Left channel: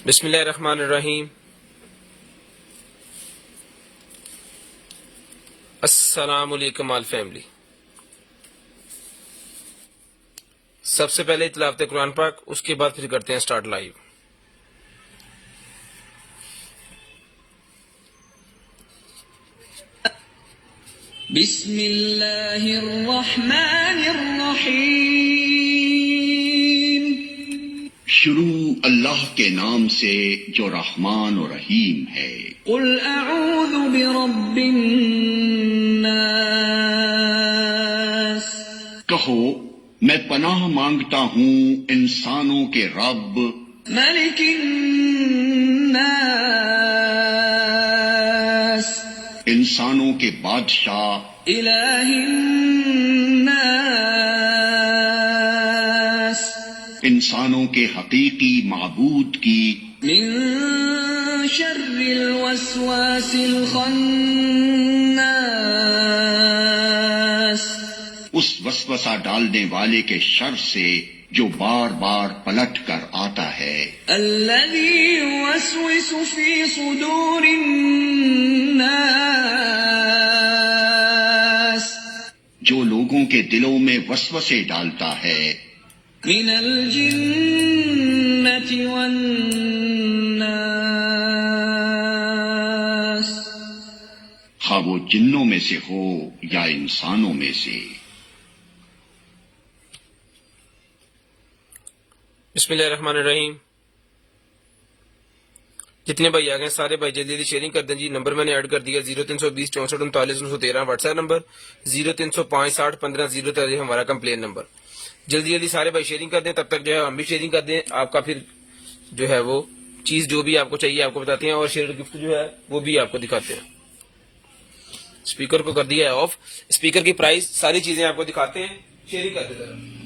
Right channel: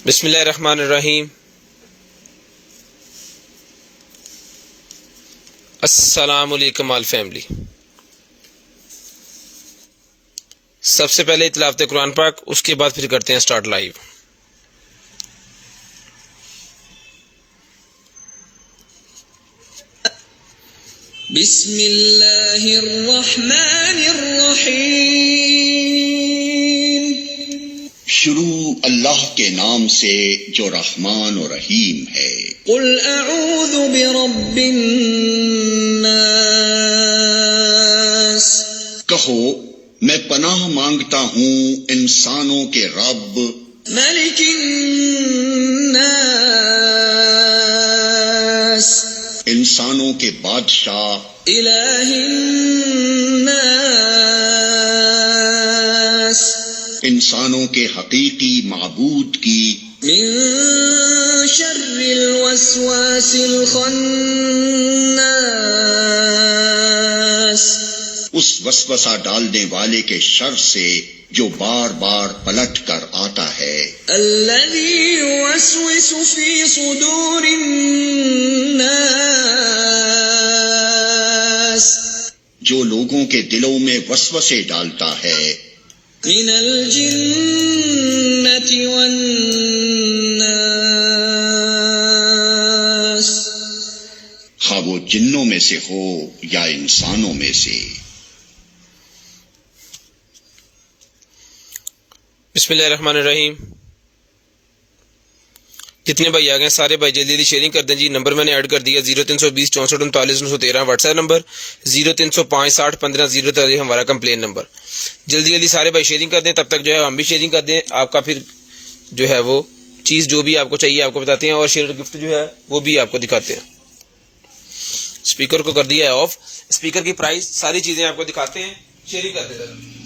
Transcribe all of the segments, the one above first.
बिस्मिल्लाहिर्रहमानिर्रहीम। अस्सलाम वालेकुम ऑल फैमिली। सबसे पहले तिलावत कुरान पाक, उसके बाद फिर करते हैं स्टार्ट लाइव। बिस्मिल्लाहिर्रहमानिर्रहीम। शुरू अल्लाह के नाम से जो रहमान और रहीम है। कुल अऊज़ु बिरब्बिन नास। कहो मैं पनाह मांगता हूँ इंसानों के रब मलिकिन नास। इंसानों के बादशाह इलाहिन नास। इंसानों के हकीकी माबूद की मिन शर्रिल वस्वासिल खन्नास। उस वसवसा डालने वाले के शर से जो बार बार पलट कर आता है। अल्लज़ी युवस्विसु फी सुदूरिन नास। जो लोगों के दिलों में वसवसे डालता है। मिनल जिन्नति वन्नास। खा वो जिन्नों में से हो या इंसानों में से। बिस्मिल्लाहिर्रहमानिर्रहीम। जितने भाई आ गए सारे भाई जल्दी जल्दी शेयरिंग कर दें जी। नंबर मैंने ऐड कर दिया 0320 64 39 913 व्हाट्सएप नंबर, 0305 60 15 0 हमारा कंप्लेन नंबर। जल्दी जल्दी सारे भाई शेयरिंग कर दें, तब तक जो है हम भी शेयरिंग कर दें। आपका फिर जो है वो चीज़ जो भी आपको चाहिए आपको बताते हैं, और शेयर गिफ्ट जो है वो भी आपको दिखाते हैं। स्पीकर को कर दिया है ऑफ, स्पीकर की प्राइस सारी चीज़ें आपको दिखाते हैं। शेयरिंग कर देते हैं।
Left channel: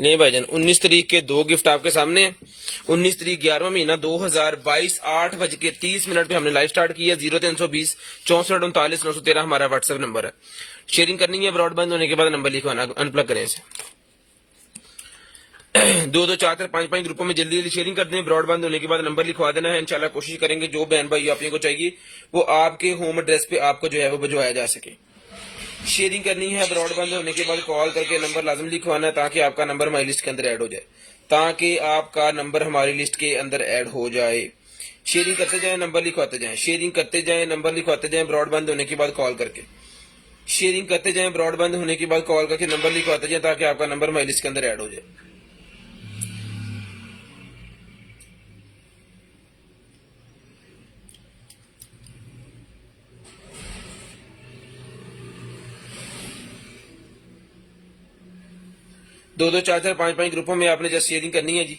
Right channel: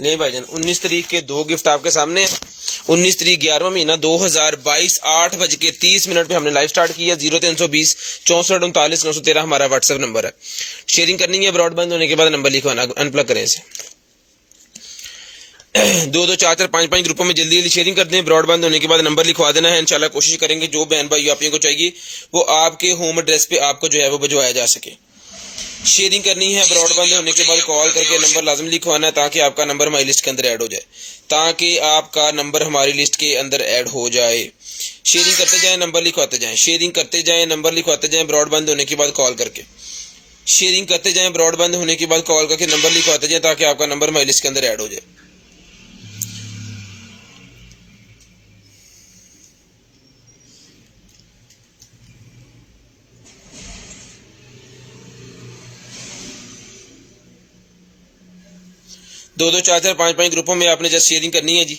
नहीं भाईजान, 19 तारीख के दो गिफ्ट आपके सामने। 19 तारीख 11वां महीना 2022 8:30 पे हमने लाइव स्टार्ट किया। 0320 64 39 913 हमारा व्हाट्सएप नंबर है। शेयरिंग करनी है, ब्रॉडबैंड होने के बाद नंबर लिखवाना, अनप्लग करें इसे। 2 4 4 5 5 ग्रुपों में जल्दी जल्दी शेयरिंग कर दें। ब्रॉडबैंड होने के बाद नंबर लिखवा देना है। इंशाल्लाह कोशिश करेंगे जो बहन भाई आप को चाहिए वो आपके होम एड्रेस पे आपको जो है वो भिजवाया जा सके। शेयरिंग करनी है, ब्रॉडबैंड होने के बाद कॉल करके नंबर लाजम लिखवाना है ताकि आपका नंबर हमारी लिस्ट के अंदर ऐड हो जाए, ताकि आपका नंबर हमारी लिस्ट के अंदर ऐड हो जाए। शेयरिंग करते जाएं, नंबर लिखवाते जाएं, शेयरिंग करते जाएं, नंबर लिखवाते जाएं, ब्रॉडबैंड होने के बाद कॉल करके। शेयरिंग करते जाएं, ब्रॉडबैंड होने के बाद कॉल करके नंबर लिखवाते जाएं ताकि आपका नंबर हमारी लिस्ट के अंदर ऐड हो जाए। दो 4 4 5 5 ग्रुपों में आपने जस्ट शेयरिंग करनी है जी,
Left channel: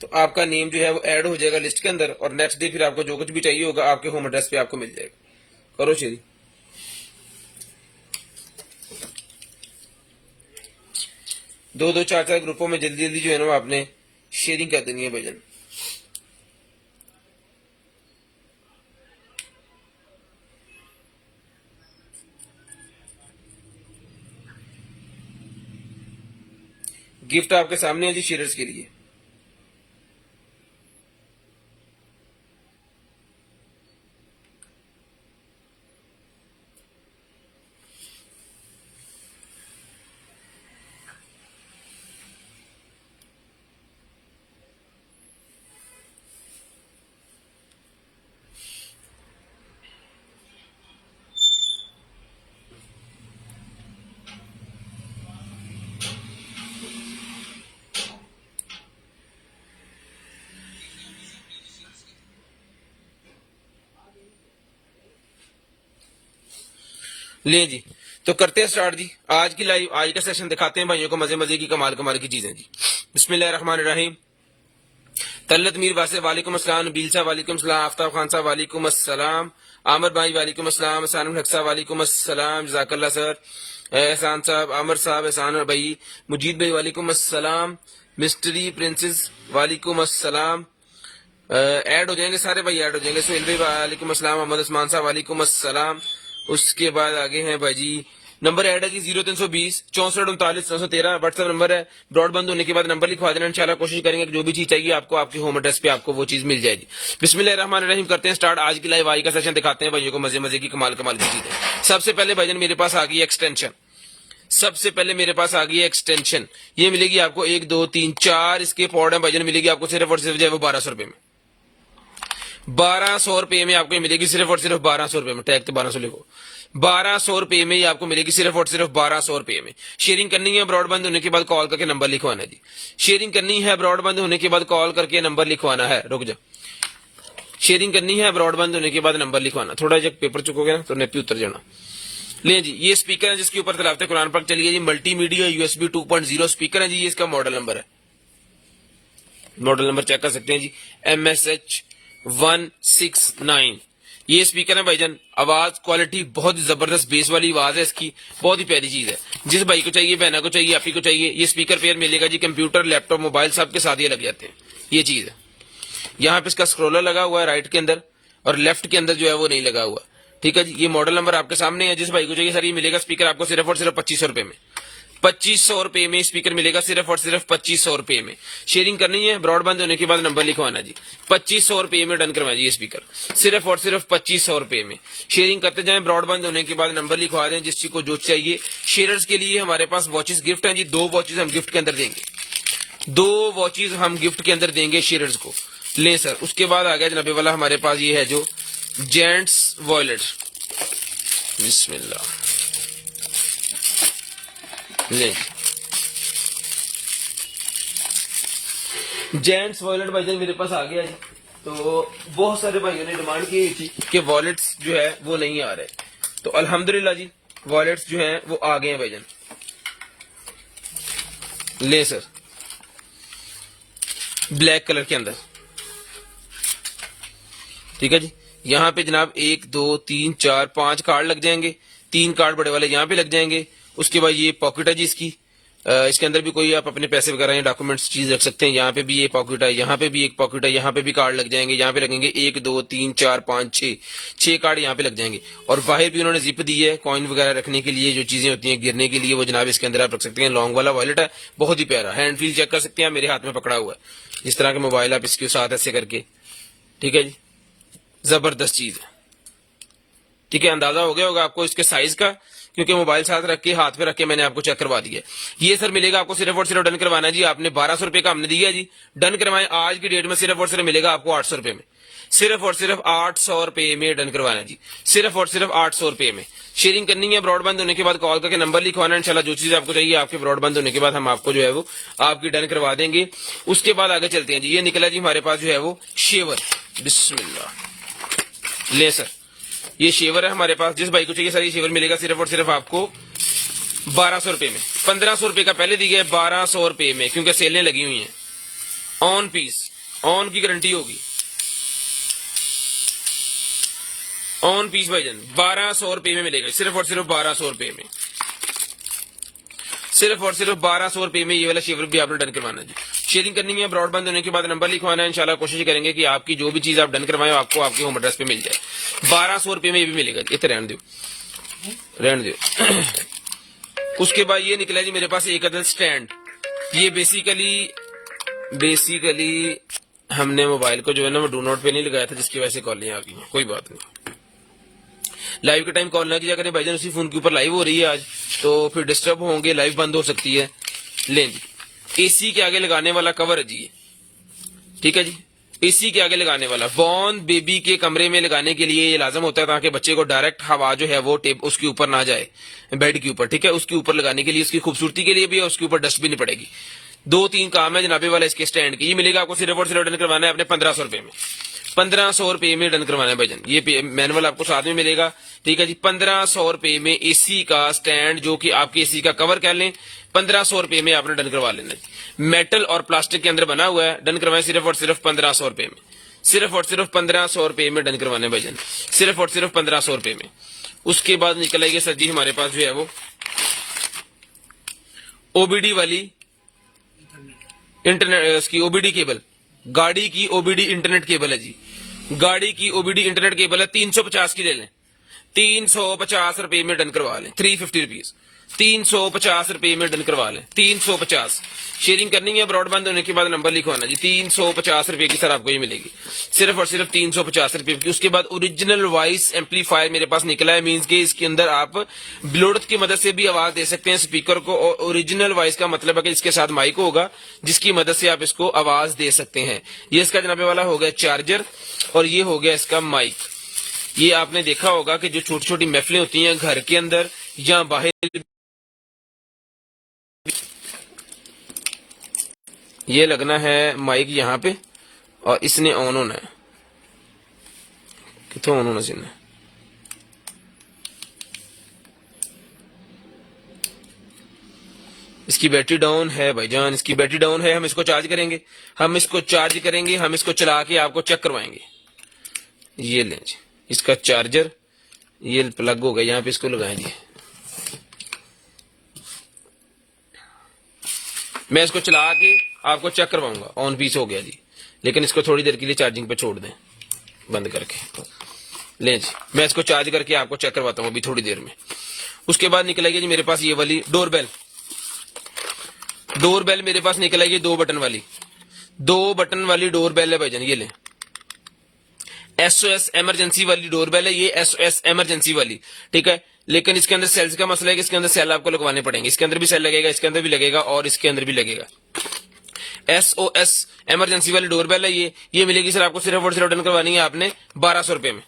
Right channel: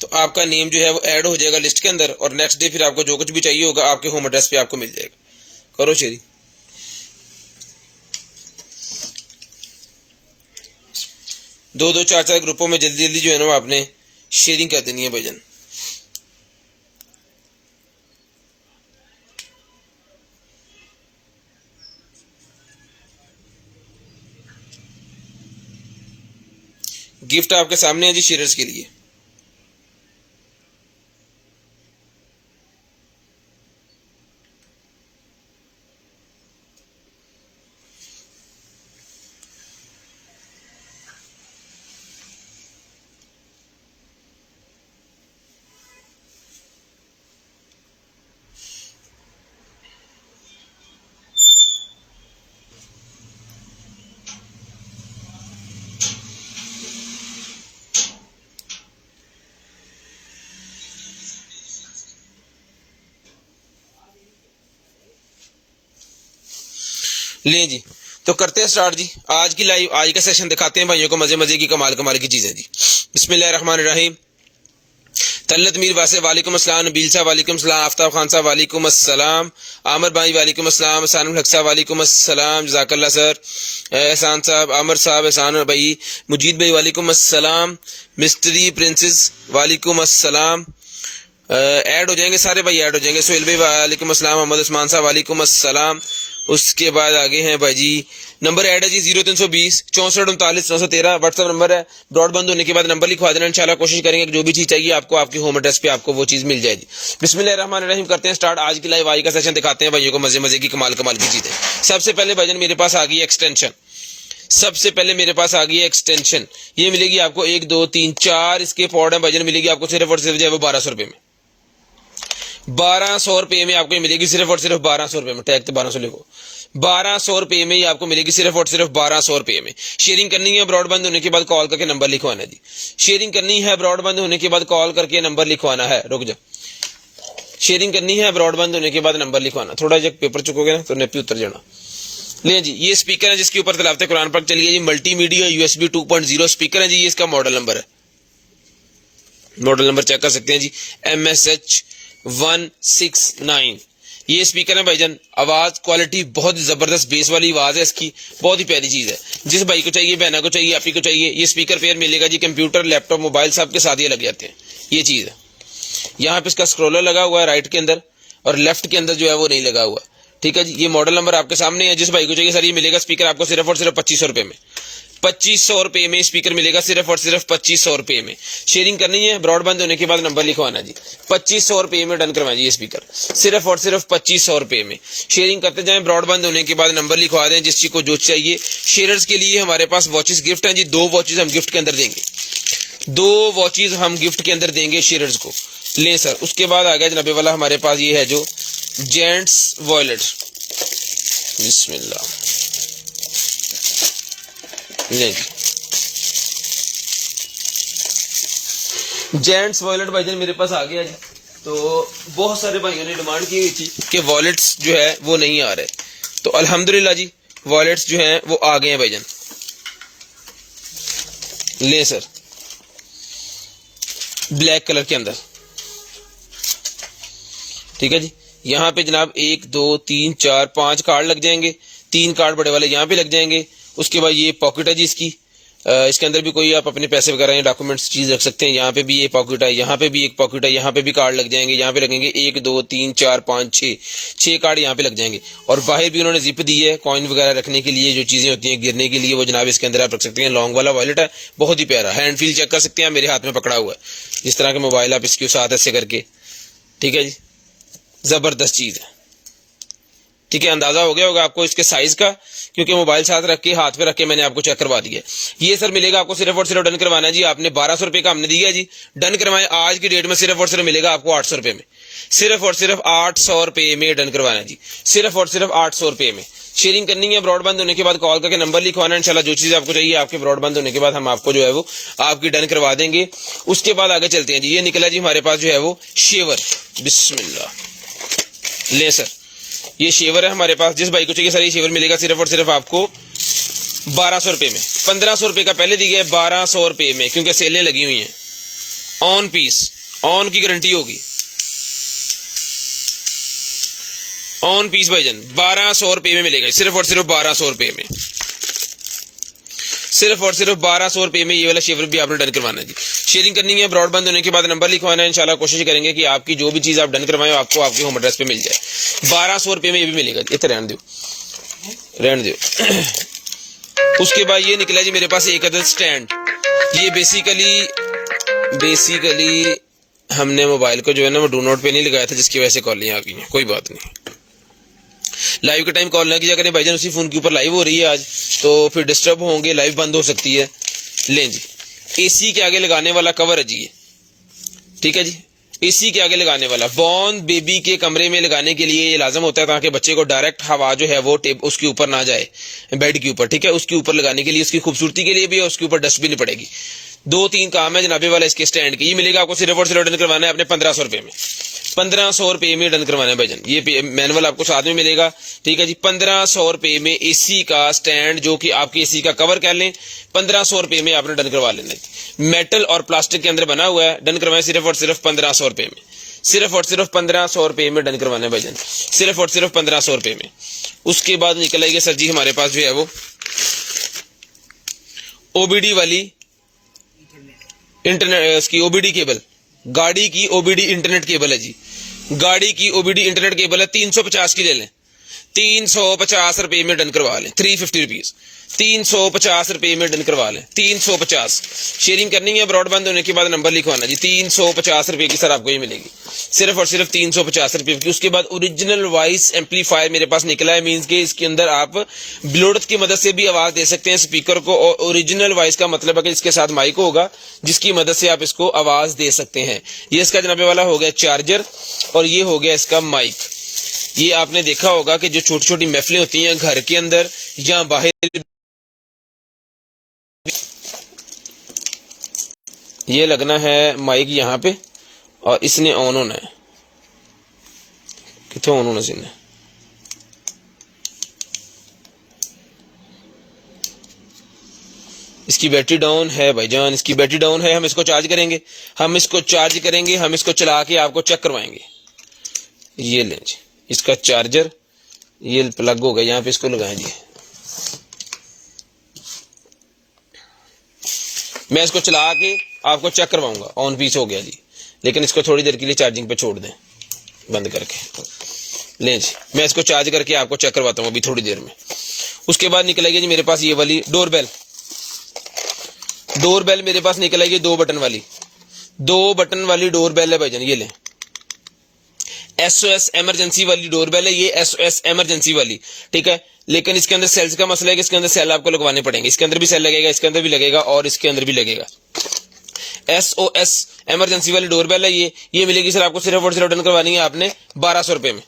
तो आपका नेम जो है वो ऐड हो जाएगा लिस्ट के अंदर, और नेक्स्ट डे फिर आपको जो कुछ भी चाहिए होगा आपके होम एड्रेस पे आपको मिल जाएगा। करो शेयरिंग। दो 4 4 ग्रुपों में जल्दी जल्दी जो है ना आपने शेयरिंग कर देनी है भाईजान। गिफ्ट आपके सामने है जी शेयर्स के लिए। ले जी, तो करते हैं स्टार्ट जी आज की लाइव। आज का सेशन दिखाते हैं भाइयों को मजे मजे की कमाल कमाल की चीजें जी। बिस्मिल्लाहिर्रहमानिर्रहीम। तलत मीर वासे वालेकुम अस्सलाम, नबील साहब वालेकुम अस्सलाम, आफ्ताब खान साहब वालेकुम अस्सलाम, आमिर भाई वालेकुम अस्सलाम, सानुल हक साहब वालेकुम अस्सलाम, जज़ाकल्लाह सर, एहसान साहब, आमिर साहब, एहसान भाई, मुजीद भाई वालेकुम अस्सलाम, मिस्ट्री प्रिंसेस वालेकुम अस्सलाम, ऐड हो जाएंगे सारे भाई, ऐड हो जाएंगे। सोहेल भाई वालेकुम अस्सलाम, मोहम्मद उस्मान साहब वालेकुम अस्सलाम। उसके बाद आगे हैं भाई जी, नंबर ऐड है जी 0320 64 39 913 व्हाट्सएप नंबर है। ब्रॉडबैंड होने के बाद नंबर लिखवा देना, इंशाल्लाह कोशिश करेंगे कि जो भी चीज चाहिए आपको आपके होम एड्रेस पे आपको वो चीज मिल जाएगी। बिस्मिल्लाहिर्रहमानिर्रहीम, करते हैं स्टार्ट आज की लाइव आई का सेशन, दिखाते हैं भाइयों को मजे मजे की कमाल कमाल की चीजें। सबसे पहले भाईजान मेरे पास आ गई एक्सटेंशन, सबसे पहले मेरे पास आ गई है एक्सटेंशन। ये मिलेगी आपको 1 2 3 4 इसके पॉड है भाईजान, मिलेगी आपको सिर्फ और सिर्फ जो है वो 1200 रुपए में, 1200 रुपए में आपको मिलेगी सिर्फ और सिर्फ 1200 रुपए में। टैग तो 1200 लिखो, 1200 रुपए में ये आपको मिलेगी सिर्फ और सिर्फ 1200 रुपए में। शेयरिंग करनी है ब्रॉडबैंड होने के बाद कॉल करके नंबर लिखवाना जी। शेयरिंग करनी है ब्रॉडबैंड होने के बाद कॉल करके नंबर लिखवाना है। रुक जा, शेयरिंग करनी है ब्रॉडबैंड होने के बाद नंबर लिखवाना। थोड़ा जब पेपर चुकोगे ना तो नेपी उतर जाना। ले जी, ये स्पीकर है जिसके ऊपर तिलावत कुरान पाक चलिए जी, मल्टीमीडिया USB 2.0 स्पीकर है जी। ये इसका मॉडल नंबर है, मॉडल नंबर चेक कर सकते हैं जी, MSH 169। ये स्पीकर है भाईजान, आवाज क्वालिटी बहुत जबरदस्त, बेस वाली आवाज है इसकी, बहुत ही प्यारी चीज है। जिस भाई को चाहिए, बहना को चाहिए, आप ही को चाहिए, ये स्पीकर पेयर मिलेगा जी। कंप्यूटर, लैपटॉप, मोबाइल सब के साथ ये लग जाते हैं। ये चीज है, यहाँ पे इसका स्क्रोलर लगा हुआ है राइट के अंदर, और लेफ्ट के अंदर जो है वो नहीं लगा हुआ। ठीक है जी, ये मॉडल नंबर आपके सामने है। जिस भाई को चाहिए सर, ये मिलेगा स्पीकर आपको सिर्फ और सिर्फ 2500 रुपए में, 2500 रुपए में स्पीकर मिलेगा सिर्फ और सिर्फ 2500 रुपए में। शेयरिंग करनी है ब्रॉडबैंड होने के बाद नंबर लिखवाना जी, 2500 रुपए में डन करवाइए ये स्पीकर सिर्फ और सिर्फ 2500 रुपए में। शेयरिंग करते जाएं, ब्रॉडबैंड होने के बाद नंबर लिखवा दें जिस चीज को जो चाहिए। शेयरर्स के लिए हमारे पास वॉचेस गिफ्ट हैं जी, 2 वॉचेस हम गिफ्ट के अंदर देंगे, 2 वॉचेस हम गिफ्ट के अंदर देंगे शेयरर्स को। ले सर, उसके बाद आ गया जनाबे वाला हमारे पास ये है जो जेंट्स वॉलेट, बिस्मिल्लाह, नहीं जेंट्स वॉलेट भाईजान मेरे पास आ गया जी। तो बहुत सारे भाइयों ने डिमांड की हुई थी कि वॉलेट्स जो है वो नहीं आ रहे, तो अल्हम्दुलिल्लाह जी वॉलेट्स जो हैं वो आ गए हैं भाईजान। ले सर, ब्लैक कलर के अंदर, ठीक है जी। यहाँ पे जनाब 1 2 3 4 5 कार्ड लग जाएंगे, 3 कार्ड बड़े वाले यहाँ पे लग जाएंगे। उसके बाद ये पॉकेट है जी इसकी, इसके अंदर भी कोई आप अपने पैसे वगैरह या डॉक्यूमेंट्स चीज रख सकते हैं। यहाँ पे भी ये पॉकेट है, यहाँ पे भी एक पॉकेट है, यहाँ पे भी कार्ड लग जाएंगे। यहाँ पे लगेंगे 1 2 3 4 5 6 कार्ड यहाँ पे लग जाएंगे। और बाहर भी उन्होंने जिप दी है कॉइन वगैरह रखने के लिए, जो चीजें होती हैं गिरने के लिए, वो जनाब इसके अंदर आप रख सकते हैं। लॉन्ग वाला वॉलेट है, बहुत ही प्यारा, हैंड फील चेक कर सकते हैं, मेरे हाथ में पकड़ा हुआ है जिस तरह का मोबाइल आप इसके साथ ऐसे करके, ठीक है जी, जबरदस्त चीज है। ठीक है, अंदाजा हो गया होगा आपको इसके साइज का, क्योंकि मोबाइल साथ रख के हाथ पे रख के मैंने आपको चेक करवा दिया। ये सर मिलेगा आपको सिर्फ और सिर्फ डन करवाना है जी। आपने 1200 रुपए का हमने दिया जी, डन करवाए। आज की डेट में सिर्फ और सिर्फ मिलेगा आपको 800 रुपए में, सिर्फ और सिर्फ 800 रुपए में डन करवाना है जी, सिर्फ और सिर्फ 800 रुपए में। शेयरिंग करनी है ब्रॉडबैंड होने के बाद कॉल करके नंबर लिखवाना है। इंशाल्लाह जो चीज आपको चाहिए आपके ब्रॉडबैंड होने के बाद हम आपको जो है वो आपकी डन करवा देंगे। उसके बाद आगे चलते हैं जी। ये निकला जी हमारे पास जो है वो शेवर, बिस्मिल्लाह। ले सर, ये शेवर है हमारे पास। जिस भाई को चाहिए सर ये शेवर मिलेगा सिर्फ और सिर्फ आपको 1200 रुपए में। 1500 रुपए का पहले दिया है, 1200 रुपए में, क्योंकि सेलें लगी हुई हैं। ऑन पीस, ऑन की गारंटी होगी, ऑन पीस भाईजान 1200 रुपए में मिलेगा, सिर्फ और सिर्फ 1200 रुपए में, सिर्फ और सिर्फ 1200 रुपए में ये वाला शेवर भी आपने डन करवाना है जी। शेयरिंग करनी है ब्रॉडबैंड होने के बाद नंबर लिखवाना है। इंशाल्लाह कोशिश करेंगे कि आपकी जो भी चीज आप डन करवाएं आपको आपके होम एड्रेस पे मिल जाए। 1200 रुपए में ये भी मिलेगा, इतना रहने दो, रहने दो। उसके बाद ये निकला जी मेरे पास एक अदद स्टैंड। ये बेसिकली हमने मोबाइल को जो है ना वो डू नोट पे नहीं लगाया था, जिसकी वजह से कॉलियां आ गई हैं। कोई बात नहीं, लाइव के टाइम कॉल ना किया करें भाईजान, उसी फोन के ऊपर लाइव हो रही है आज, तो फिर डिस्टर्ब होंगे, लाइव बंद हो सकती है। लें जी, एसी के आगे लगाने वाला कवर है जी ये, ठीक है जी, एसी के आगे लगाने वाला। बॉर्न बेबी के कमरे में लगाने के लिए ये लाजम होता है ताकि बच्चे को डायरेक्ट हवा जो है वो टेप उसके ऊपर ना जाए, बेड के ऊपर, ठीक है। उसके ऊपर लगाने के लिए, उसकी खूबसूरती के लिए भी, और उसके ऊपर डस्ट भी नहीं पड़ेगी। 2-3 काम है जनाबे वाला इसके स्टैंड की। ये मिलेगा आपको सिर्फ और सिर्फ डन करवाना है अपने 1500 रुपए में, 1500 रुपए में डन करवाना है भाईजान। ये मैनुअल आपको साथ में मिलेगा, ठीक है जी। 1500 रुपए में एसी का स्टैंड, जो कि आपके एसी का कवर कर लें, 1500 रुपए में आपने डन करवा लेना है। मेटल और प्लास्टिक के अंदर बना हुआ है, डन करवाएं सिर्फ और सिर्फ 1500 रुपए में, सिर्फ और सिर्फ 1500 रुपए में डन करवाना है भाईजान, सिर्फ और सिर्फ 1500 रुपए में। उसके बाद निकल आएगी सर जी हमारे पास जो है वो ओबीडी वाली इंटरनेट, इसकी ओबीडी केबल, गाड़ी की ओबीडी इंटरनेट केबल है जी। गाड़ी की ओबीडी इंटरनेट केबल है, 350 की ले लें, 350 रुपए में डन करवा लें, 350 रुपीज, 350 रुपए में डन करवा लें, 350। शेयरिंग करनी है, ब्रॉडबैंड होने के बाद नंबर लिखवाना जी। 350 रुपए की सर आपको ये मिलेगी, सिर्फ और सिर्फ 350 रुपए की। उसके बाद ओरिजिनल वॉइस एम्पलीफायर मेरे पास निकला है, मींस के इसके अंदर आप ब्लूटूथ की मदद से भी आवाज दे सकते हैं स्पीकर को। और ओरिजिनल वॉइस का मतलब है कि इसके साथ माइक होगा, जिसकी मदद से आप इसको आवाज दे सकते हैं। ये इसका जनाबे वाला हो गया चार्जर, और ये हो गया इसका माइक। ये आपने देखा होगा कि जो छोटी छोटी महफिलें होती हैं घर के अंदर या बाहर, ये लगना है माइक यहाँ पे, और इसने ऑन होना है। कितों ऑन होना चाहिए, इसकी बैटरी डाउन है भाईजान, इसकी बैटरी डाउन है। हम इसको चार्ज करेंगे, हम इसको चार्ज करेंगे, हम इसको चला के आपको चेक करवाएंगे। ये लें जी इसका चार्जर, ये प्लग हो गया, यहाँ पे इसको लगाएं जी। मैं इसको चला के आपको चेक करवाऊंगा, ऑन पीस हो गया जी। लेकिन इसको थोड़ी देर के लिए चार्जिंग पे छोड़ दें बंद करके। ले जी मैं इसको चार्ज करके आपको चेक करवाता हूँ अभी थोड़ी देर में। उसके बाद निकलेगी जी मेरे पास ये वाली डोरबेल। डोरबेल मेरे पास निकलेगी 2 बटन वाली, 2 बटन वाली डोरबेल है भाईजान। ये ले SOS इमरजेंसी वाली डोरबेल है ये, SOS इमरजेंसी वाली, ठीक है। लेकिन इसके अंदर सेल्स का मसला है कि इसके अंदर सेल आपको लगवाने पड़ेंगे। इसके अंदर भी सेल लगेगा, इसके अंदर भी लगेगा, और इसके अंदर भी लगेगा। SOS इमरजेंसी वाली डोरबेल है ये मिलेगी सर आपको सिर्फ और सिर्फ डन करवानी है आपने 1200 रुपए में।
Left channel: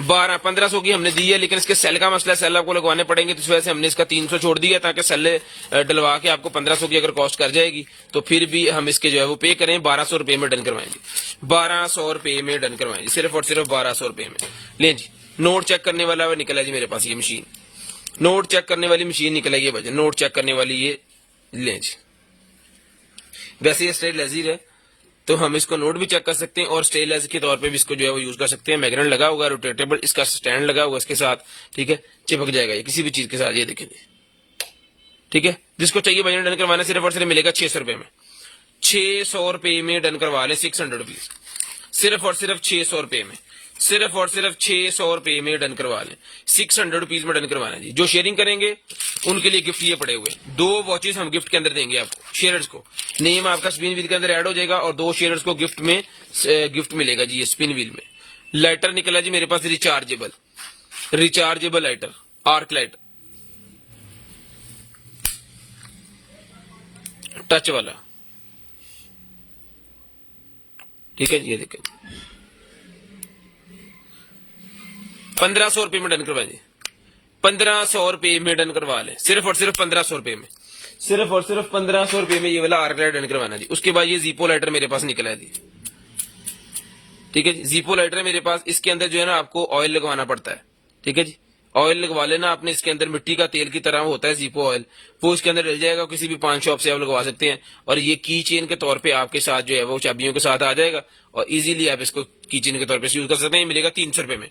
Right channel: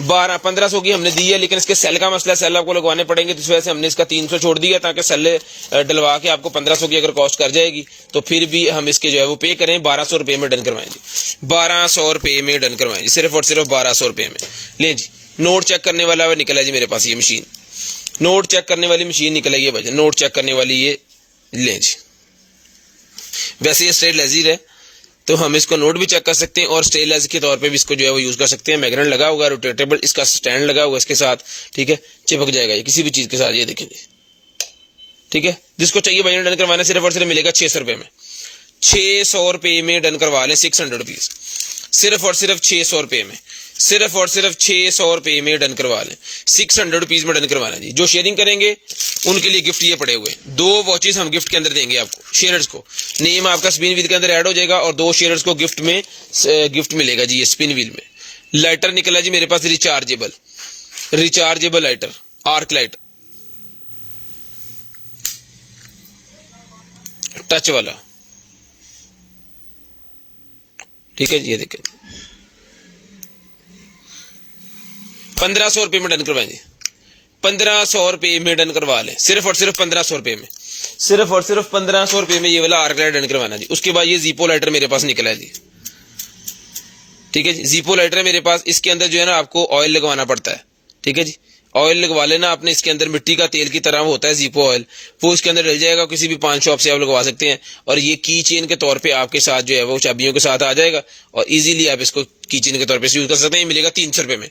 1500 की हमने दी है, लेकिन इसके सेल का मसला है, सेल आपको लगवाने पड़ेंगे, तो इस वजह से हमने इसका 300 छोड़ दिया, ताकि सेल डलवा के आपको 1500 की अगर कॉस्ट कर जाएगी तो फिर भी हम इसके जो है वो पे करें 1200 रुपए में डन करवाएं जी। 1200 रुपए में डन करवाएं जी, सिर्फ और सिर्फ 1200 रुपए में। ले जी नोट चेक करने वाला है निकला जी मेरे पास ये मशीन, नोट चेक करने वाली मशीन निकलेगी भाई, नोट चेक करने वाली ये लें जी। वैसे ये स्ट्रेट लेजर है, तो हम इसको नोट भी चेक कर सकते हैं और स्ट्रेट लेजर के तौर पे भी इसको जो है वो यूज कर सकते हैं। मैग्नेट लगा हुआ है, रोटेटेबल इसका स्टैंड लगा हुआ है इसके साथ, ठीक है, चिपक जाएगा ये किसी भी चीज के साथ, ये देखेंगे, ठीक है। जिसको चाहिए भाई डन करवाना सिर्फ और सिर्फ मिलेगा 600 रुपए में, 600 रुपए में डन करवा लें, 600 रुपीज, सिर्फ और सिर्फ 600 रुपए में, सिर्फ और सिर्फ 600 रुपए में डन करवा लें, 600 रुपीज में डन करवाना जी। जो शेयरिंग करेंगे उनके लिए गिफ्ट ये पड़े हुए 2 वॉचेस हम गिफ्ट के अंदर देंगे आपको, शेयर्स को। नेम आपका स्पिन व्हील के अंदर ऐड हो जाएगा और 2 शेयर्स को गिफ्ट में गिफ्ट मिलेगा जी। ये स्पिन व्हील में लाइटर निकला जी मेरे पास, rechargeable lighter, arc light touch वाला, ठीक है जी। ये देखें 1500 रुपए में डन करवाएंगे, 1500 रुपए में डन करवा लें, सिर्फ और सिर्फ 1500 रुपए में, सिर्फ और सिर्फ 1500 रुपए में ये वाला आर्क लाइट डन करवाना जी। उसके बाद ये जीपो लाइटर मेरे पास निकला है जी, ठीक है जी। जीपो लाइटर है मेरे पास, इसके अंदर जो है ना आपको ऑयल लगवाना पड़ता है, ठीक है जी। ऑयल लगवा लेना आपने, इसके अंदर मिट्टी का तेल की तरह होता है जीपो ऑयल, वो इसके अंदर डल जाएगा, किसी भी पान शॉप से आप लगवा सकते हैं। और ये की चेन के तौर पे आपके साथ जो है वो चाबियों के साथ आ जाएगा, और इजीली आप इसको की चेन के तौर पे यूज कर सकते हैं। मिलेगा 300 रुपए में,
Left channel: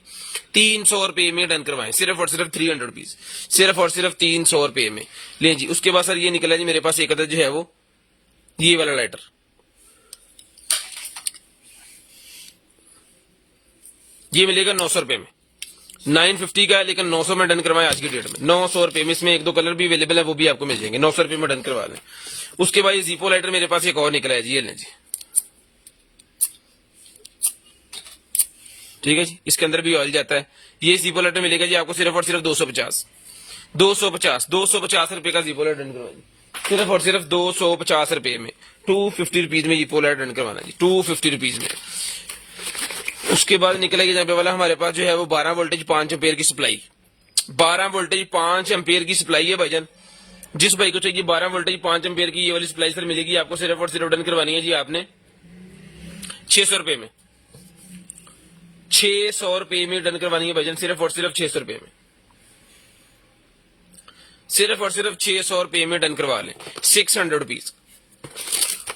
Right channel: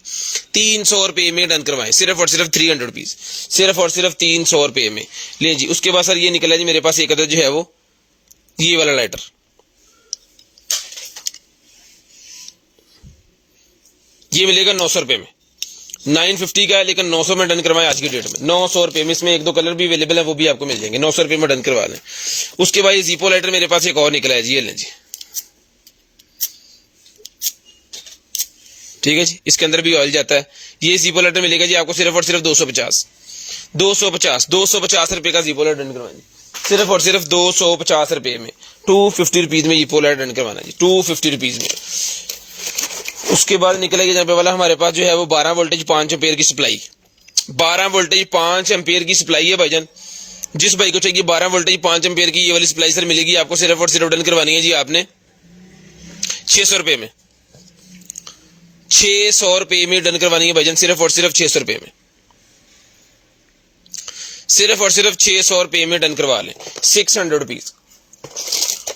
300 रुपए में डन करवाएं, सिर्फ और सिर्फ 300 रुपीज, सिर्फ और सिर्फ 300 रुपए में ले जी। उसके बाद सर ये निकला जी मेरे पास एक अदर जो है वो ये वाला लाइटर, ये मिलेगा 900 रुपए में, 950 का है लेकिन 900 में डन करवाएं आज की डेट में, 900 रुपए में। इसमें 1-2 कलर भी अवेलेबल है, वो भी आपको मिल जाएंगे, 900 रुपए में डन करवा लें। उसके बाद ये जीपो लाइटर मेरे पास एक और निकला है जी, ये लें जी, ठीक है जी। इसके अंदर भी ऑयल जाता है। ये जीपो लाइटर मिलेगा जी आपको सिर्फ और सिर्फ 250 रुपए का जीपो लाइटर डन करवाएंगे, सिर्फ और सिर्फ 250 रुपए में, 250 रुपीज में जीपो लाइटर डन करवाना जी, 250 रुपीज में। उसके बाद निकलेगी जहाँ पे वाला हमारे पास जो है वो 12 वोल्टेज 5 एम्पेयर की सप्लाई, 12 वोल्टेज 5 एम्पेयर की सप्लाई है भाईजान। जिस भाई को चाहिए 12 वोल्टेज 5 एम्पेयर की ये वाली सप्लाई सर मिलेगी आपको, सिर्फ और सिर्फ डन करवानी है जी आपने 600 रुपए में, ₹600 में डन करवानी है भाईजान, सिर्फ और सिर्फ ₹600 में, सिर्फ और सिर्फ ₹600 में डन करवा लें, ₹600।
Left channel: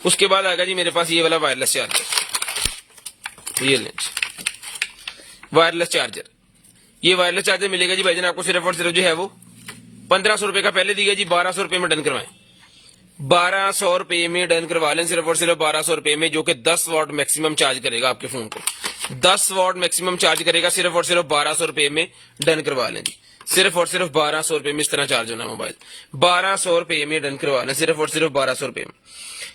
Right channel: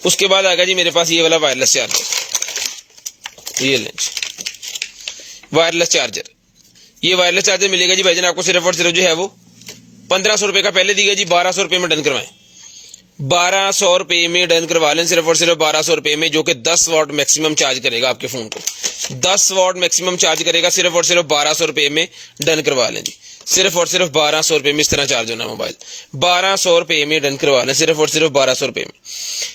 उसके बाद आ गया जी मेरे पास ये वाला वायरलेस चार्जर, ये लें वायरलेस चार्जर। ये वायरलेस चार्जर मिलेगा जी भाईजान आपको सिर्फ और सिर्फ जो है वो ₹1500 का पहले दिया जी, ₹1200 में डन करवाएं, ₹1200 में डन करवा लें, सिर्फ और सिर्फ ₹1200 में, जो कि 10 वाट मैक्सिमम चार्ज करेगा आपके फोन को, 10 वाट मैक्सिमम चार्ज करेगा, सिर्फ और सिर्फ ₹1200 में डन करवा लें जी, सिर्फ और सिर्फ ₹1200 में इस तरह चार्ज होना मोबाइल, ₹1200 में डन करवा लें, सिर्फ और सिर्फ ₹1200 में।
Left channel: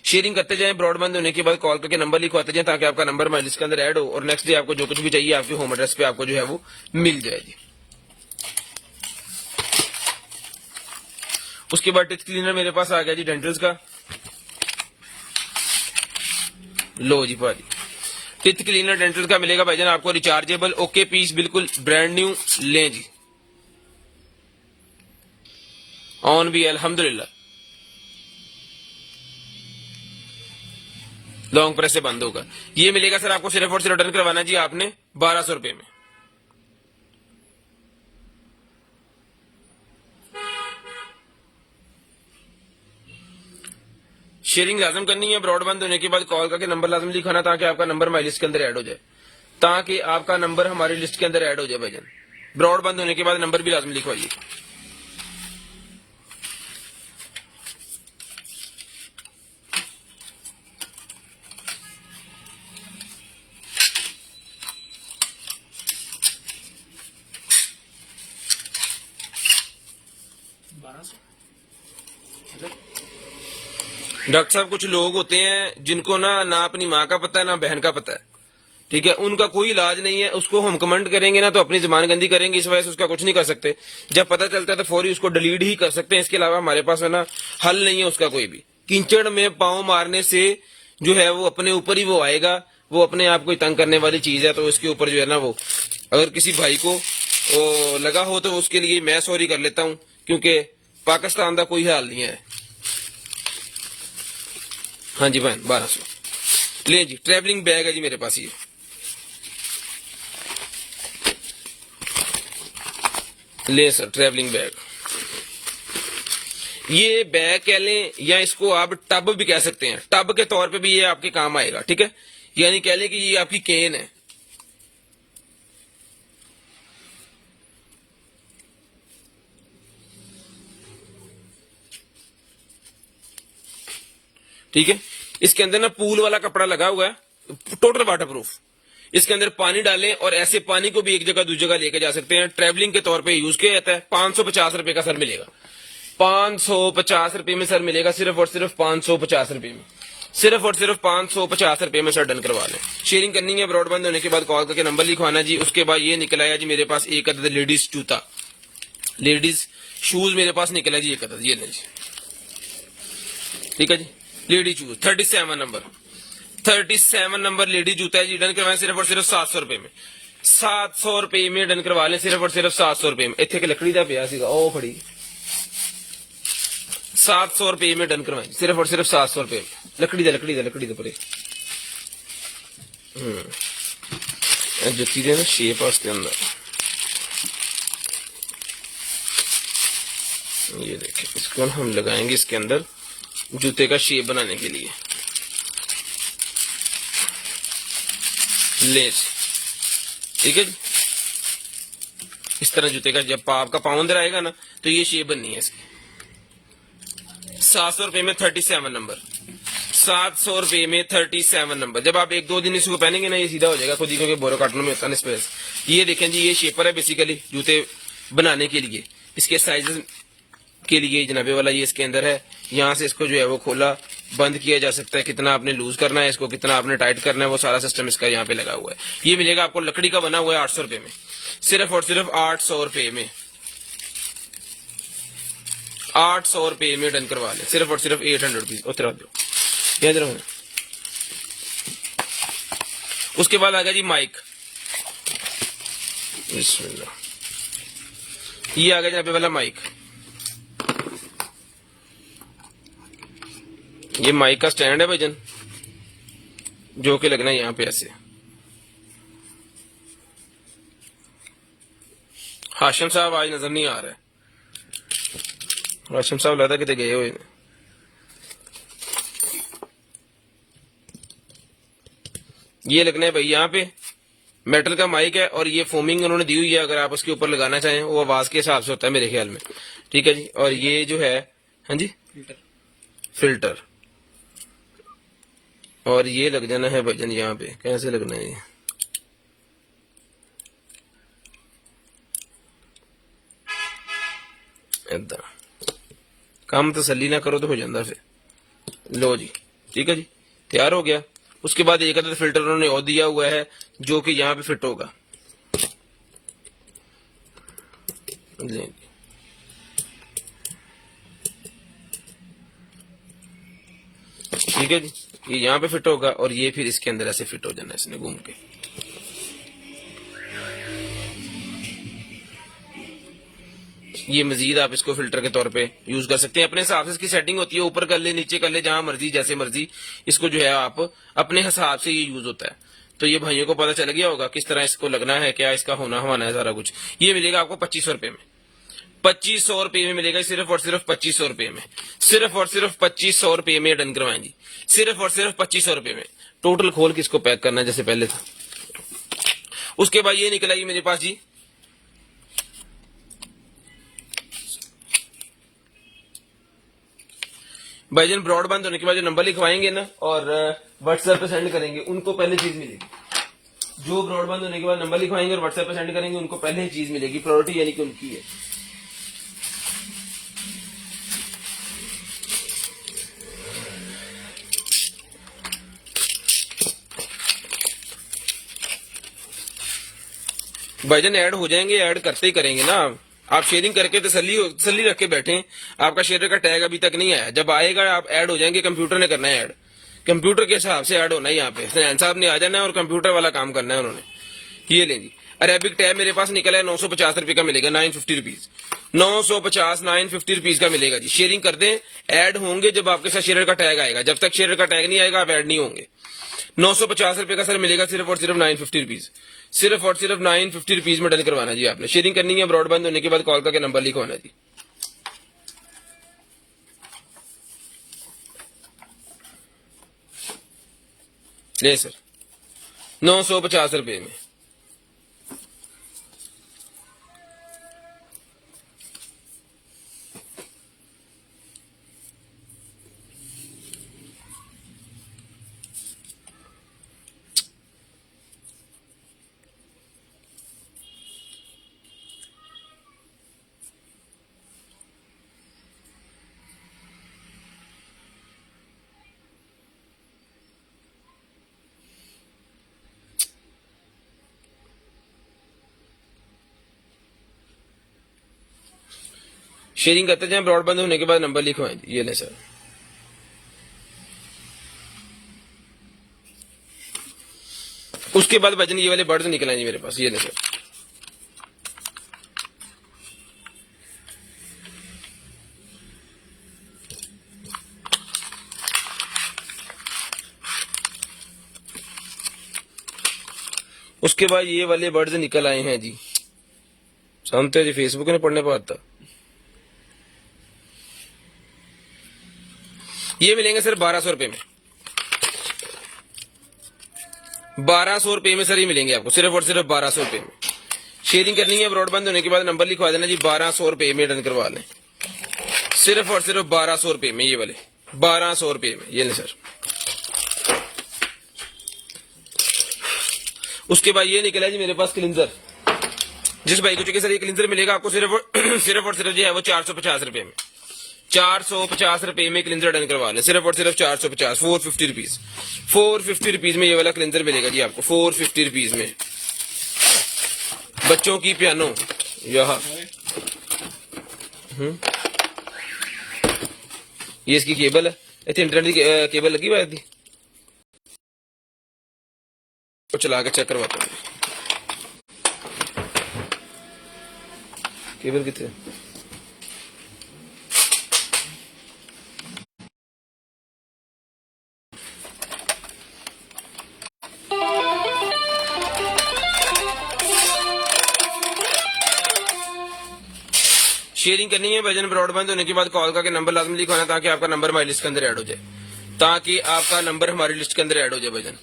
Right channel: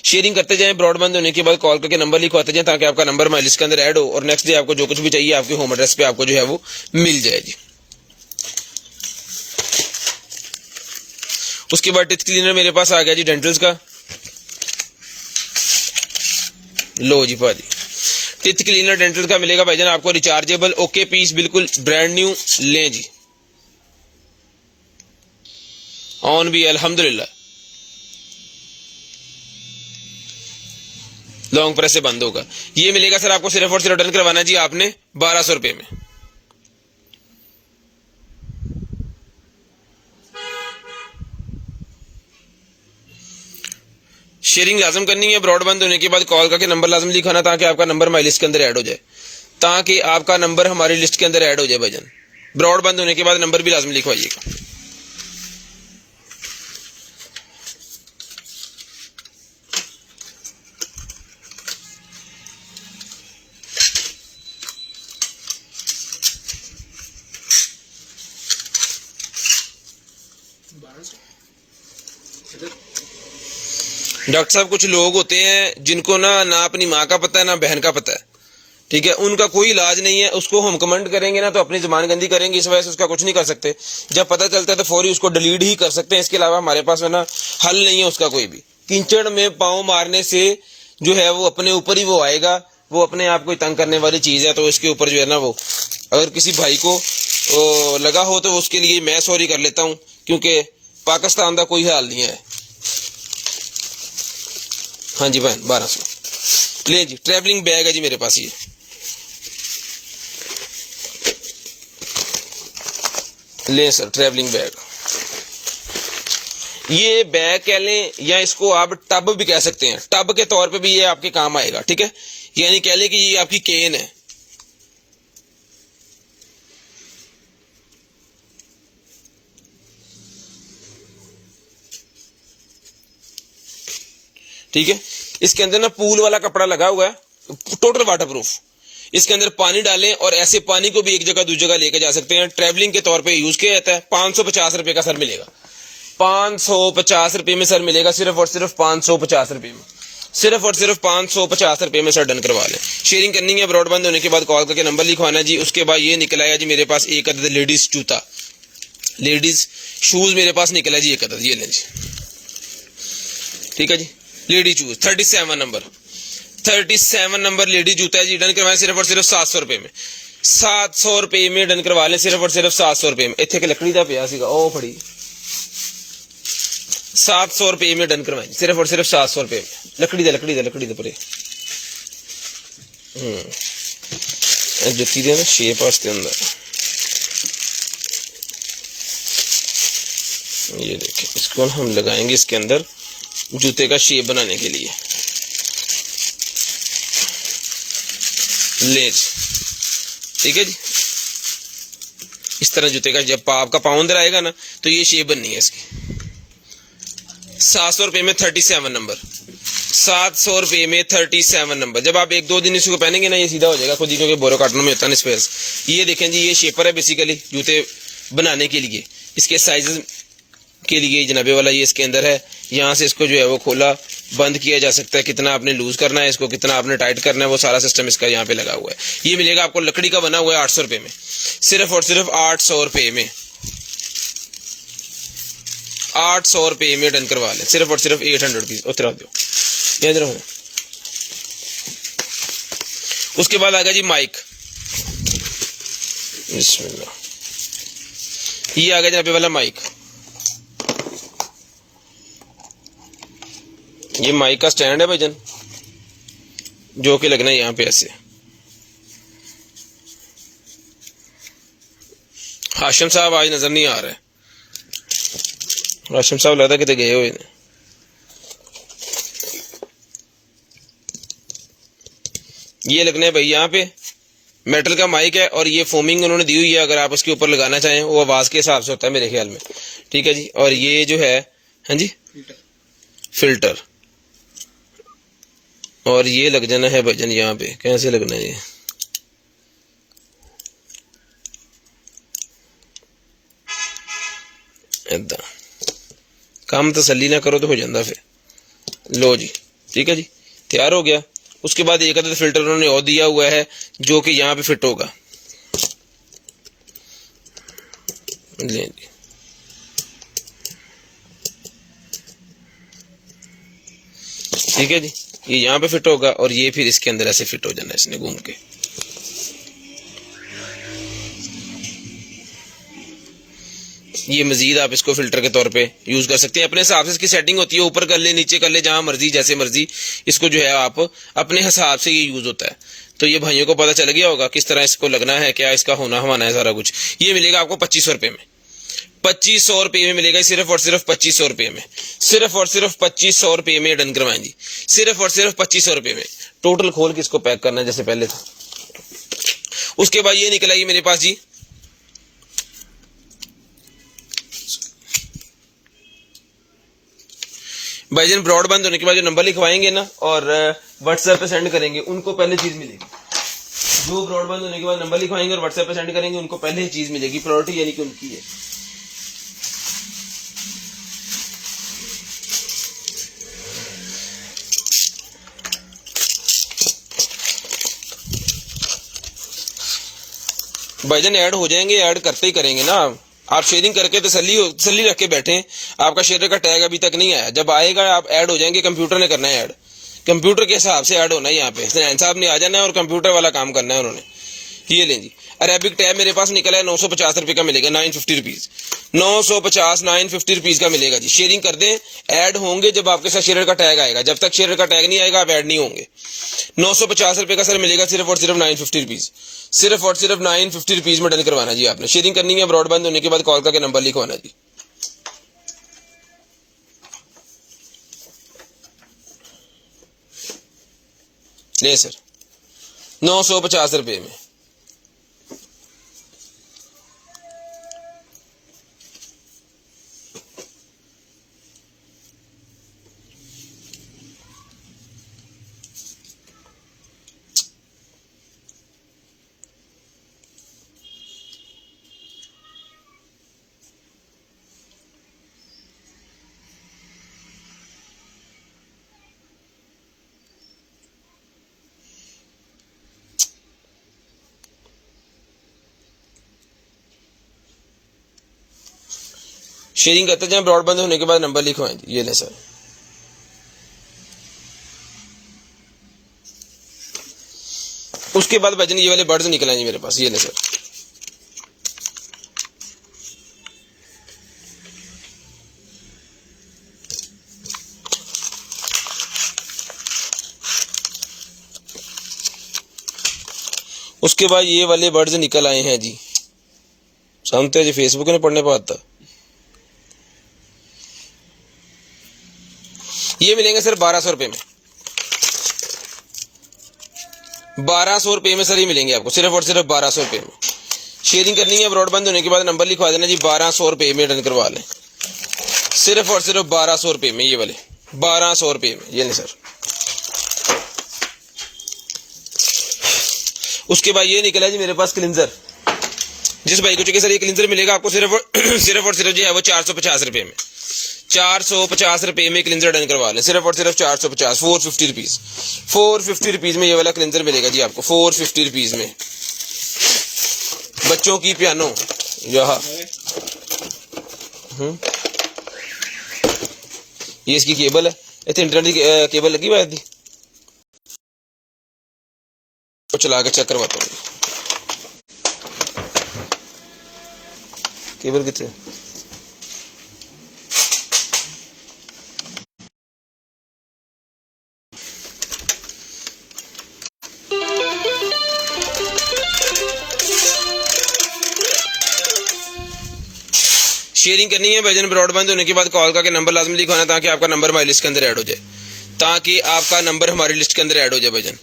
शेयरिंग करते जाएं, ब्रॉडबैंड होने के बाद कॉल करके नंबर लिखवाते जाएं ताकि आपका नंबर माई लिस्ट के अंदर ऐड हो और नेक्स्ट डे आपको जो कुछ भी चाहिए आपके होम एड्रेस पे आपको जो है वो मिल जाए जी। उसके बाद टिथ क्लीनर मेरे पास आ गया जी डेंटल्स का, लो जी भाजी टिथ क्लीनर डेंटल का मिलेगा भाईजान आपको रिचार्जेबल, ओके पीस, बिल्कुल ब्रांड न्यू, लें जी, ऑन भी अल्हम्दुलिल्लाह, लॉन्ग प्रेस से बंद होगा। ये मिलेगा सर आपको सिर्फ और सिर्फ डन करवाना जी आपने ₹1200 में। शेयरिंग लाजम करनी है, ब्रॉडबैंड होने के बाद कॉल करके नंबर लाजम लिखाना ताकि आपका नंबर हमारी लिस्ट के अंदर ऐड हो जाए, ताकि आपका नंबर हमारी लिस्ट के अंदर ऐड हो जाए भाईजान। ब्रॉडबैंड होने के बाद नंबर भी लाजम लिखवाइएगा। डॉक्टर साहब कुछ लोग होते हैं जिनको ना अपनी माँ का पता है ना बहन का पता है, ठीक है, उनका कोई इलाज नहीं है, उसको हम कमेंट करेंगे ना तो अपनी जुबान गंदी करेंगे, इस वजह से उसका कुछ नहीं कर सकते, जब पता चलता है तो फौरी उसको डिलीट ही कर सकते हैं, इसके अलावा हमारे पास है ना हल नहीं है उसका कोई भी। कीचड़ में पाँव मारने से जो है वो अपने ऊपर ही वो आएगा, वो अपने आप को तंग करने वाली चीज है, तो इसके ऊपर जो है ना वो अगर किसी भाई को लगा हो तो उसके लिए मैं सॉरी कर लेता हूँ, क्योंकि पाकिस्तान का कोई हाल नहीं है। हाँ जी बहन 1200 ले जी, ट्रैवलिंग बैग है जी मेरे पास, ये ले सर ट्रैवलिंग बैग, ये बैग कह लें या इसको आप टब भी कह सकते हैं, टब के तौर पे भी ये आपके काम आएगा, ठीक है, यानी कह लें कि ये आपकी केन है, ठीक है। इसके अंदर ना पूल वाला कपड़ा लगा हुआ है, टोटल वाटरप्रूफ, इसके अंदर पानी डालें और ऐसे पानी को भी एक जगह दूसरी जगह लेके जा सकते हैं, ट्रैवलिंग के तौर पे यूज किया जाता है। 550 रुपए का सर मिलेगा, 550 रुपए में सर मिलेगा, सिर्फ और सिर्फ 550 रुपए में, सिर्फ और सिर्फ 550 रुपए में सर डन करवा लें। शेयरिंग करनी है, ब्रॉडबैंड होने के बाद कॉल करके नंबर लिखवाना जी। उसके बाद ये निकल आया जी मेरे पास एक अदद लेडीज जूता, लेडीज शूज मेरे पास निकला जी एक अदद, ये लें जी, ठीक है जी, लेडी शूज 37 नंबर लेडी जूता जी, डन करवाएं सिर्फ और सिर्फ 700 रुपए में, 700 रुपए में डन करवा लें, सिर्फ और सिर्फ 700 रुपए में। इतने लकड़ी का पिया सीगा ओ फड़ी, 700 रुपए में डन करवाएं, सिर्फ और सिर्फ 700 रुपए में, लकड़ी दे परे जुत्ती दे ना शेप वास्ते अंदर, ये देखिए, इसको हम लगाएंगे इसके अंदर जूते का शेप बनाने के लिए, लेज, ठीक है जी, इस तरह जूते का जब आपका पाँव अंदर आएगा ना तो ये शेप बननी है इसकी। 700 रुपए में 37 नंबर, 700 रुपए में 37 नंबर। जब आप 1-2 दिन इसको पहनेंगे ना ये सीधा हो जाएगा खुद ही, क्योंकि बोरो काटने में होता है स्पेस। ये देखें जी, ये शेपर है बेसिकली जूते बनाने के लिए, इसके साइज के लिए जनाबे वाला ये इसके अंदर है, यहाँ से इसको जो है वो खोला बंद किया जा सकता है, कितना आपने लूज करना है इसको, कितना आपने टाइट करना है, वो सारा सिस्टम इसका यहाँ पे लगा हुआ है। ये मिलेगा आपको लकड़ी का बना हुआ है 800 रुपए में, सिर्फ और सिर्फ 800 रुपए में, 800 रुपए में डन करवा लें, सिर्फ और सिर्फ 800 रुपीज। उतरा दो यहाँ। उसके बाद आ गया जी माइक, बिस्मिल्लाह, ये आ गया जनाबे वाला माइक, ये माइक का स्टैंड है भाईजान, जो कि लगना है यहाँ पे ऐसे, हाशिम साहब आज नजर नहीं आ रहे। हाशिम साहब लगता कितने गए हुए ने। ये लगना है भाई यहाँ पे मेटल का माइक है और ये फोमिंग उन्होंने दी हुई है, अगर आप उसके ऊपर लगाना चाहें वो आवाज के हिसाब से होता है मेरे ख्याल में, ठीक है जी। और ये जो है, हाँ जी, फिल्टर, और ये लग जाना है भाईजान यहाँ पे। कैसे लगना है ये, इदा काम तसल्ली ना करो तो हो जाता फिर। लो जी, ठीक है जी, तैयार हो गया। उसके बाद एक अदद फिल्टर उन्होंने और दिया हुआ है जो कि यहाँ पे फिट होगा। ले जी, ठीक है जी, ये यहाँ पे फिट होगा और ये फिर इसके अंदर ऐसे फिट हो जाना है इसने घूम के। ये मजीद आप इसको फिल्टर के तौर पे यूज कर सकते हैं, अपने हिसाब से इसकी सेटिंग होती है, ऊपर कर ले नीचे कर ले जहां मर्जी जैसे मर्जी, इसको जो है आप अपने हिसाब से ये यूज होता है। तो ये भाइयों को पता चल गया होगा किस तरह इसको लगना है, क्या इसका होना हवाना है सारा कुछ। ये मिलेगा आपको 2500 रुपए में, 2500 रुपये में मिलेगा, सिर्फ और सिर्फ 2500 रुपये में, सिर्फ और सिर्फ 2500 रुपये में डन करवाएं जी, सिर्फ और सिर्फ 2500 रुपये में। टोटल खोल के इसको पैक करना है जैसे पहले था। उसके बाद ये निकल आएगी मेरे पास जी भाईजान, ब्रॉडबैंड होने के बाद जो नंबर लिखवाएंगे ना और व्हाट्सएप पे सेंड करेंगे उनको पहले चीज मिलेगी। जो ब्रॉडबैंड होने के बाद नंबर लिखवाएंगे और व्हाट्सएप पे सेंड करेंगे उनको पहले चीज मिलेगी, प्रायोरिटी यानी कि उनकी है। भाईजान ऐड हो जाएंगे, ऐड करते ही करेंगे ना आप शेयरिंग करके तसल्ली रख के बैठे। आपका शेयर का टैग अभी तक नहीं आया, जब आएगा आप ऐड हो जाएंगे। कंप्यूटर ने करना है ऐड, कंप्यूटर के हिसाब से ऐड होना है। यहाँ पे सैन साहब ने आ जाना है और कंप्यूटर वाला काम करना है उन्होंने। ये लें जी, अरेबिक टैब मेरे पास निकला है 950 रुपये का मिलेगा, 950 रुपीज, 950 रुपीज का मिलेगा जी। शेयरिंग कर दें, ऐड होंगे जब आपके साथ शेयर का टैग आएगा, जब तक शेयर का टैग नहीं आएगा आप ऐड नहीं होंगे। 950 रुपये का सर मिलेगा सिर्फ और सिर्फ 950 रुपीज, सिर्फ और सिर्फ 950 रुपीज में डन करवाना जी आपने। शेयरिंग करनी है, ब्रॉडबैंड होने के बाद कॉल करके नंबर लिखवाना जी। ले सर 950 रुपये में। शेयरिंग करते जाएं, ब्रॉडबैंड होने के बाद नंबर लिखवाएं जी। ये ले सर, उसके बाद भाईजान ये वाले बर्ड्स निकल आएंगे मेरे पास। ये ले सर, उसके बाद ये वाले बर्ड्स निकल आए हैं जी। समझते हैं जी, फेसबुक ने पढ़ने पर आता। ये मिलेंगे सर 1200 रुपये में, 1200 रुपये में सर ये मिलेंगे आपको, सिर्फ और सिर्फ 1200 रुपये में। शेयरिंग करनी है, ब्रॉडबैंड होने के बाद नंबर लिखवा देना जी, 1200 रुपये में डन करवा लें, सिर्फ और सिर्फ 1200 रुपये में। ये वाले 1200 रुपये में, ये नहीं सर। उसके बाद ये निकला जी मेरे पास क्लिंजर। जिस भाई को चाहिए सर ये क्लिंजर मिलेगा आपको सिर्फ और सिर्फ जो है वो 450 रुपये में, 450 रुपये में क्लिंजर डन करवा लें, सिर्फ और सिर्फ 450, 450 रुपीज, 450 रुपीज में ये वाला क्लिंजर मिलेगा जी आपको, 450 रुपीज में। बच्चों की पियानो यहाँ ये इसकी केबल है, इतने इंटरनेट की केबल लगी हुई थी, तो चला के चेक करवाता हूँ केबल कितने। शेयरिंग करनी है भाईजान, ब्रॉडबैंड होने के बाद कॉल करके नंबर लाजमी लिखवाना है ताकि आपका नंबर हमारी लिस्ट के अंदर ऐड हो जाए, ताकि आपका नंबर हमारी लिस्ट के अंदर ऐड हो जाए भाईजान।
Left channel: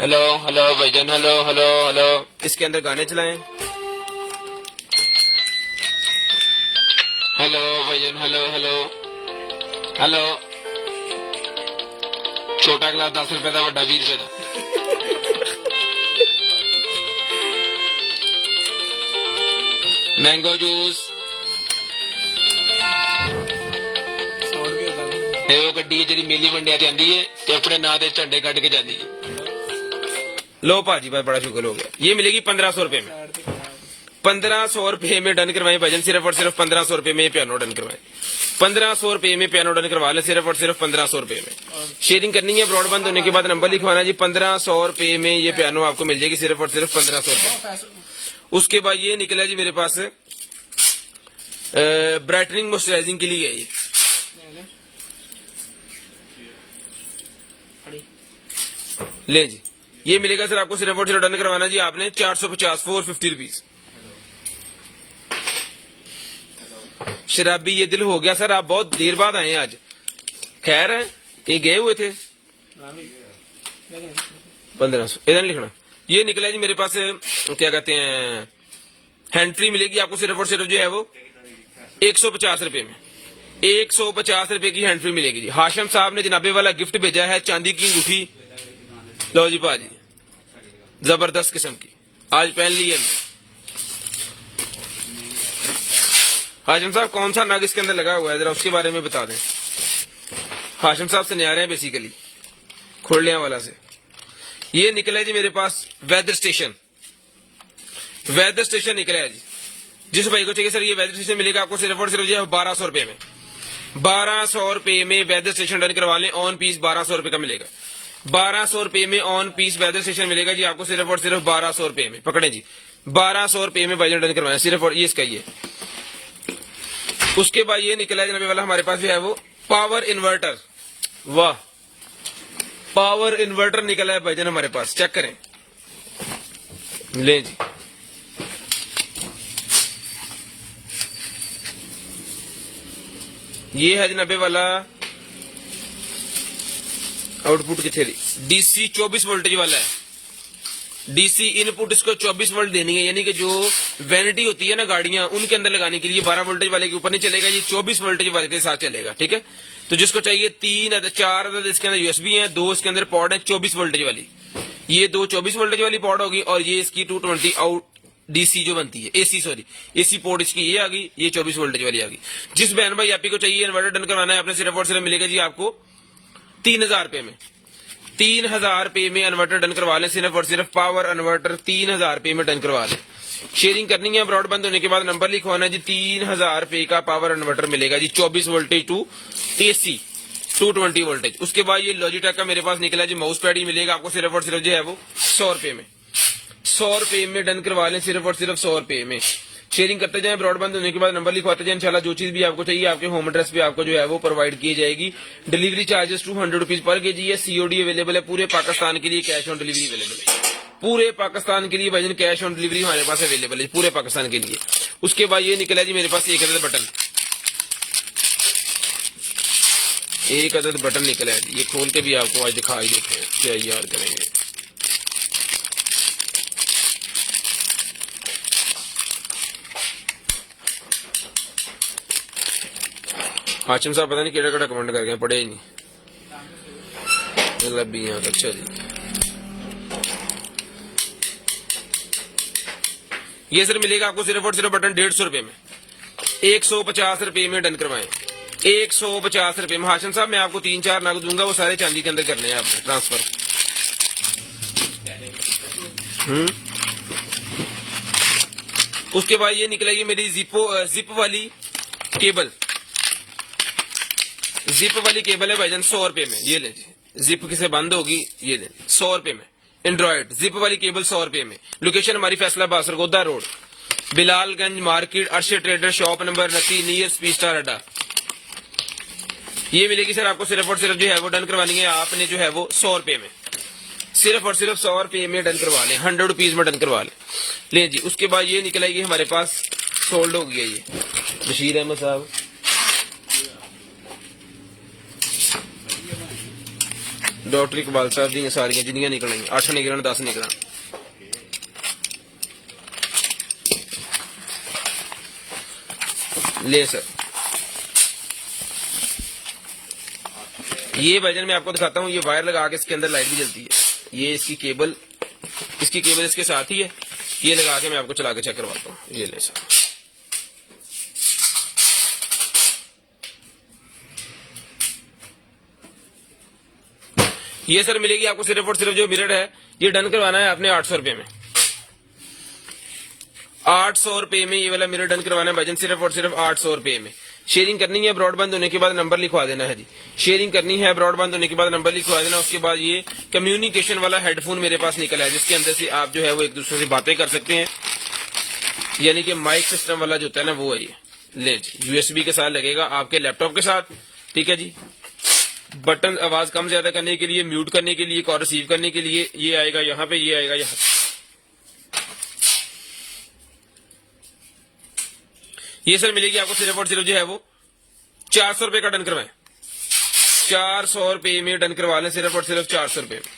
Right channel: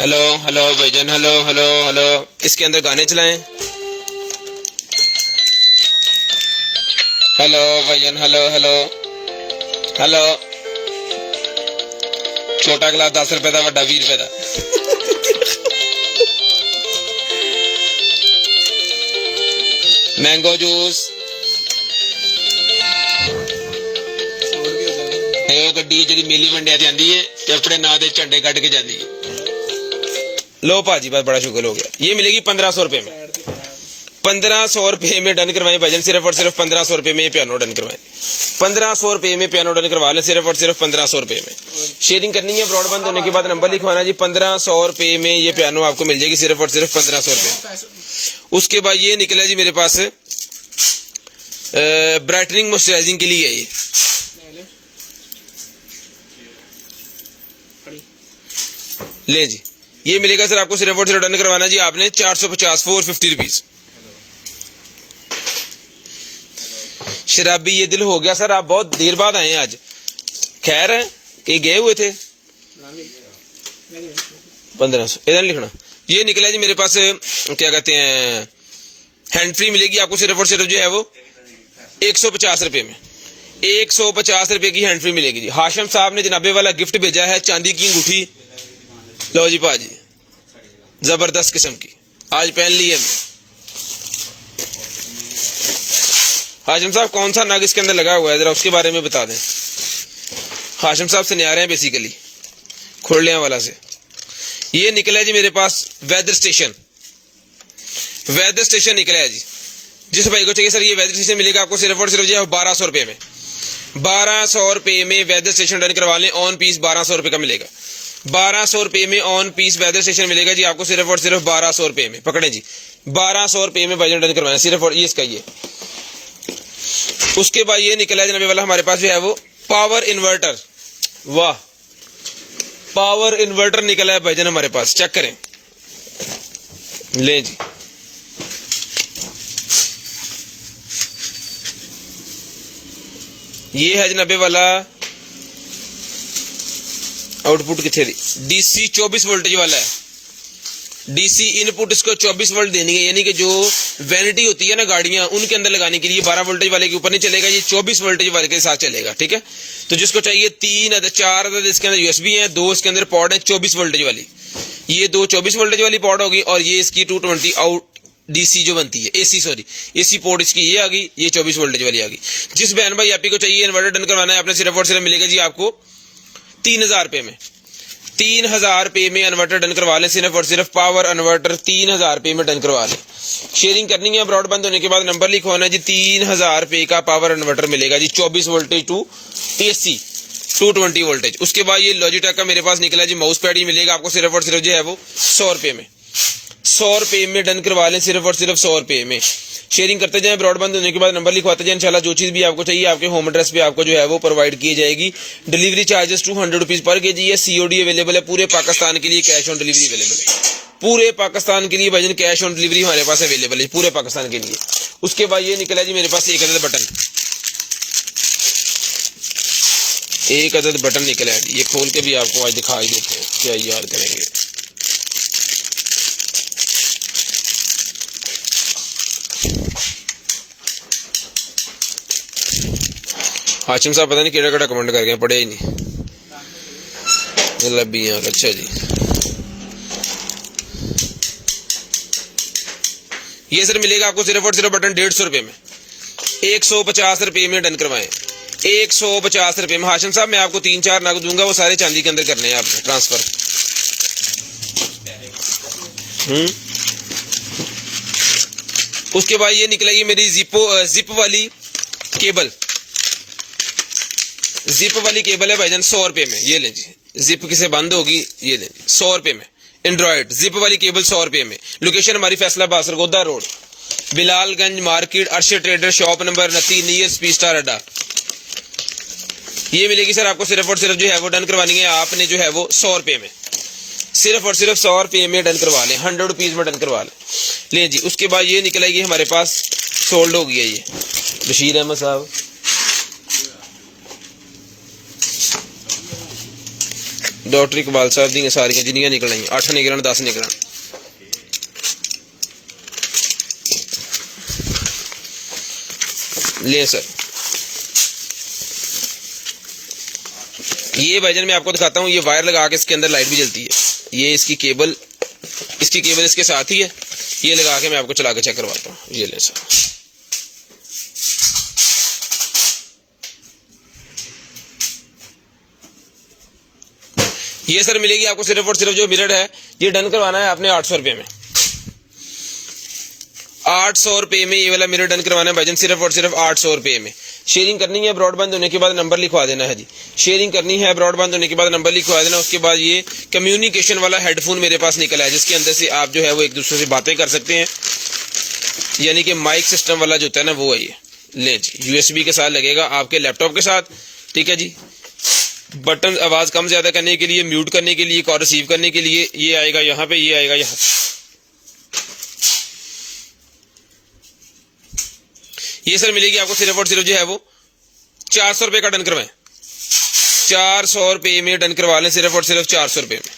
हेलो हेलो भाईजान, हेलो हेलो हेलो, इसके अंदर गाने चलाएं। हेलो भाईजान, हेलो हेलो हेलो। छोटा गिलास 10 रुपए का, बड़ा 20 रुपए का। मैंगो जूस, ਇਹ ਗੱਡੀ ਜਿਹੜੀ ਮੇਲੀ ਵੰਡਿਆ ਜਾਂਦੀ ਹੈ ਤੇ ਆਪਣੇ ਨਾਂ ਦੇ ਝੰਡੇ ਕੱਢ के जाती है। लो पाजी, बस बड़ा शुक्र हो गया। ये मिलेगी 1500 रुपए में, 1500 रुपए में डन करवाएं भाईजान, सिर्फ और सिर्फ 1500 रुपए में ये पियानो डन करवाएं, 1500 रुपए में पियानो डन करवा लें, सिर्फ और सिर्फ 1500 रुपए में। शेयरिंग करनी है, ब्रॉडबैंड होने के बाद नंबर लिखवाना जी, 1500 रुपए में ये पियानो आपको मिल जाएगी, सिर्फ और सिर्फ 1500 रुपए। उसके बाद ये निकला जी मेरे पास ब्राइटनिंग मॉइस्चराइजिंग के लिए है ये, ले जी, ये मिलेगा सर आपको सिर्फ और सिर्फ डन करवाना जी आपने 450 450 रुपीज। शराबी ये दिल हो गया सर, आप बहुत देर बाद आए आज, खैर है कि गए हुए थे। 1500 इधर लिखना। ये निकला जी मेरे पास क्या कहते हैं हैंड फ्री मिलेगी आपको सिर्फ और सिर्फ जो है वो 150 रुपए में, 150 रुपए की हैंड फ्री मिलेगी जी। हाशिम साहब ने जनाबे वाला गिफ्ट भेजा है, चांदी की अंगूठी, लो जी पाजी, जबरदस्त किस्म की, आज पहन ली है। हाशिम साहब कौन सा नाग इसके अंदर लगा हुआ है जरा उसके बारे में बता दें। हाशिम साहब से नहीं आ रहे हैं बेसिकली, खोलने वाला से। ये निकला है जी मेरे पास वेदर स्टेशन, वेदर स्टेशन निकला है जी। जिस भाई को चाहिए सर ये वेदर स्टेशन मिलेगा आपको सिर्फ और सिर्फ जो है 1200 रुपए में, 1200 रुपए में वेदर स्टेशन डन करवा लें, ऑन पीस 1200 रुपए का मिलेगा, 1200 रुपए में ऑन पीस वेदर स्टेशन मिलेगा जी आपको सिर्फ और सिर्फ 1200 रुपए में। पकड़े जी, 1200 रुपए में वजन डन करवाना सिर्फ, और ये इसका ये। उसके बाद ये निकला जनाबे वाला हमारे पास जो है वो पावर इन्वर्टर, वाह पावर इन्वर्टर निकला है भाईजान हमारे पास, चेक करें, ले जी। ये है जनाबे वाला आउटपुट कितने डीसी 24 वोल्टेज वाला है, डीसी इनपुट इसको 24 वोल्ट देनी है, यानी कि जो वैनिटी होती है ना गाड़ियां उनके अंदर लगाने के लिए 12 वोल्टेज वाले के ऊपर नहीं चलेगा, ये 24 वोल्टेज वाले के साथ चलेगा, ठीक है। तो जिसको चाहिए 3 अदद 4 अदद इसके अंदर यूएसबी है, 2 इसके अंदर पॉड है 24 वोल्टेज वाली, ये 2 24 वोल्टेज वाली पॉड होगी, और ये इसकी 220 आउट डीसी जो बनती है एसी, सॉरी एसी पोर्ट इसकी ये आ गई, ये 24 वोल्टेज वाली आ गई। जिस बहन भाई आप को चाहिए इन्वर्टर डन करवाना है आपने सिर्फ और सिर्फ मिलेगा जी आपको 3000 रुपए में, 3000 रुपए में इन्वर्टर डन करवा लें, सिर्फ और सिर्फ पावर इन्वर्टर 3000 रुपए में डन करवा लें। शेयरिंग करनी है, ब्रॉडबैंड होने के बाद नंबर लिखवाना जी, 3000 रुपए का पावर इन्वर्टर मिलेगा जी, 24 वोल्टेज टू एसी 220 वोल्टेज। उसके बाद ये लॉजिटेक का मेरे पास निकला जी माउस पैड ही मिलेगा आपको सिर्फ और सिर्फ जो है वो 100 रुपए में, 100 रुपए में डन करवा लें, सिर्फ और सिर्फ 100 रुपए में। शेयरिंग करते जाएं, ब्रॉडबैंड होने के बाद नंबर लिखवाते जाएं, इंशाल्लाह जो चीज भी आपको चाहिए आपके होम एड्रेस पे आपको जो है वो प्रोवाइड की जाएगी। Delivery charges 200 rupees per KG है, सीओडी अवेलेबल है पूरे पाकिस्तान के लिए, कैश ऑन डिलीवरी अवेलेबल है पूरे पाकिस्तान के लिए भाईजान, कैश ऑन डिलीवरी हमारे पास अवेलेबल है पूरे पाकिस्तान के लिए। उसके बाद ये निकला जी मेरे पास एक अदद बटन, एक अदद बटन निकला है, ये खोल के भी आपको आज दिखाई देते हैं, क्या याद करेंगे। हाशिम साहब पता नहीं केड़ा केड़ा कमेंट कर गए, पढ़े ही नहीं लबी यार। अच्छा जी, ये सर मिलेगा आपको सिर्फ और सिर्फ बटन 150 रुपए में, 150 रुपए में डन करवाएं, 150 रुपए में। हाशिम साहब मैं आपको 3-4 नग दूंगा, वो सारे चांदी के अंदर करने हैं आपने ट्रांसफर। उसके बाद ये निकलेगी मेरी जिप वाली केबल, जिप वाली केबल है भाईजान 100 रुपए में, ये लें जी, जिप किसे बंद होगी ये लें जी 100 रुपए में। एंड्रॉइड जिप वाली केबल 100 रुपए में। लोकेशन हमारी Faisalabad Sargodha road, Bilalganj market, Arshad trader shop number 29 near speed star अड्डा। ये मिलेगी सर आपको सिर्फ और सिर्फ जो है वो डन करवानी है आपने जो है वो 100 रुपए में, सिर्फ और सिर्फ 100 रुपए में डन करवा लें, 100 रुपीज में डन करवा लें। ले जी। उसके बाद ये निकलेगी हमारे पास, सोल्ड हो गया ये बशीर अहमद साहब, डॉक्टर इकबाल साहब दी सारियां जिन्नियां निकलेंगी 8 निकलन 10 निकलन। ले सर ये भाईजान मैं आपको दिखाता हूँ, ये वायर लगा के इसके अंदर लाइट भी जलती है, ये इसकी केबल इसके साथ ही है, ये लगा के मैं आपको चला के चेक करवाता हूँ। ये ले सर, ये सर मिलेगी आपको सिर्फ और सिर्फ जो मिरर है ये डन करवाना है आपने 800 रुपये में। 800 रुपये में ये वाला मिरर डन करवाना है भाईजान, सिर्फ और सिर्फ 800 रुपये में। शेयरिंग करनी है, ब्रॉडबैंड होने के बाद नंबर लिखवा देना है जी। शेयरिंग करनी है, ब्रॉडबैंड होने के बाद नंबर लिखवा देना। उसके बाद ये कम्युनिकेशन वाला हेडफोन मेरे पास निकला है, जिसके अंदर से आप जो है वो एक दूसरे से बातें कर सकते हैं, यानी कि माइक सिस्टम वाला जो होता है ना वो है ये। ले जी, यूएसबी के साथ लगेगा आपके लैपटॉप के साथ, ठीक है जी। बटन आवाज कम ज्यादा करने के लिए, म्यूट करने के लिए, कॉल रिसीव करने के लिए, ये आएगा यहाँ पे, ये आएगा यहाँ। ये सर मिलेगी आपको सिर्फ और सिर्फ जो है वो 400 रुपये का डन करवाएं, 400 रुपये में डन करवा लें, सिर्फ और सिर्फ 400 रुपये में,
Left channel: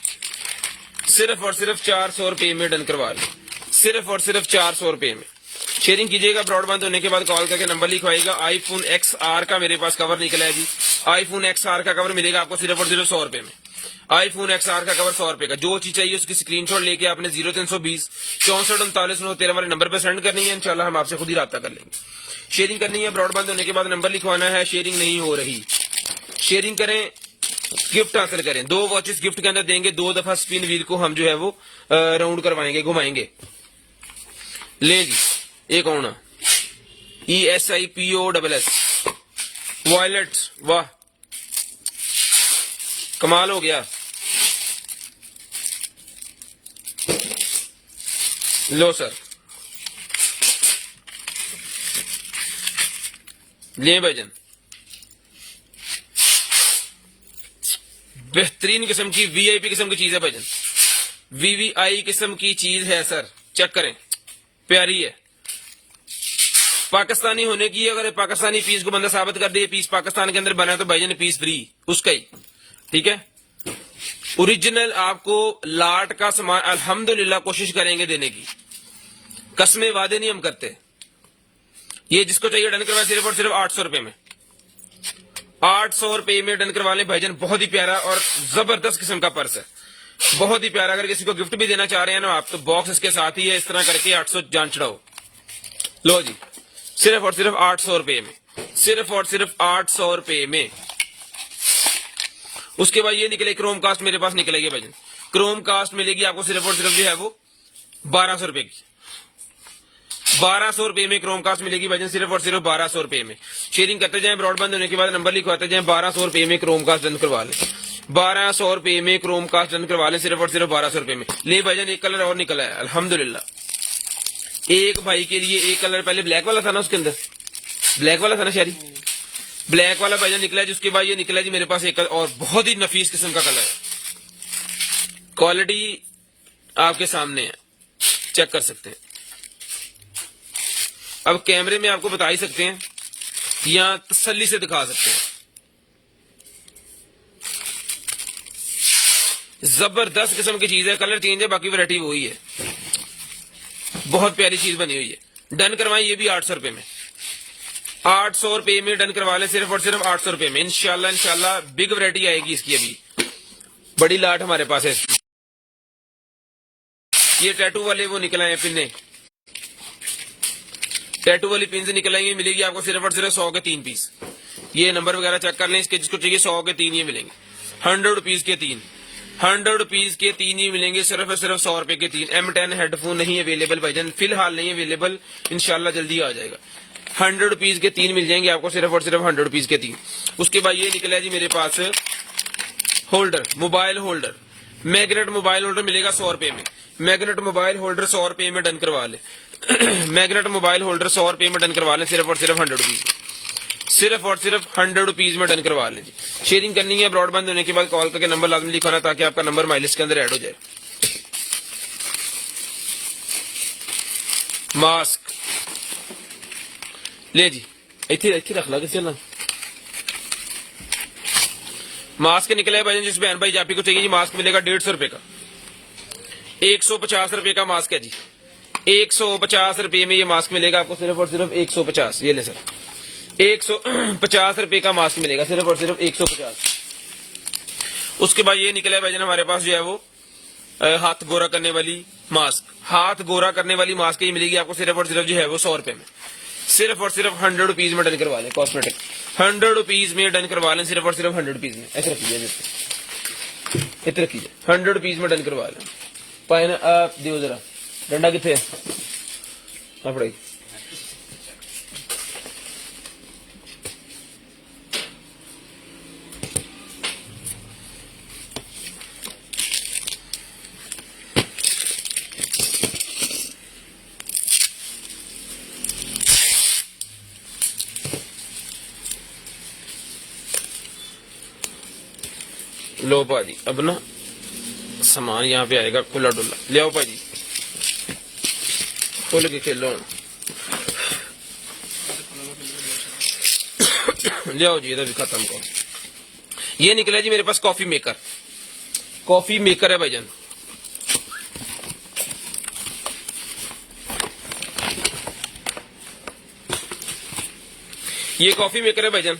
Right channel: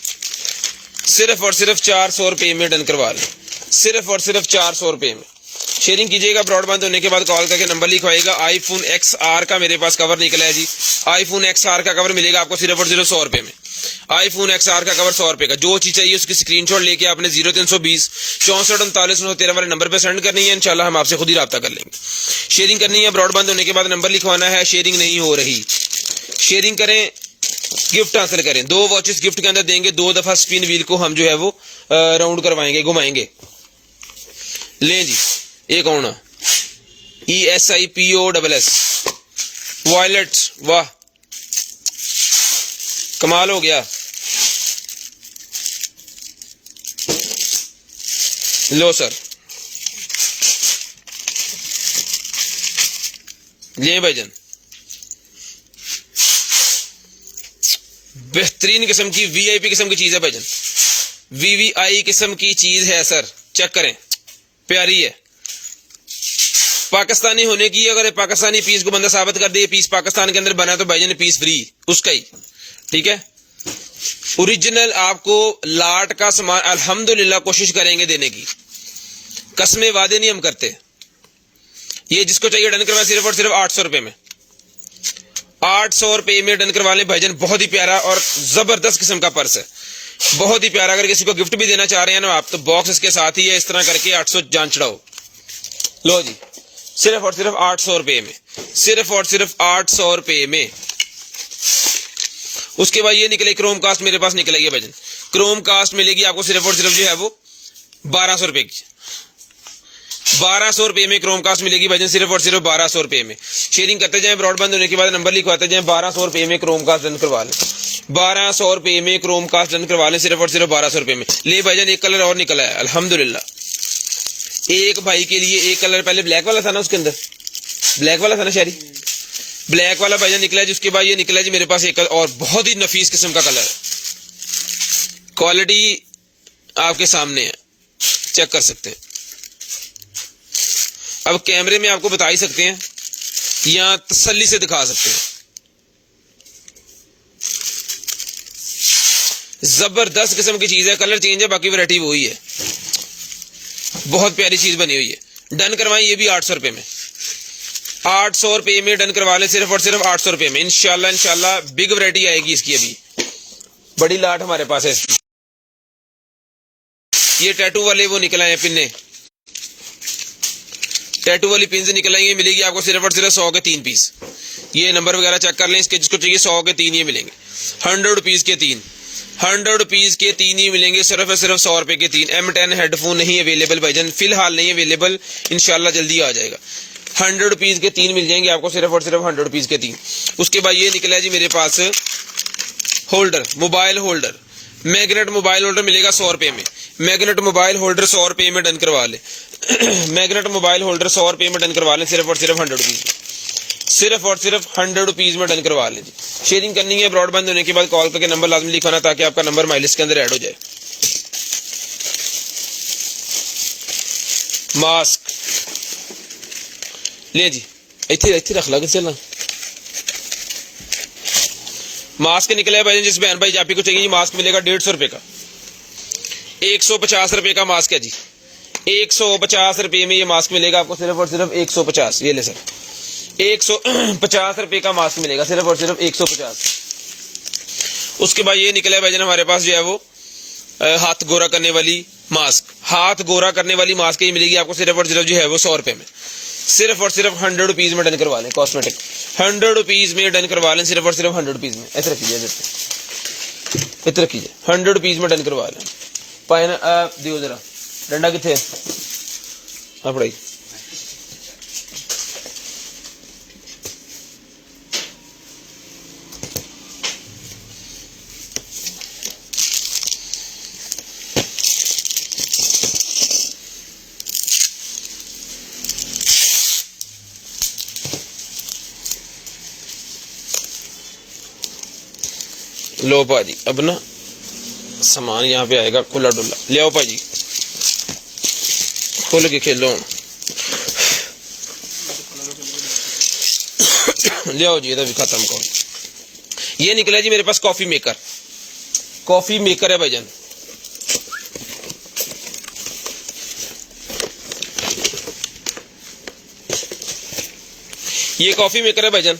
सिर्फ और सिर्फ 400 रुपये में डन करवा लें, सिर्फ और सिर्फ 400 रुपये में। शेयरिंग कीजिएगा, ब्रॉडबैंड होने के बाद कॉल करके नंबर लिखवाइएगा। आईफोन XR का मेरे पास कवर निकला है जी, आईफोन XR का कवर मिलेगा आपको सिर्फ और सिर्फ 100 रुपये में। आईफोन XR का कवर 100 रुपये का। जो चीज चाहिए उसकी स्क्रीनशॉट लेके आपने 0320 64 39 13 वाले नंबर पे सेंड करनी है, इंशाल्लाह हम आपसे खुद ही राब्ता कर लेंगे। शेयरिंग करनी है, ब्रॉडबैंड होने के बाद नंबर लिखवाना है। शेयरिंग नहीं हो रही, शेयरिंग करें, गिफ्ट हासिल करें। 2 वॉचेस गिफ्ट के अंदर देंगे, 2 दफा स्पिन व्हील को हम जो है वो राउंड करवाएंगे, घुमाएंगे। लें जी, एक कौन ESIPOSS वॉयलेट, वाह कमाल हो गया। लो सर, ये भाईजान बेहतरीन किस्म की VIP किस्म की चीज है भाईजान, VVI किस्म की चीज है सर, चेक करें, प्यारी है। पाकिस्तानी होने की, अगर पाकिस्तानी पीस को बंदा साबित कर दे पीस पाकिस्तान के अंदर बना तो भाईजान पीस फ्री उसका ही, ठीक है। ओरिजिनल आपको लाट का सामान अल्हम्दुलिल्लाह कोशिश करेंगे देने की, कसमें वादे नहीं हम करते। ये जिसको चाहिए डन करवा सिर्फ और सिर्फ 800 रुपये में, 800 रुपये में डन करवा लें भाईजान। बहुत ही प्यारा और जबरदस्त किस्म का पर्स है, बहुत ही प्यारा। अगर किसी को गिफ्ट भी देना चाह रहे हैं ना आप, तो बॉक्स इसके साथ ही है, इस तरह करके 800 जान चढ़ाओ। लो जी, सिर्फ और सिर्फ 800 रुपये में, सिर्फ और सिर्फ 800 रुपये में। उसके बाद ये निकले क्रोम कास्ट मेरे पास निकलेगी भाईजान, क्रोम कास्ट मिलेगी आपको सिर्फ और सिर्फ जो है वो 1200 रुपये की, 1200 रुपये में क्रोम कास्ट मिलेगी भाईजान, सिर्फ और सिर्फ 1200 रुपये में। शेयरिंग करते जाएं, ब्रॉडबैंड होने के बाद नंबर लिखवाते जाएं, 1200 रुपये में क्रोम कास्ट डन करवा लें, 1200 रुपये में क्रोम कास्ट डन करवा लें, सिर्फ और सिर्फ 1200 रुपये में। ले भाईजान, एक कलर और निकला है अल्हम्दुलिल्लाह, एक भाई के लिए एक कलर, पहले ब्लैक वाला था ना, उसके अंदर ब्लैक वाला था ना शहरी, ब्लैक वाला भाईजान निकला है। जिसके बाद ये निकला है जी मेरे पास एक और बहुत ही नफीस किस्म का कलर है, क्वालिटी आपके सामने है, चेक कर सकते हैं। अब कैमरे में आपको बता ही सकते हैं या तसल्ली से दिखा सकते हैं, जबरदस्त किस्म की चीज है। कलर चेंज है, बाकी वैरायटी वही है, बहुत प्यारी चीज बनी हुई है। डन करवाएं, ये भी 800 रुपये में, 800 रुपये में डन करवा लें, सिर्फ और सिर्फ 800 रुपये में। इंशाल्लाह इंशाल्लाह बिग वैरायटी आएगी इसकी, अभी बड़ी लाट हमारे पास है इसकी। ये टैटू वाले वो निकल आए पिन्ने, टैटू वाली पिन से निकल आई, मिलेगी आपको सिर्फ और सिर्फ 100 के 3 पीस। ये नंबर वगैरह चेक कर लें इसके, जिसको चाहिए 100 के 3 ये मिलेंगे, 100 रुपीज के 3, 100 रुपीज के 3 ही मिलेंगे, सिर्फ और सिर्फ 100 रुपए के 3। M10 हेडफोन नहीं अवेलेबल भाईजान, फिलहाल नहीं अवेलेबल, इंशाल्लाह जल्दी आ जाएगा। 100 रुपीज के 3 मिल जाएंगे आपको, सिर्फ और सिर्फ 100 रुपीज के 3। उसके बाद ये निकला जी मेरे पास holder, mobile holder, magnet mobile holder मिलेगा 100 रुपए में। मैग्नेट मोबाइल होल्डर 100 रुपए में डन करवा ले, मैग्नेट मोबाइल होल्डर 100 रुपए में डन करवा लें, सिर्फ और सिर्फ 100 रुपीज में, सिर्फ और सिर्फ 100 रुपीज में डन करवा लें जी। शेयरिंग करनी है, ब्रॉडबैंड होने के बाद कॉल करके नंबर लाजमी लिखाना, ताकि आपका नंबर माइलिस के अंदर ऐड हो जाए। मास्क ले जी, इतने इतने रख ला कि चलना। मास्क निकला है भाई, जिस बहन भाई आप ही को चाहिए ये मास्क मिलेगा 150 रुपए का। 150 रुपए का मास्क है जी, 150 रुपए में ये मास्क मिलेगा आपको, सिर्फ और सिर्फ 150। ये ले सर, 150 रुपए का मास्क मिलेगा, सिर्फ और सिर्फ 150। उसके बाद ये निकला है भाईजान हमारे पास जो है वो हाथ गोरा करने वाली मास्क, हाथ गोरा करने वाली मास्क ये मिलेगी आपको सिर्फ और सिर्फ जो है वो 100 रुपए में, सिर्फ और सिर्फ 100 रुपीज में डन करवा लें। कॉस्मेटिक 100 रुपीज में डन करवा लें, सिर्फ और सिर्फ 100 रुपीज में। ऐसे रखिए, इतने रखिए, 100 रुपीज में डन करवा लें। पाए ना आप दियो जरा, डंडा कितने पढ़ाई। लो भाजी, अब ना सामान यहाँ पे आएगा खुला डुला। ले आओ भाजी, खोल के खेलो। ले आओ जी, इधर भी खत्म करो। ये निकला जी मेरे पास कॉफी मेकर, कॉफी मेकर है भाईजान। ये कॉफी मेकर है भाईजान,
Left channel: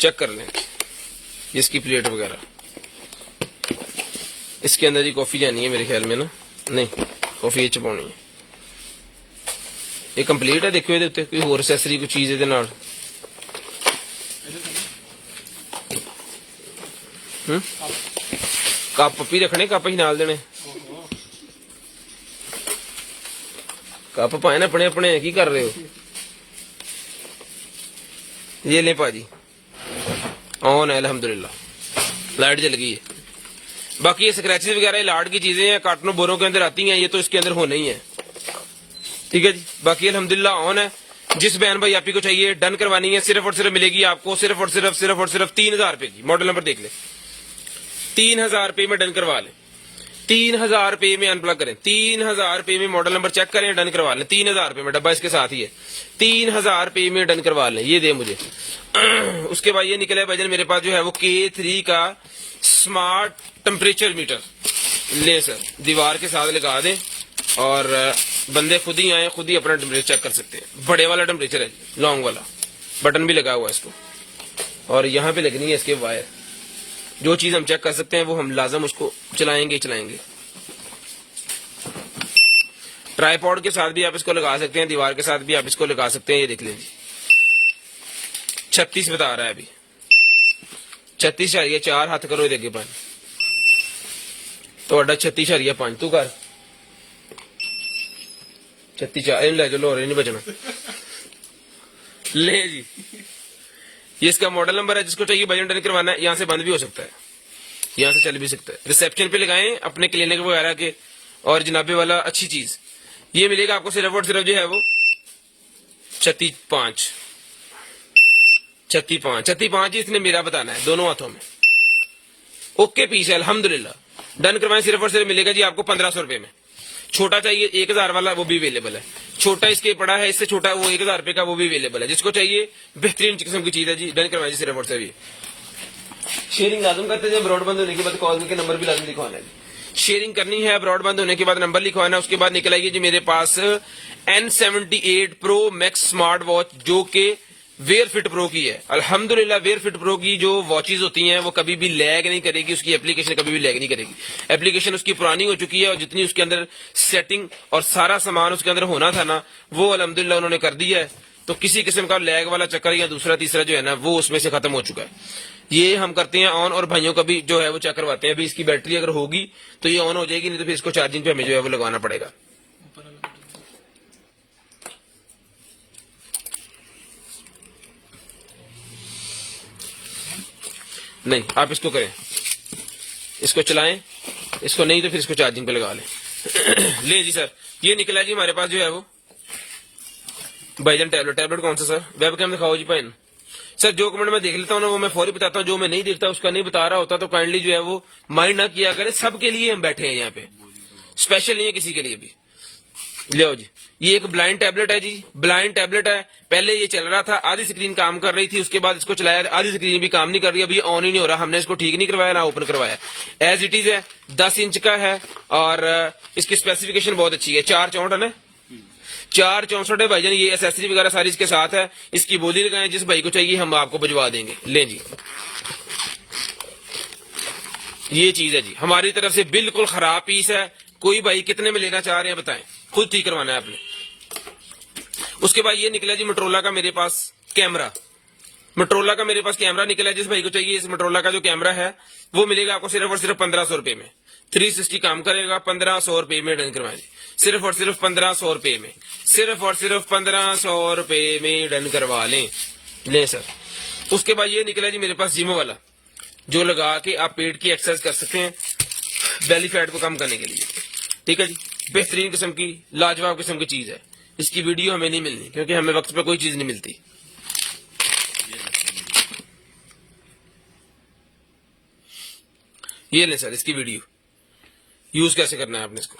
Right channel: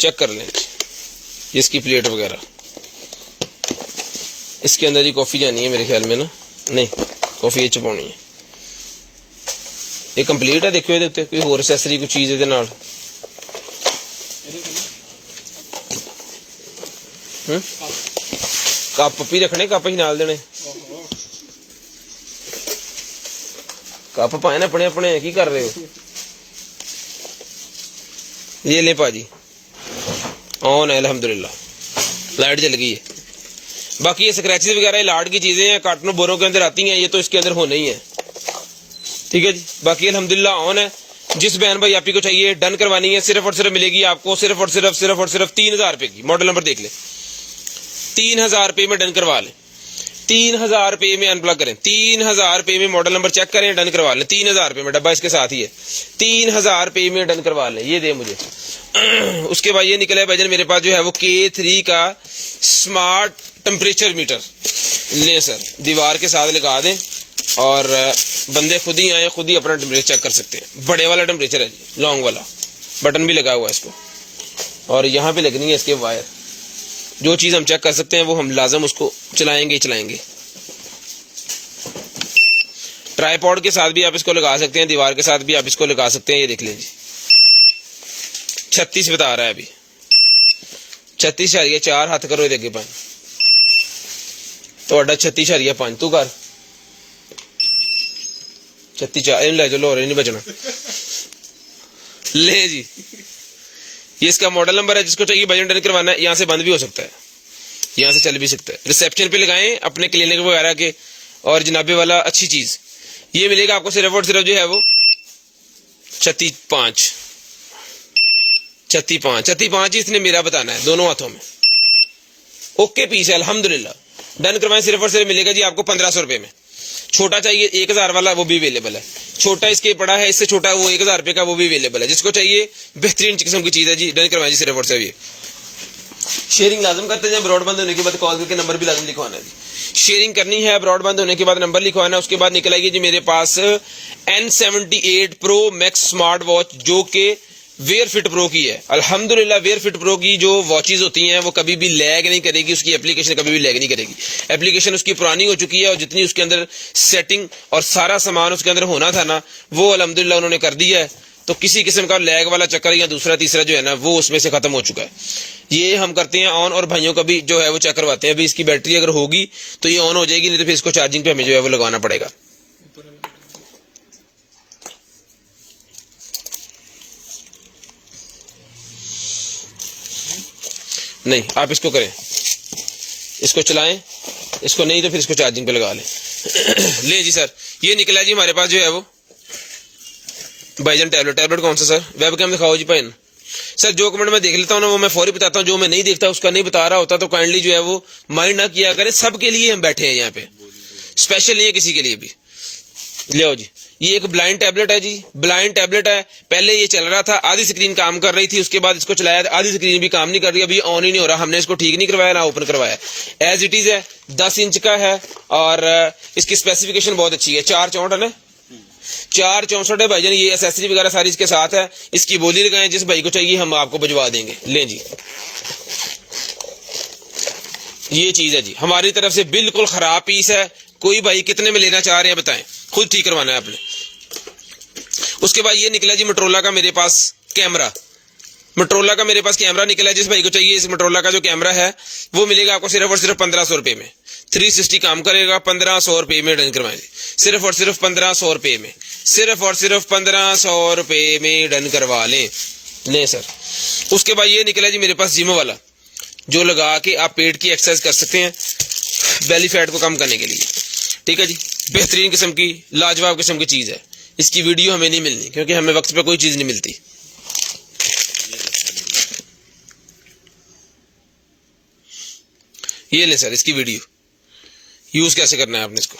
चेक कर लें इसकी प्लेट वगैरह। इसके अंदर ही कॉफी जानी है मेरे ख्याल में ना, नहीं कॉफी ये छुपानी है। ये कंप्लीट है, देखो ये कोई होर एक्सेसरी कोई चीज ਇਹਦੇ ਨਾਲ। ਕੱਪ ਵੀ ਰੱਖਣੇ, ਕੱਪ ਹੀ ਨਾਲ ਦੇਣੇ। ਕੱਪ ਪਾਏ ना अपने अपने, की कर रहे हो। ये ले पाजी, ऑन है अल्हम्दुलिल्लाह, लाइट जल गई है। बाकी ये स्क्रैचेस वगैरह लाट की चीजें हैं, कार्टनों बोरों के अंदर आती हैं, ये तो इसके अंदर होने ही है, ठीक है जी। बाकी अल्हम्दुलिल्लाह ऑन है। जिस बहन भाई आप ही को चाहिए डन करवानी है, सिर्फ और सिर्फ मिलेगी आपको सिर्फ और सिर्फ 3000 रुपए की। मॉडल नंबर देख ले, 3000 रुपए में डन करवा लें, 3000 रुपए में अनप्लग करें, 3000 रुपए में मॉडल नंबर चेक करें, डन करवा लें। 3000 रुपए में, डब्बा इसके साथ ही है, 3000 रुपए में डन करवा लें। ये दे मुझे। उसके बाद ये निकला है भाईजान मेरे पास जो है वो K3 का स्मार्ट टेम्परेचर मीटर। ले सर, दीवार के साथ लगा दें और बंदे खुद ही आए, खुद ही अपना टेम्परेचर चेक कर सकते हैं। बड़े वाला टेम्परेचर है, लॉन्ग वाला, बटन भी लगा हुआ है इसको, और यहाँ पे लगनी है इसके वायर। जो चीज हम चेक कर सकते हैं वो हम लाजम उसको चलाएंगे। ट्राइपॉड के साथ भी आप इसको लगा सकते हैं, दीवार के साथ भी आप इसको लगा सकते हैं। ये देख लीजिए 36 बता रहा है अभी, 36.4 हाथ करो ये पाए तो 36.5 तू कर 36 ले चलो, और नहीं बचना। ले जी, ये इसका मॉडल नंबर है। जिसको चाहिए बजट डन करवाना है, यहाँ से बंद भी हो सकता है, यहाँ से चल भी सकता है। रिसेप्शन पे लगाएं अपने क्लिनिक वगैरह के। और जनाबे वाला अच्छी चीज ये मिलेगा आपको सिर्फ और सिर्फ जो है वो 36.5 इसने मेरा बताना है, दोनों हाथों में। ओके पीस है अल्हम्दुलिल्लाह। डन करवाएं, सिर्फ और सिर्फ मिलेगा जी आपको 1500 रुपए में। छोटा चाहिए 1000 वाला, वो भी अवेलेबल है। छोटा इसके पड़ा है, इससे छोटा वो 1000 रुपए का, वो भी अवेलेबल है। जिसको चाहिए बेहतरीन किस्म की चीज है जी, डन करवाएं जी सिर्फ और सिर्फ। ये शेयरिंग लाजम करते हैं, ब्रॉडबैंड होने के बाद कॉल के नंबर भी लाजम लिखवाना है जी। शेयरिंग करनी है, ब्रॉडबैंड होने के बाद नंबर लिखवाना है। उसके बाद निकल आएगी जी मेरे पास N78 Pro Max smart watch, जो कि वेयर फिट प्रो की है। अल्हम्दुलिल्लाह वेयर फिट प्रो की जो वॉचेज होती हैं वो कभी भी लैग नहीं करेगी, उसकी एप्लीकेशन कभी भी लैग नहीं करेगी। एप्लीकेशन उसकी पुरानी हो चुकी है, और जितनी उसके अंदर सेटिंग और सारा सामान उसके अंदर होना था ना, वो अल्हम्दुलिल्लाह उन्होंने कर दिया है। तो किसी किस्म का लैग वाला चक्कर या दूसरा तीसरा जो है ना, वो उसमें से खत्म हो चुका है। ये हम करते हैं ऑन, और भाइयों का भी जो है वो चेक करवाते हैं। अभी इसकी बैटरी अगर होगी तो ये ऑन हो जाएगी, नहीं तो फिर इसको चार्जिंग पे हमें जो है वो लगाना पड़ेगा। नहीं, आप इसको करें, इसको चलाएं, इसको नहीं तो फिर इसको चार्जिंग पे लगा लें। ले जी सर, ये निकला जी हमारे पास जो है वो भाईजान टैबलेट कौन सा सर? वेब कैम दिखाओ जी पैन सर। जो कमेंट मैं देख लेता हूँ ना वो मैं फौरी बताता हूँ, जो मैं नहीं देखता उसका नहीं बता रहा होता तो काइंडली जो है वो माइंड ना किया करें। सबके लिए हम बैठे हैं यहाँ पे, स्पेशल नहीं है किसी के लिए भी। ले आओ जी। ये एक ब्लाइंड टैबलेट है जी, ब्लाइंड टैबलेट है। पहले ये चल रहा था, आधी स्क्रीन काम कर रही थी, उसके बाद इसको चलाया, आधी स्क्रीन भी काम नहीं कर रही, अभी ऑन ही नहीं हो रहा। हमने इसको ठीक नहीं करवाया ना ओपन करवाया, एज इट इज है। 10 इंच का है और इसकी स्पेसिफिकेशन बहुत अच्छी है। 464 है ना, 464 है भाईजान। ये एसेसरी वगैरह सारी इसके साथ है। इसकी बोली लगाएं, जिस भाई को चाहिए हम आपको भिजवा देंगे। ले जी, ये चीज है जी, हमारी तरफ से बिल्कुल खराब पीस है। कोई भाई कितने में लेना चाह रहे हैं बताएं, खुद ठीक करवाना है आपने। उसके बाद ये निकला जी मोटरोला का मेरे पास कैमरा, मोटरोला का मेरे पास कैमरा निकला। जिस भाई को चाहिए इस मोटरोला का जो कैमरा है वो मिलेगा आपको सिर्फ और सिर्फ 1500 रुपए में। 360 काम करेगा, 1500 रुपए में डन करवाएंगे, सिर्फ और सिर्फ 1500 रुपए में, सिर्फ और सिर्फ 1500 रुपए में डन करवा लें। ले सर। उसके बाद ये निकला जी मेरे पास जिम वाला, जो लगा के आप पेट की एक्सरसाइज कर सकते हैं बेली फैट को कम करने के लिए। ठीक है जी, बेहतरीन किस्म की लाजवाब किस्म की चीज है। इसकी वीडियो हमें नहीं मिलनी क्योंकि हमें वक्त पे कोई चीज नहीं मिलती। ये ले सर इसकी वीडियो, यूज कैसे करना है आपने इसको।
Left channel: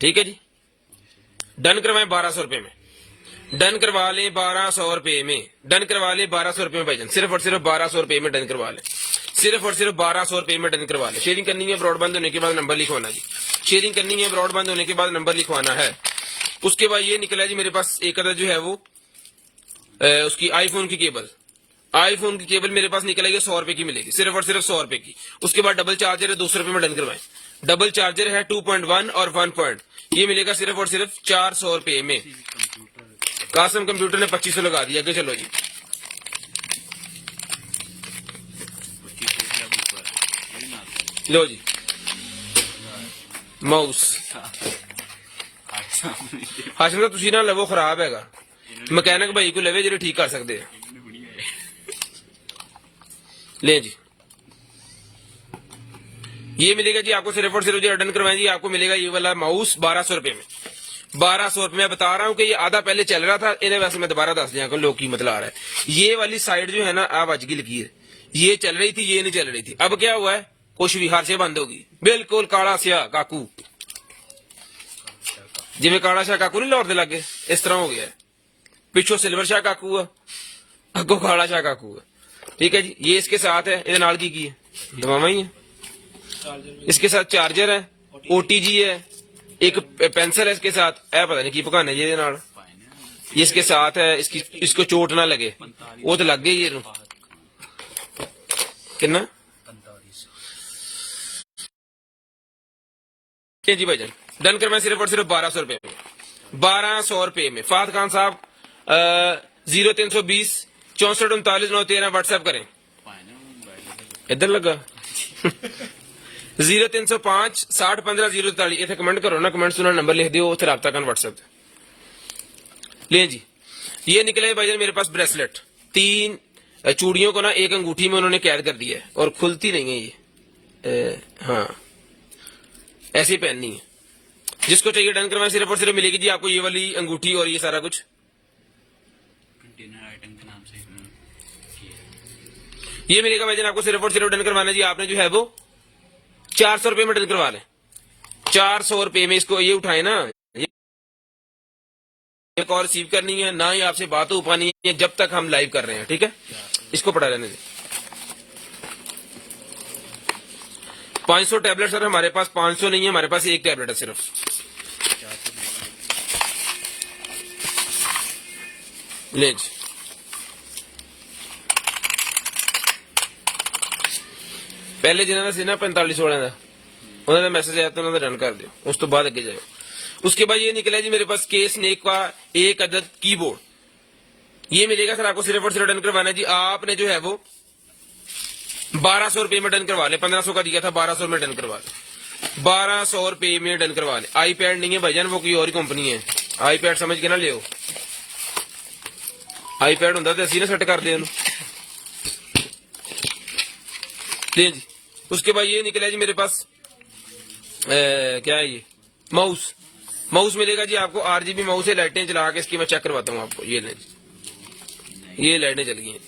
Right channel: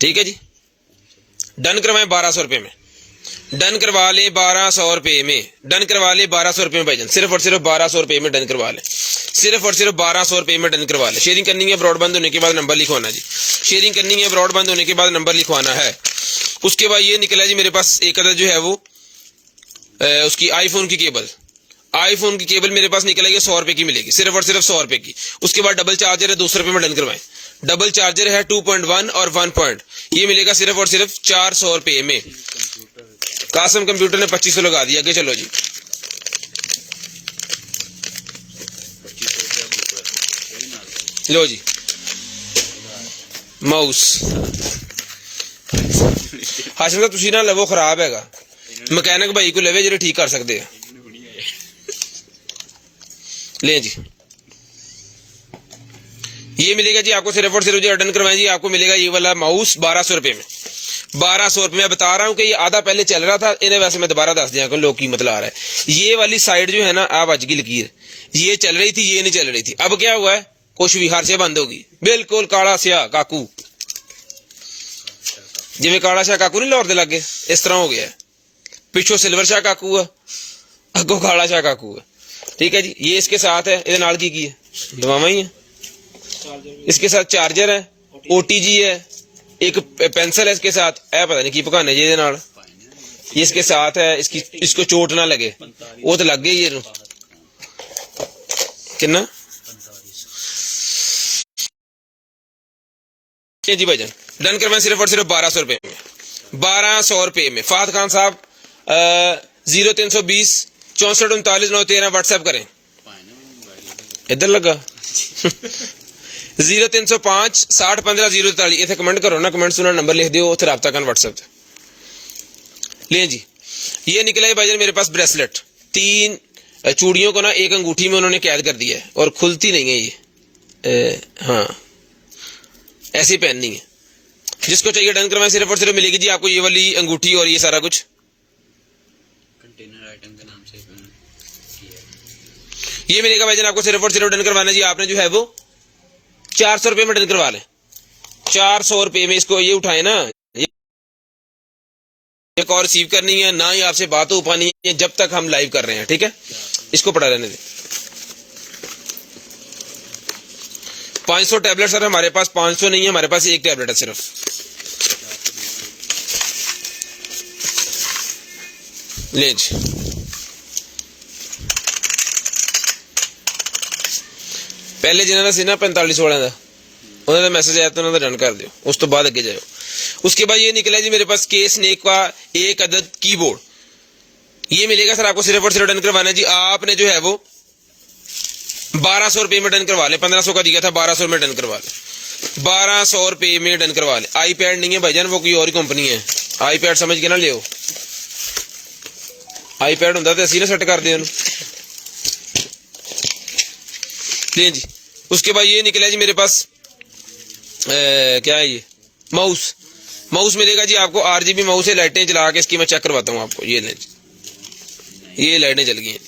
ठीक है जी, डन करवाएं 1200 रुपए में, डन करवा ले 1200 रुपए में, डन करवा ले 1200 रुपए में भाईजान, सिर्फ और सिर्फ 1200 रुपए में डन करवा ले, सिर्फ और सिर्फ 1200 रुपए में डन करवा ले। शेयरिंग करनी है, ब्रॉडबैंड होने के बाद नंबर लिखवाना जी। शेयरिंग करनी है, ब्रॉडबैंड होने के बाद नंबर लिखवाना है। उसके बाद ये निकला जी मेरे पास एक अदर जो है वो उसकी आईफोन की केबल, आईफोन की केबल मेरे पास निकला, ये 100 रुपए की मिलेगी, सिर्फ और सिर्फ 100 रुपए की। उसके बाद डबल चार्जर है, 200 रुपए में डन करवाएं। डबल चार्जर है 2.1 और 1 पॉइंट, ये मिलेगा सिर्फ और सिर्फ 400 रुपए में। कासम कंप्यूटर ने 2500 लगा दिया कि चलो जी। लो जी माउस हाशिम साहब तुसी ना लवो, खराब हैगा, मैकेनिक भाई को लवे जो ठीक कर सकते हैं। ले जी, ये मिलेगा जी आपको सिर्फ और सिर्फ जो डन करवाएं जी, आपको मिलेगा ये वाला माउस 1200 रुपए में। 1200 रुपए में बता रहा हूं कि ये आधा पहले चल रहा था, इन्हें वैसे मैं दोबारा दस दिया लोग कीमत ला रहा है। ये वाली साइड जो है ना आवाज की लकीर, ये चल रही थी, ये नहीं चल रही थी। अब क्या हुआ है, कुछ भी हार से बंद होगी, बिल्कुल काला स्या काकू, जिमें काला शाह काकू नहीं लाहौर दे लागे, इस तरह हो गया है। पिछो सिल्वर शाह काकू है, अगो काला शाह काकू है। ठीक है जी, ये इसके साथ है, ये नाल की है लवावा ही है। इसके साथ चार्जर है, ओटीजी है, एक पेंसिल है इसके साथ, ऐ पता नहीं की पकाने जी नाल, ये इसके साथ है। इसको चोट ना लगे, वो तो लग गई ये कितना जी भाईजान। डन करवाएं सिर्फ और सिर्फ 1200 रुपए में, 1200 रुपए में। फात खान साहब 0320 64 39 913 व्हाट्सएप करें, इधर लगा 0305 60 15 043 इतने कमेंट करो ना, कमेंट सुना नंबर लिख दो, उसे रब्ता कर व्हाट्सएप से। ले जी, ये निकला है भाईजान मेरे पास ब्रेसलेट, 3 चूड़ियों को ना एक अंगूठी में उन्होंने कैद कर दिया है और खुलती नहीं है ये। हाँ ऐसी पहननी है, जिसको चाहिए डन करवाएं सिर्फ और सिर्फ मिलेगी जी आपको ये वाली अंगूठी और ये सारा कुछ। कंटेनर आइटम के नाम से ये मिलेगा भाईजान आपको सिर्फ और सिर्फ डन करवाना जी। आपने जो है वो 400 रुपए में डन करवा लें, 400 रुपए में। इसको ये उठाए ना, एक और रिसीव करनी है ना, ही आपसे बात हो पानी है जब तक हम लाइव कर रहे हैं। ठीक है, इसको पढ़ा लेने दें। 500 टैबलेट सर हमारे पास, 500 नहीं है हमारे पास, एक टैबलेट है सिर्फ। ले जी, पहले जिन्होंने सीना 45 वाला था उन्होंने मैसेज आया तो उन्होंने रन कर दियो, उस तो बाद अगे जाओ। उसके बाद ये निकला जी मेरे पास केस स्नेक का एक अदद कीबोर्ड, ये मिलेगा सर आपको सिर्फ और सिर्फ डन करवाना जी। आपने जो है वो 1200 रुपए में डन करवा ले, 1500 का दिया था, 1200 में डन करवा ले, 1200 रुपए में डन करवा ले। आईपैड नहीं है भाईजान, वो कोई और ही कंपनी है, आईपैड समझ के ना लियो, आईपैड होंदा तो असी ना सेट कर दिया। ले जी, उसके बाद ये निकला जी मेरे पास क्या है ये माउस, माउस मिलेगा जी आपको RGB माउस है, लाइटें जला के इसकी मैं चेक करवाता हूँ आपको। ये जी, ये लाइटें जल गई हैं।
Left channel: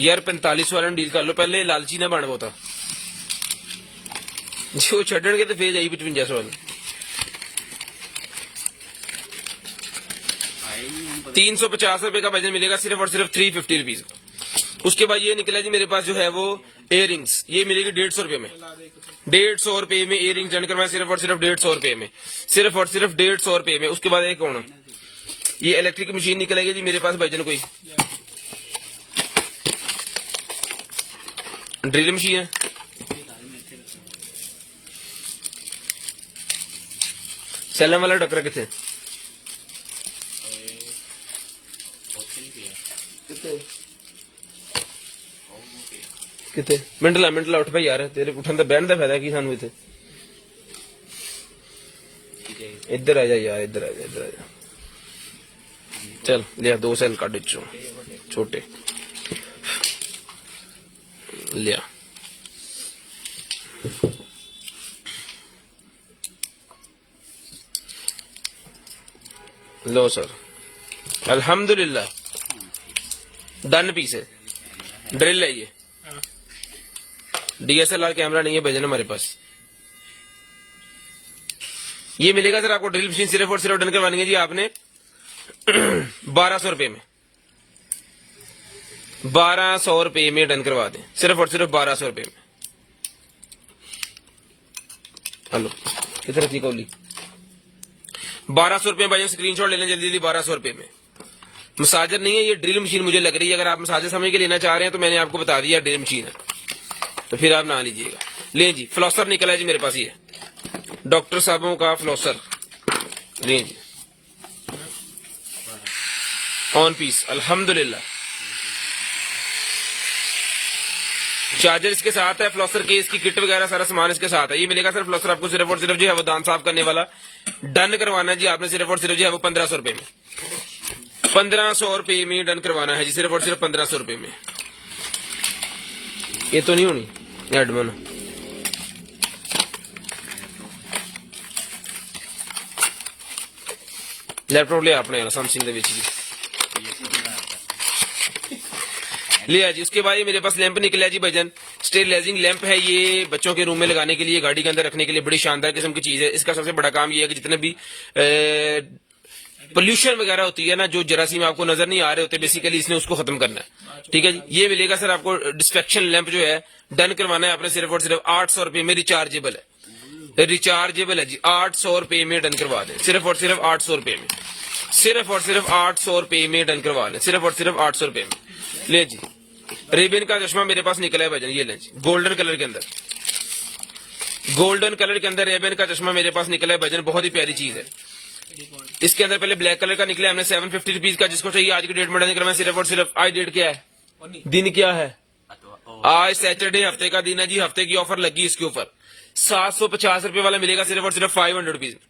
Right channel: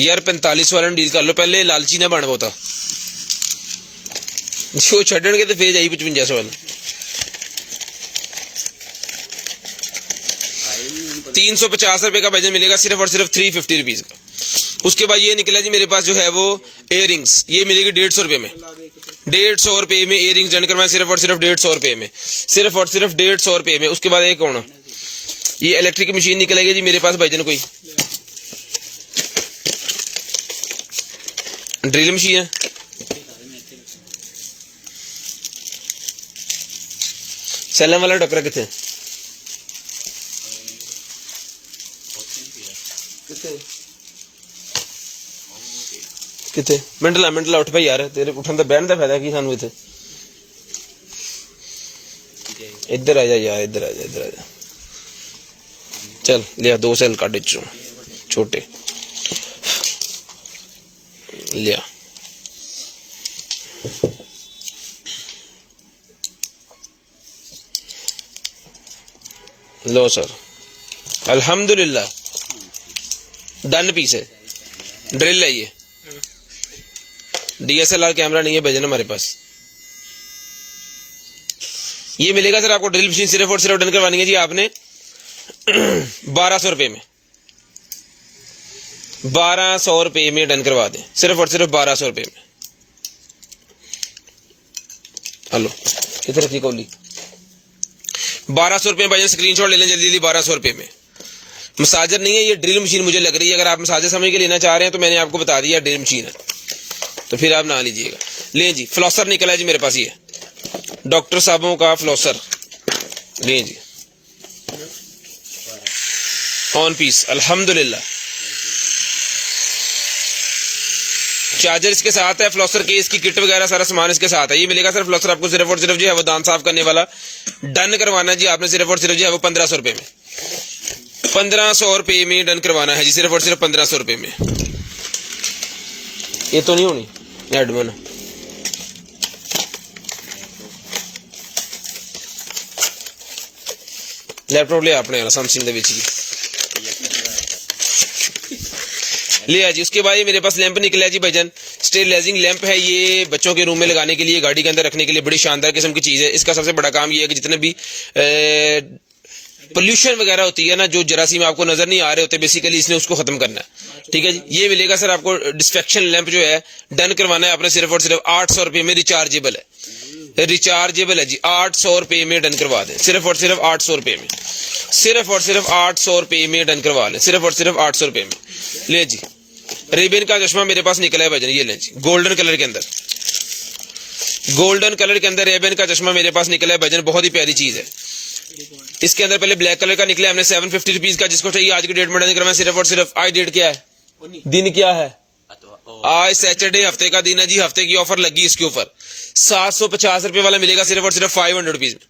यार 45 वाला डील कर लो, पहले लालची ना बन बहुता, जो छड़नगे तो फिर जाई 55 वाला। 350 रुपए का भाईजान मिलेगा सिर्फ और सिर्फ 350 रुपीज का। उसके बाद ये निकला जी मेरे पास जो है वो इयरिंग्स, ये मिलेगी 150 रुपए में। 150 रुपए में इयरिंग्स डन करवाए सिर्फ और सिर्फ 150 रुपए में, सिर्फ और सिर्फ 150 रुपए में। उसके बाद एक और ये इलेक्ट्रिक मशीन निकलेगी जी मेरे पास भाईजान, कोई ड्रिल मशीन है, सैलम वाला टक्कर कितने कितने मिंटला उठ भाई यार, तेरे उठन का बहन का फायदा की सानू इत्थे। इधर आ जा यार, इधर आ जा चल लिया 2 सेल काट चो छोटे लिया। लो सर, अल्हम्दुलिल्लाह डन पीस है। ड्रिल है ये, DSLR कैमरा नहीं है भेजना हमारे पास। ये मिलेगा सर आपको ड्रिल मशीन सिर्फ और सिर्फ डन करवानी है जी आपने 1200 रुपए में। 1200 रुपए में डन करवा दें, सिर्फ और सिर्फ 1200 रुपए में। हेलो कितने रखी कौली 1200 रुपए में भाई, स्क्रीनशॉट ले लें जल्दी जल्दी। 1200 रुपए में मसाजर नहीं है, ये ड्रिल मशीन मुझे लग रही है। अगर आप मसाजर समझ के लेना चाह रहे हैं तो मैंने आपको बता दिया ड्रिल मशीन है, तो फिर आप ना लीजिएगा। ले जी फ्लॉसर निकला जी मेरे पास, ये डॉक्टर साहबों का फ्लॉसर ले जी ऑन पीस अल्हम्दुलिल्लाह। चार्जर इसके साथ है, फ्लॉसर के इसकी किट वगैरह सारा सामान इसके साथ है। ये मिलेगा सर फ्लॉसर आपको सिर्फ और सिर्फ जो है वो दांत साफ करने वाला डन करवाना जी आपने सिर्फ और सिर्फ जो है वो 1500 रुपए में। 1500 रुपए में डन करवाना है जी, सिर्फ और सिर्फ 1500 रुपए में। ये तो नहीं होनी एडमन, लैपटॉप ले अपने सैमसंग के जी लिया जी। उसके बाद ये मेरे पास लैंप निकला जी भाईजान, स्टेबलाइजिंग लैंप है। ये बच्चों के रूम में लगाने के लिए, गाड़ी के अंदर रखने के लिए बड़ी शानदार किस्म की चीज है। इसका सबसे बड़ा काम ये है कि जितने भी पोल्यूशन वगैरह होती है ना, जो जरासीम आपको नजर नहीं आ रहे होते, बेसिकली इसने उसको खत्म करना है। ठीक है जी, ये मिलेगा सर आपको डिस्ट्रैक्शन लैंप जो है डन करवाना है आपने सिर्फ और सिर्फ 800 रुपए में। रिचार्जेबल है, रिचार्जेबल है जी। 800 रुपए में डन करवा दें, सिर्फ और सिर्फ 800 रुपए में। सिर्फ और सिर्फ 800 रुपए में डन करवा लें, सिर्फ और सिर्फ 800 रुपए में। ले जी रेबिन का चश्मा मेरे पास निकला है भाईजान, ये लें जी गोल्डन कलर के अंदर, गोल्डन कलर के अंदर रेबिन का चश्मा मेरे पास निकला है भाईजान, बहुत ही प्यारी चीज है। इसके अंदर पहले ब्लैक कलर का निकला हमने 750 रुपीज का, जिसको चाहिए आज की डेट में डन करवाएं सिर्फ और सिर्फ। आज डेट क्या है, दिन क्या है, आज सैटरडे हफ्ते का दिन है जी। हफ्ते की ऑफर लगी इसके ऊपर 750 रुपए वाला मिलेगा सिर्फ और सिर्फ 500 रुपीज में।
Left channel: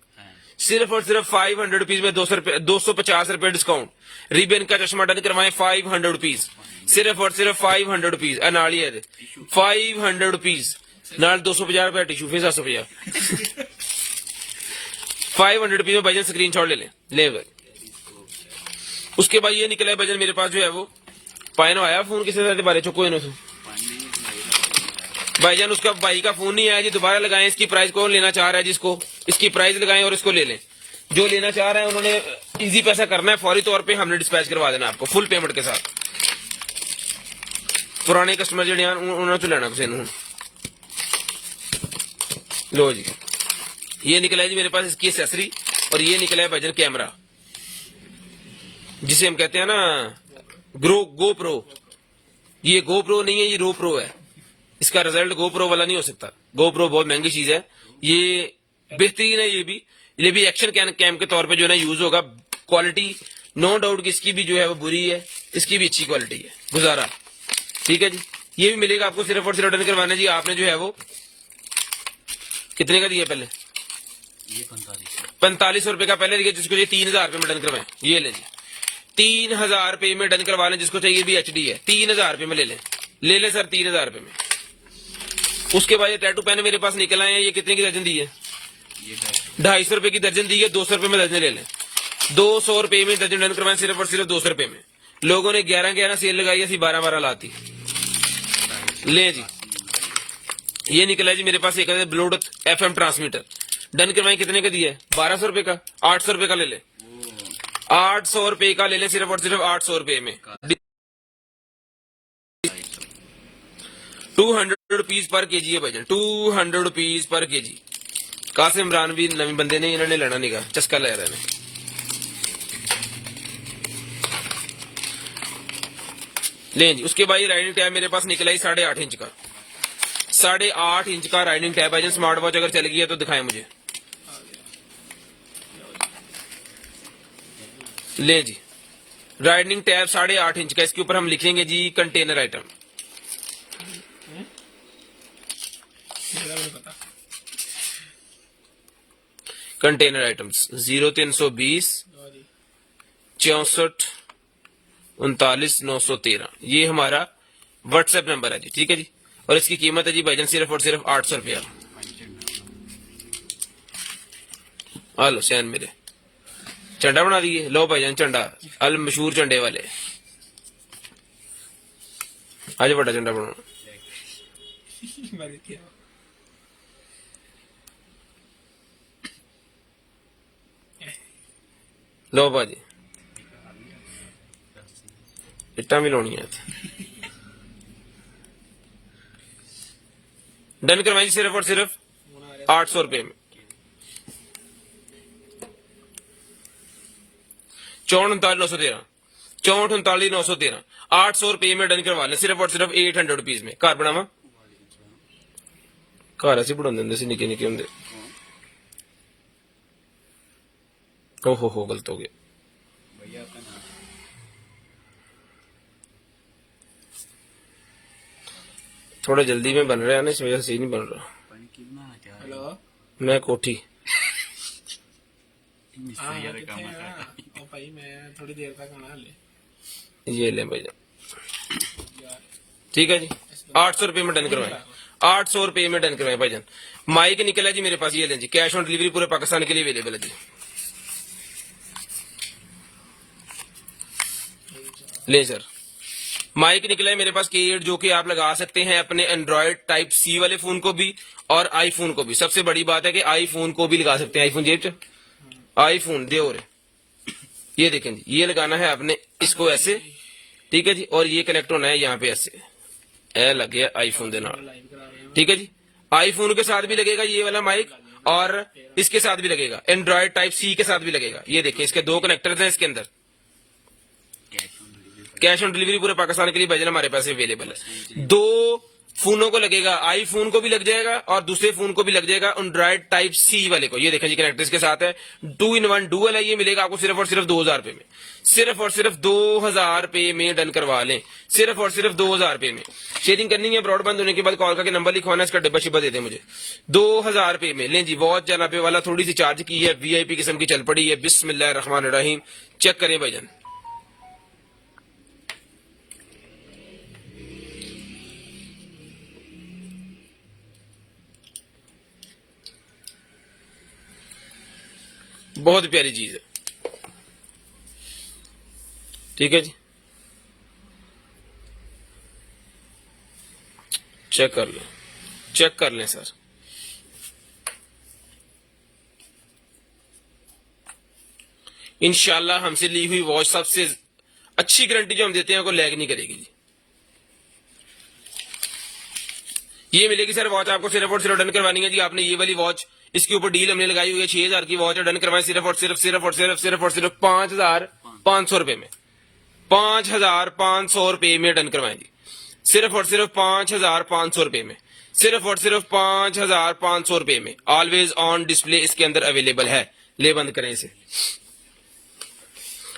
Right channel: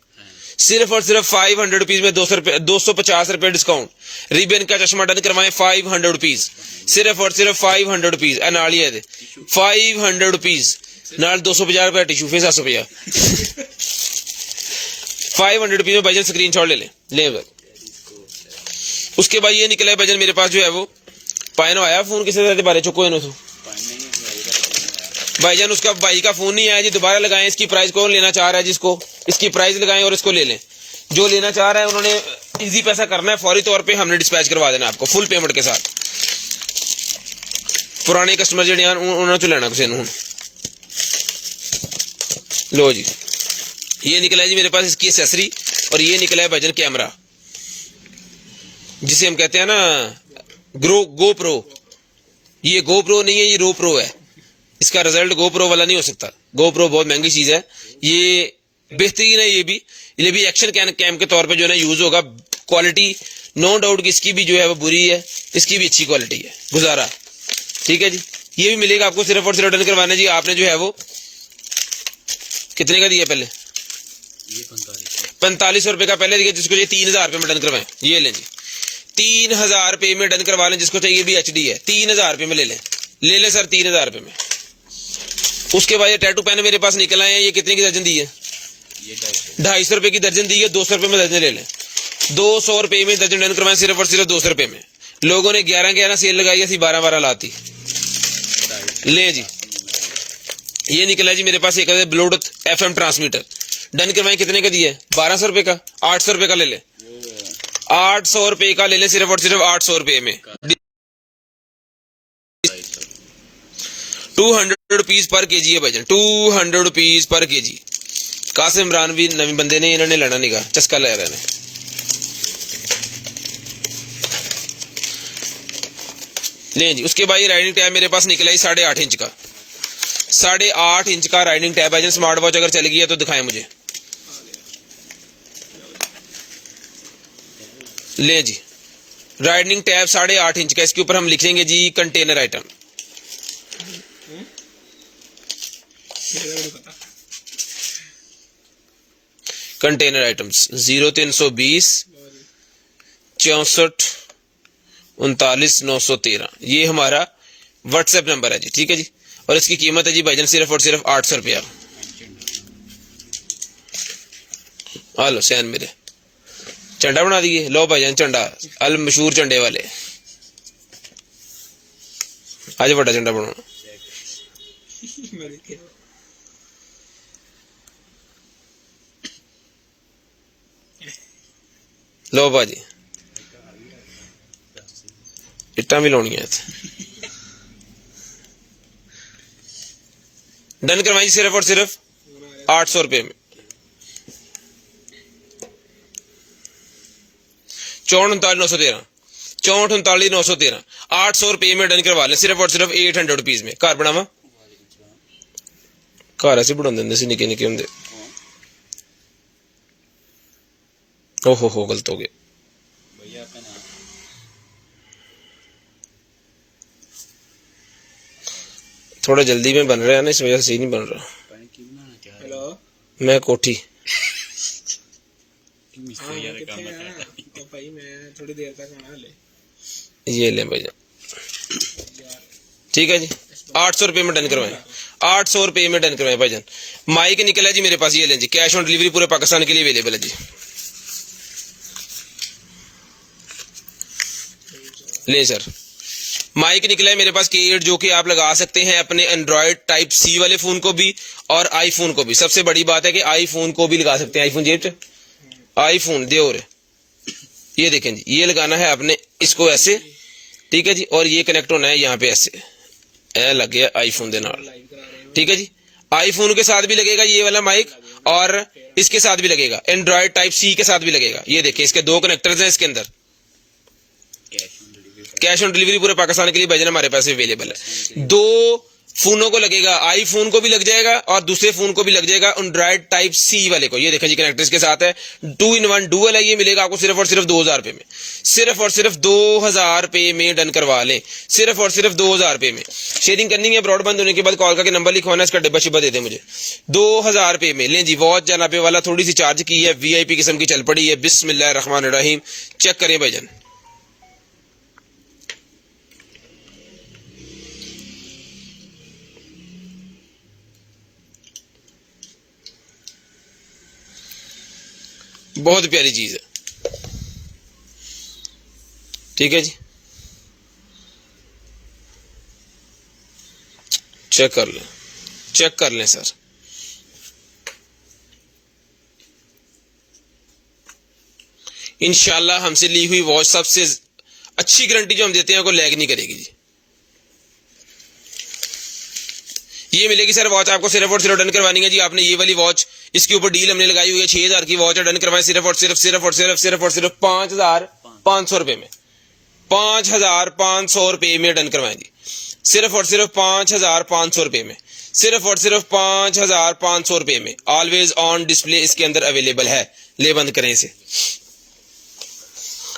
सिर्फ और सिर्फ 500 रुपीज में 250 रुपए डिस्काउंट। रिबन का चश्मा डन करवाएं 500 रुपीज, सिर्फ और सिर्फ 500 रुपीज। अनालिया 500 रुपीज नाल 250 रुपए टिश्यू फेस 750 500 रुपीज में भाईजान स्क्रीनशॉट ले ले भाई। उसके बाद ये निकला है भाईजान मेरे पास जो है वो पायनो आया फोन किसी तरह बारे चुको इन्होंने भाईजान, उसका भाई का फोन नहीं आया जी, दोबारा लगाएं। इसकी प्राइस कौन लेना चाह रहा है, जिसको इसकी प्राइस लगाएं और इसको ले लें। जो लेना चाह रहा है उन्होंने इजी पैसा करना है, फौरी तौर पे हमने डिस्पैच करवा देना आपको फुल पेमेंट के साथ। पुराने कस्टमर जो उन्होंने तो लेना कुछ हूं। लो जी ये निकला है जी मेरे पास इसकी एक्सेसरी, और ये निकला है भाईजान कैमरा, जिसे हम कहते हैं ना गो प्रो। ये गो प्रो नहीं है, ये रो प्रो है। इसका रिजल्ट GoPro वाला नहीं हो सकता। GoPro बहुत महंगी चीज है, ये बेहतरीन है। ये भी एक्शन कैम के तौर पे जो है ना यूज होगा। क्वालिटी नो डाउट कि इसकी भी जो है वो बुरी है, इसकी भी अच्छी क्वालिटी है, गुजारा। ठीक है जी, ये भी मिलेगा आपको सिर्फ और सिर्फ डन करवाने जी आपने जो है वो कितने का दिया पहले, 4500 रुपए का पहले दिया, जिसको ये 3000 रुपए में डन करवाएं। ये लें जी 3000 रुपए में डन करवा लें, जिसको चाहिए भी HD है 3000 रुपए में ले लें सर 3000 रुपए में। उसके बाद ये टैटू पेन मेरे पास निकल आए हैं, ये कितने की दर्जन दी है, 250 रुपए की दर्जन दी है। 200 रुपए में दर्जन ले लें, 200 रुपए में दर्जन डन करवाएं सिर्फ और सिर्फ 200 रुपए में। लोगों ने 11 सेल लगाई, ऐसी 12 लाती ले जी, ये निकला जी मेरे पास एक ब्लूटूथ FM ट्रांसमीटर। डन करवाएं, कितने का दिया है? 1200 रुपए का, 800 रुपए का ले ले, 800 रुपए का ले ले, सिर्फ और सिर्फ 800 रुपए में। 200 रुपीज पर केजी है भाईजान, 200 rupees per KG. Qasim Imran भी नवी बंदे ने, इन्होंने लड़ा निका, चस्का ले रहे हैं। ले जी, उसके बाद ये राइडिंग टैब मेरे पास निकला ही 8.5 इंच का, 8.5 इंच का राइडिंग टैब है। स्मार्ट वॉच अगर चल गई है तो दिखाएं मुझे। ले जी, राइडिंग टैब 8.5 इंच का, इसके ऊपर हम लिख लेंगे जी कंटेनर आइटम। कंटेनर आइटम्स 0320 64 39 913, ये हमारा व्हाट्सएप नंबर है जी, ठीक है जी। और इसकी कीमत है जी भाईजान सिर्फ और सिर्फ 800 रुपया। हेलो सैन मेरे झंडा बना दिए, लो भाईजान झंडा, अल मशहूर झंडे वाले, आज बड़ा झंडा बनाना। लो भाजी, इट्टा भी लानी है। डन करवाई सिर्फ और सिर्फ 800 रुपए में। 64 39 913, 800 रुपए में डन करवा लें, सिर्फ और सिर्फ 800 रुपीज में। घर बनावा, घर ऐसे बढ़ा देंगे निके निके होंगे। ओहो गलत हो गया। थोड़ा जल्दी में बन रहा है ना, इस वजह से ही नहीं बन रहा। मैं कोठी थोड़ी देर तक बना ले, ये ले भैया, ठीक है जी। 800 रुपए में डन करवाएं, 800 रुपए में डन करवाएं भाईजान। माइक निकला जी मेरे पास, ये लें जी, कैश ऑन डिलीवरी पूरे पाकिस्तान के लिए अवेलेबल है जी। ले सर, माइक निकला है मेरे पास K8, जो कि आप लगा सकते हैं अपने एंड्रॉयड टाइप C वाले फोन को भी और आईफोन को भी। सबसे बड़ी बात है कि आईफोन को भी लगा सकते हैं। आईफोन जेब, आईफोन दे और ये देखें जी, ये लगाना है आपने इसको ऐसे, ठीक है जी, और ये कनेक्ट होना है यहाँ पे ऐसे, ए लग गया आईफोन के नाल, ठीक है जी। आईफोन के साथ भी लगेगा ये वाला माइक और इसके साथ भी लगेगा, एंड्रॉयड टाइप C के साथ भी लगेगा। ये देखिए, इसके 2 कनेक्टर्स हैं इसके अंदर। कैश ऑन डिलीवरी पूरे पाकिस्तान के लिए भाईजान हमारे पास अवेलेबल है। 2 फोनों को लगेगा, आईफोन को भी लग जाएगा और दूसरे फोन को भी लग जाएगा एंड्रॉयड टाइप C वाले को। ये देखा जी, कनेक्टर्स के साथ है, 2-in-1 डुअल है। ये मिलेगा आपको सिर्फ और सिर्फ 2000 रुपए में, सिर्फ और सिर्फ 2000 रुपए में डन करवा लें, सिर्फ और सिर्फ 2000 रुपए में। शेयरिंग करनी है, ब्रॉडबैंड होने के बाद कॉल करके नंबर लिखवाना, इसका डिब्बा शिब्बा दे दे मुझे। 2000 रुपए में लें जी। वॉच जाना पे वाला थोड़ी सी चार्ज की है, VIP किस्म की चल पड़ी है। बिस्मिल्लाहिर्रहमानिर्रहीम, चेक करें भाईजान। बहुत प्यारी चीज है, ठीक है जी। चेक कर लें, चेक कर लें सर। इंशाल्लाह हमसे ली हुई वॉच सबसे अच्छी गारंटी जो हम देते हैं, को लैग नहीं करेगी जी। ये मिलेगी सर वॉच आपको सिर्फ और सिर्फ डन करवानी है जी। आपने ये वाली वॉच, इसके ऊपर डील हमने लगाई हुई है, 6000 की वॉच है। डन करवाएं सिर्फ और सिर्फ 5500 रुपए में, 5500 रुपए में डन करवाएं जी। सिर्फ और सिर्फ 5500 रुपए में, सिर्फ और सिर्फ 5500 रुपए में। ऑलवेज ऑन डिस्प्ले इसके अंदर अवेलेबल है। ले बंद करें इसे।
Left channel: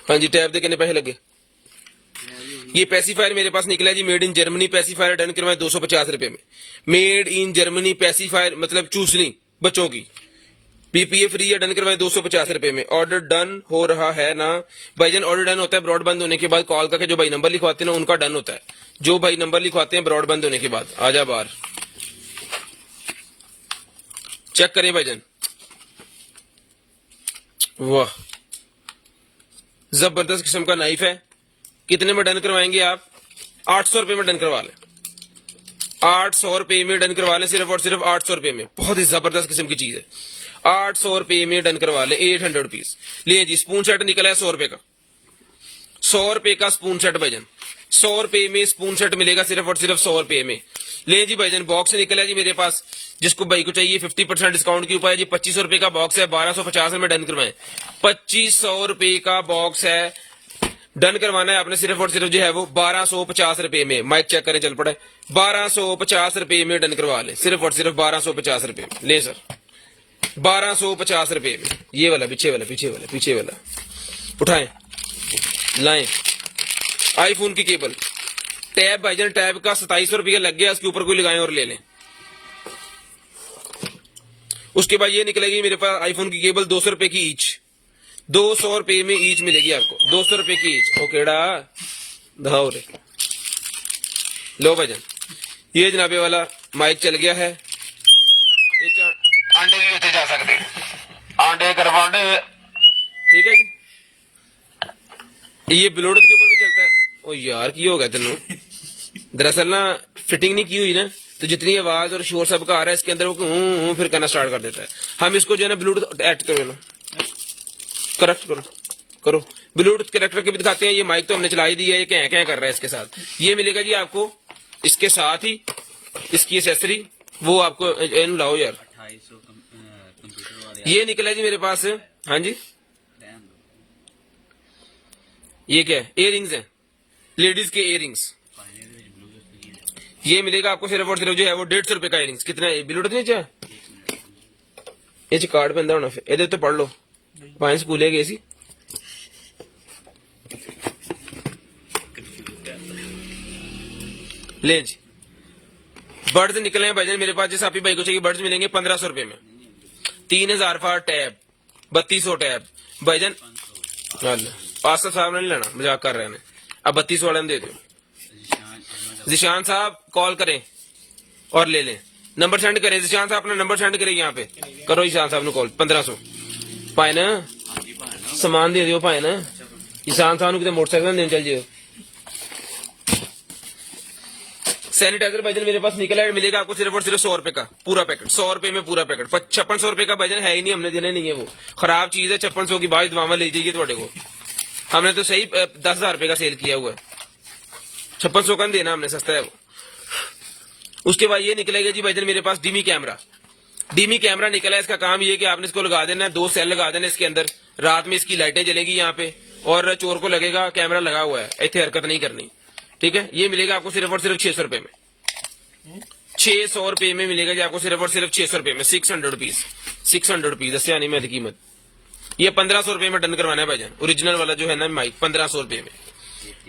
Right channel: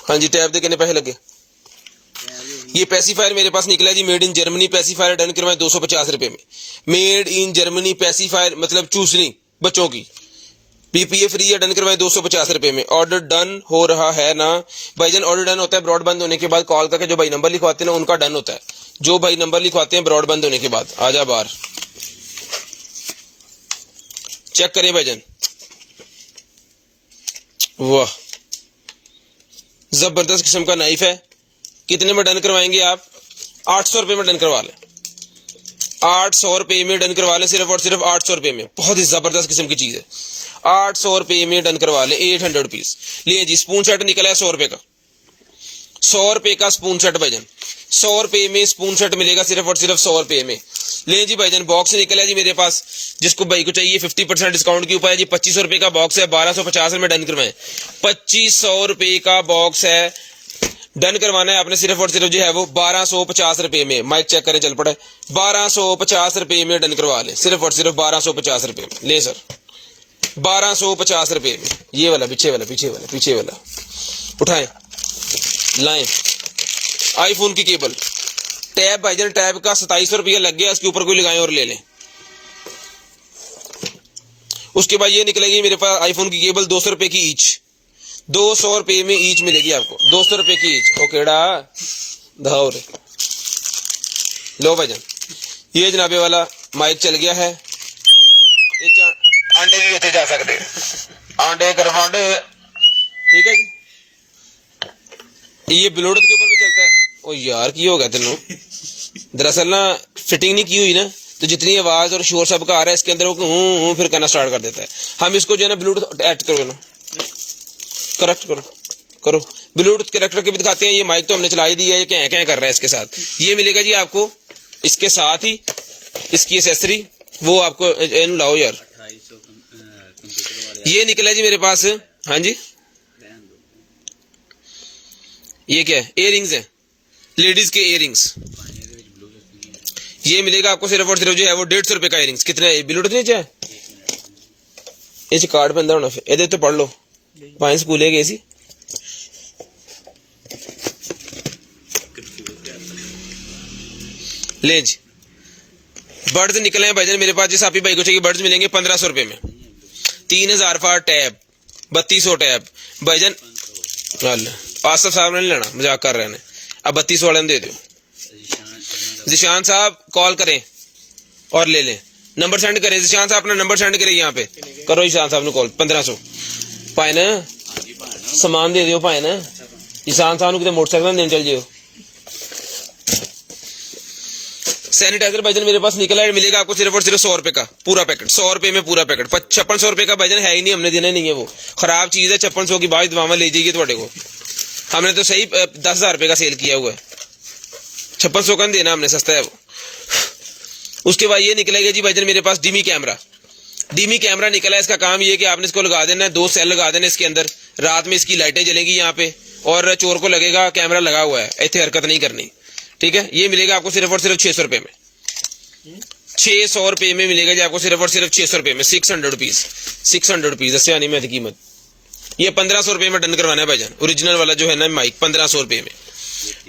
हाँ जी, टैब दे कितने पैसे लगे? ये पैसिफायर मेरे पास निकला जी, made in Germany pacifier. Done करवाएं 250 रुपए में। मेड इन जर्मनी पैसिफायर मतलब चूसनी बच्चों की, PPA फ्री है। डन करवाएं 250 रुपए में। ऑर्डर डन हो रहा है ना भाईजान? ऑर्डर डन होता है ब्रॉडबैंड होने के बाद कॉल करके, जो भाई नंबर लिखवाते हैं ना उनका डन होता है। जो भाई नंबर लिखवाते हैं ब्रॉडबैंड होने के बाद। आजा बाहर, चेक करें भाईजान। वाह, जबरदस्त किस्म का नाइफ है। कितने में डन करवाएंगे आप? 800 रुपए में डन करवा लें, 800 रुपये में डन करवा लें, सिर्फ और सिर्फ 800 रुपये में। बहुत ही जबरदस्त किस्म की चीज है, 800 रुपये में डन करवा लें, 800 रुपीज। ले जी, स्पून सेट निकला है 100 रुपये का, 100 रुपये का स्पून सेट भाईजान, 100 रुपये में स्पून सेट मिलेगा सिर्फ और सिर्फ 100 रुपये में। ले जी भाईजान, बॉक्स निकला है जी मेरे पास, जिसको भाई को चाहिए 50% डिस्काउंट के ऊपर है जी। 2500 रुपये का बॉक्स है, 1250 में डन करवाएं। 2500 रुपये का बॉक्स है, डन करवाना है आपने सिर्फ और सिर्फ जो है वो 1250 रुपये में। माइक चेक करें, चल पड़ा है, 1250 रुपये में डन करवा लें, सिर्फ और सिर्फ 1250 रुपये में। ले सर, 1250 रुपये में। ये वाला पीछे वाला, पीछे वाला, पीछे वाला उठाएं, लाएं। आईफोन की केबल टैब भाईजान, टैब का 2700 रुपया लग गया, उसके ऊपर कोई लगाएं और ले लें। उसके बाद ये निकलेगी मेरे पास आईफोन की केबल 200 रुपए की ईच, 200 रुपये में ईच मिलेगी आपको, 200 रुपये की ईच। ओकेड़ा धाओ रे, लो भाईजान, ये जनाबे वाला माइक चल गया है। ये अंडे भी होते जा सकते, अंडे करवांडे, ठीक है जी। ये ब्लूटूथ के ऊपर भी चलता है। ओ यार की होगा तेनों, दरअसल ना फिटिंग नहीं की हुई ना, तो जितनी आवाज और शोर सब का आ रहा है इसके अंदर वो फिर करना स्टार्ट कर देता है। हम इसको जो है ना ब्लूटूथ ऐड करो ना, करेक्ट करो करो, ब्लूटूथ करेक्टर के भी दिखाते हैं। ये माइक तो हमने चला ही दिया है, ये क्या क्या कर रहा है इसके साथ। ये मिलेगा जी आपको इसके साथ ही, इसकी एसेसरी वो आपको लाओ यार। ये निकला जी मेरे पास, हाँ जी, ये क्या है, इयररिंग्स है, लेडीज के इयररिंग्स। ये मिलेगा आपको सिर्फ और सिर्फ जो है वो 150 रुपए का इयररिंग्स। कितना है ब्लूटूथ नहीं चाहिए, इस कार्ड पे अंदर होना, फिर ये तो पढ़ लो, पाए स्कूल है गए सी। ले जी, बर्ड्स निकले हैं भाईजान मेरे पास, जिस आप ही भाई को चाहिए बर्ड्स मिलेंगे 1500 रुपए में। 3000 फार टैब, 3200 टैब भाईजान। आसफ साहब ने नहीं लेना, मजाक कर रहे हैं, अब 3200 वाला दे दो। जिशान साहब कॉल करें और ले लें, नंबर सेंड करें। जिशान साहब अपना नंबर सेंड करें यहाँ पे, करो जिशान साहब ने कॉल। 1500 पाए ना, सामान दे दो पाए ना, जिशान साहब कितने मोटरसाइकिल देने चल जाओ। सैनिटाइजर भाईजान मेरे पास निकला है, मिलेगा आपको सिर्फ और सिर्फ 100 रुपए का पूरा पैकेट, 100 रुपए में पूरा पैकेट। 5600 रुपए का भाईजान है ही नहीं, हमने देने नहीं है, वो खराब चीज है। 5600 की बाद दवावा ले जाइए थोड़े को, हमने तो सही 10,000 रुपए का सेल किया हुआ है, 5600 का नहीं देना हमने, सस्ता है वो। उसके बाद ये निकलेगा जी भाईजान मेरे पास डिमी कैमरा। डिमी कैमरा निकला है, इसका काम ये कि आपने इसको लगा देना, 2 सेल लगा देना इसके अंदर, रात में इसकी लाइटें जलेंगी यहाँ पे, और चोर को लगेगा कैमरा लगा हुआ है, इतने हरकत नहीं करनी, ठीक है। ये मिलेगा आपको सिर्फ और सिर्फ 600 रुपए में, 600 रुपए में मिलेगा जी आपको सिर्फ और सिर्फ 600 रुपए में, 600 रुपीज, 600 रुपीज दस आनी में कीमत। ये 1500 रुपए में डन करवाना है भाईजान, ओरिजिनल वाला जो है ना माइक, 1500 रुपए में,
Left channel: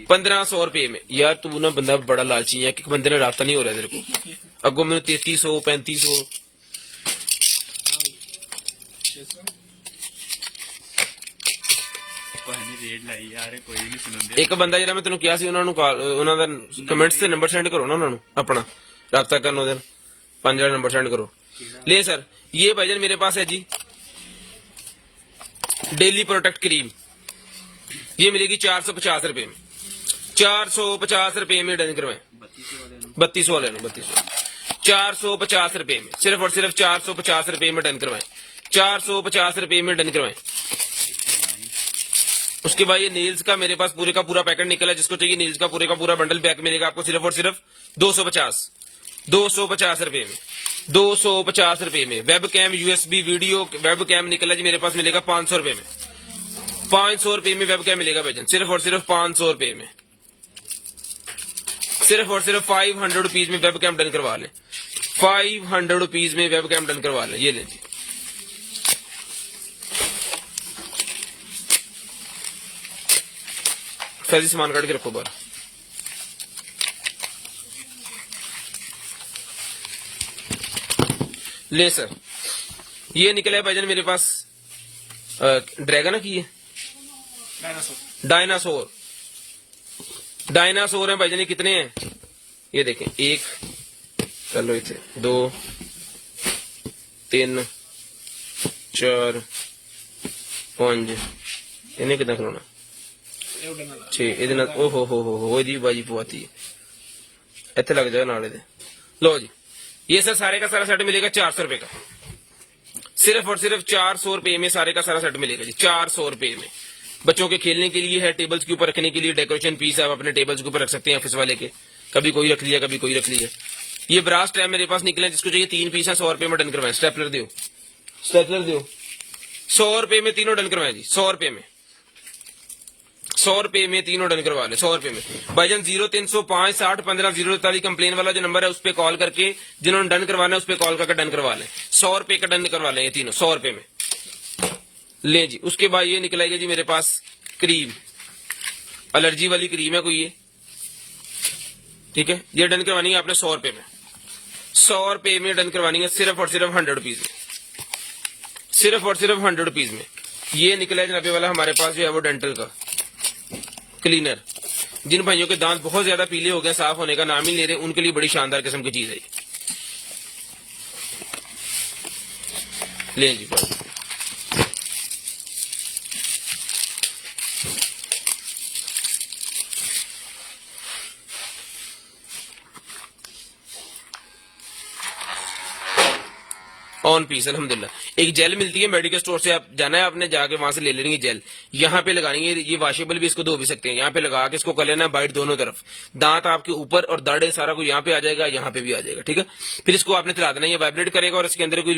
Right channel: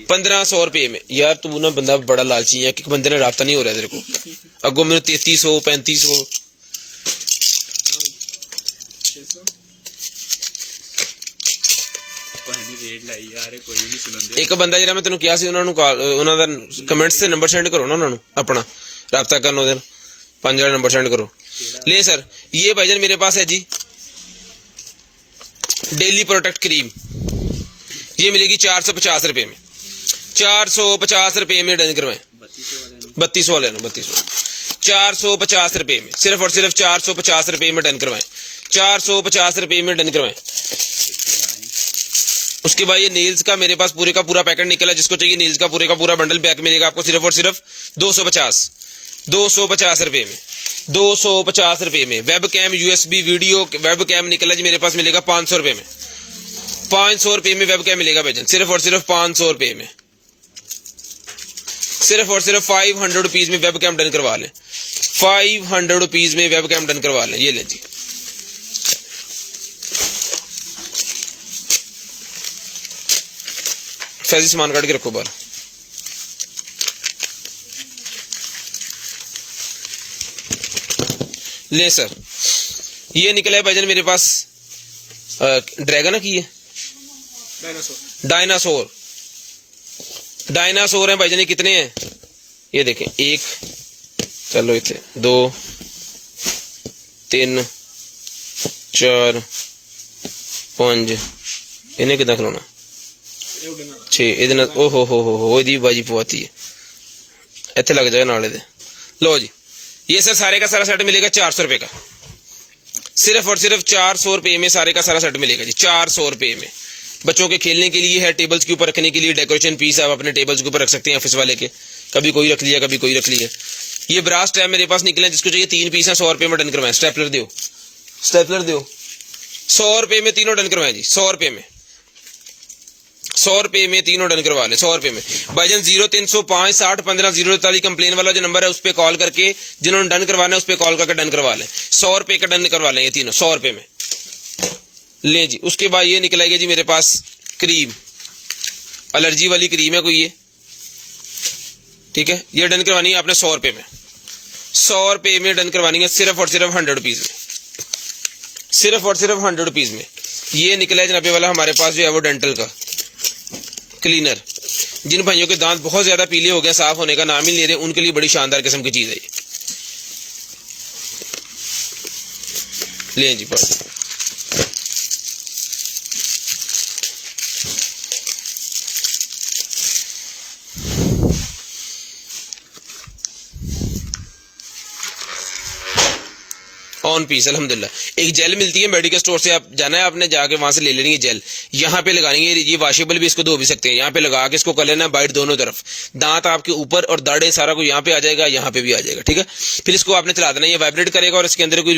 1500 रुपए में। यार तू ना बंदा बड़ा लालची है, कि बंदे ने रास्ता नहीं हो रहा तेरे को, अगो मेरे 3300 3500। एक बंदा जरा मैं तेन किया सी, उन्होंने कमेंट्स से नंबर सेंड करो ना, उन्होंने अपना राब्ता करना, उधर 5000 नंबर सेंड करो। ले सर, ये भाईजान मेरे पास है जी डेली प्रोटेक्ट क्रीम, ये मिलेगी 450 रुपए में, 450 रुपए में डन करवाएं। 3200 वाले ना, 3200, 450 रुपए में, सिर्फ और सिर्फ 450 रुपए में डन करवाएं, 450 रुपए में डन करवाएं। उसके बाद ये नील्स का मेरे पास पूरे का पूरा पैकेट निकला, जिसको चाहिए नील्स का पूरे का पूरा बंडल पैक मिलेगा आपको सिर्फ और सिर्फ 250 रुपए में, 250 रुपए में। Webcam USB video webcam निकला जी मेरे पास, मिलेगा 500 रुपए में, 500 रुपए में वेब कैम मिलेगा भाईजान, सिर्फ और सिर्फ 500 रुपए में, सिर्फ और सिर्फ 500 रुपीज में वेब कैम डन करवा लें, 500 रुपीज में वेब कैम डन करवा लें। ये ले जी, फैजी सामान काट के रखो बाहर। ले सर, ये निकला है भाईजान मेरे पास ड्रैगन की है, डायनासोर, डायनासोर है भाईजान। कितने हैं ये देखें, 1 चलो इतने 2 3 4 5 इन्हें कितना खिलौना 6 ਇਹਦੇ ਨਾਲ ਓਹ ਹੋ ਇਹਦੀ ਬਾਜੀ ਪਵਾਤੀ ਹੈ, ਇੱਥੇ ਲੱਗ ਜਾਏ ਨਾਲੇ ਦੇ। लो जी, ये सर सारे का सारा सेट मिलेगा 400 रुपए का, सिर्फ और सिर्फ 400 रुपए में सारे का सारा सेट मिलेगा जी, 400 रुपए में। बच्चों के खेलने के लिए है, टेबल्स के ऊपर रखने के लिए डेकोरेशन पीस आप अपने टेबल्स के ऊपर रख सकते हैं ऑफिस वाले के, कभी कोई रख लिया कभी कोई रख लिया। ये ब्रास टैब मेरे पास निकले, जिसको चाहिए 3 पीस है, 100 रुपए में डन करवाएं। स्टेपलर दो, स्टेपलर दो, 100 रुपए में तीनों डन करवाएं जी, 100 रुपए में, 100 रुपए में तीनों डन करवा ले, 100 रुपए में। भाईजान 0305 60 15 043 कंप्लेन वाला जो नंबर है उस पर कॉल करके जिन्होंने डन करवाना है उस पर कॉल करके डन करवा लें, 100 रुपए का डन करवा लें ये तीनों, 100 रुपए में ले जी। उसके बाद ये निकलेगी जी मेरे पास क्रीम, एलर्जी वाली क्रीम है कोई ये, ठीक है, ये डन करवानी है आपने 100 रुपए में, 100 रुपए में डन करवानी है, सिर्फ और सिर्फ 100 रुपीज में, सिर्फ और सिर्फ 100 रुपीज में। ये निकला जनाबे वाला हमारे पास जो है वो डेंटल का क्लीनर, जिन भाइयों के दांत बहुत ज्यादा पीले हो गए, साफ होने का नाम ही नहीं ले रहे, उनके लिए बड़ी शानदार किस्म की चीज है ये, ले जी पर। ऑन पीस अल्हम्दुलिल्लाह। एक जेल मिलती है मेडिकल स्टोर से, आप जाना है आपने, जाके वहां से ले लेनी है जेल, यहाँ पे लगाएंगे, ये वॉशेबल भी, इसको धो भी सकते हैं, यहाँ पे लगा के इसको कर लेना बाइट दोनों तरफ, दांत आपके ऊपर और दाढ़े सारा कुछ यहाँ पे आ जाएगा, यहाँ पे भी आ जाएगा, ठीक है। फिर इसको आपने चला देना, ये वाइब्रेट करेगा और इसके अंदर कोई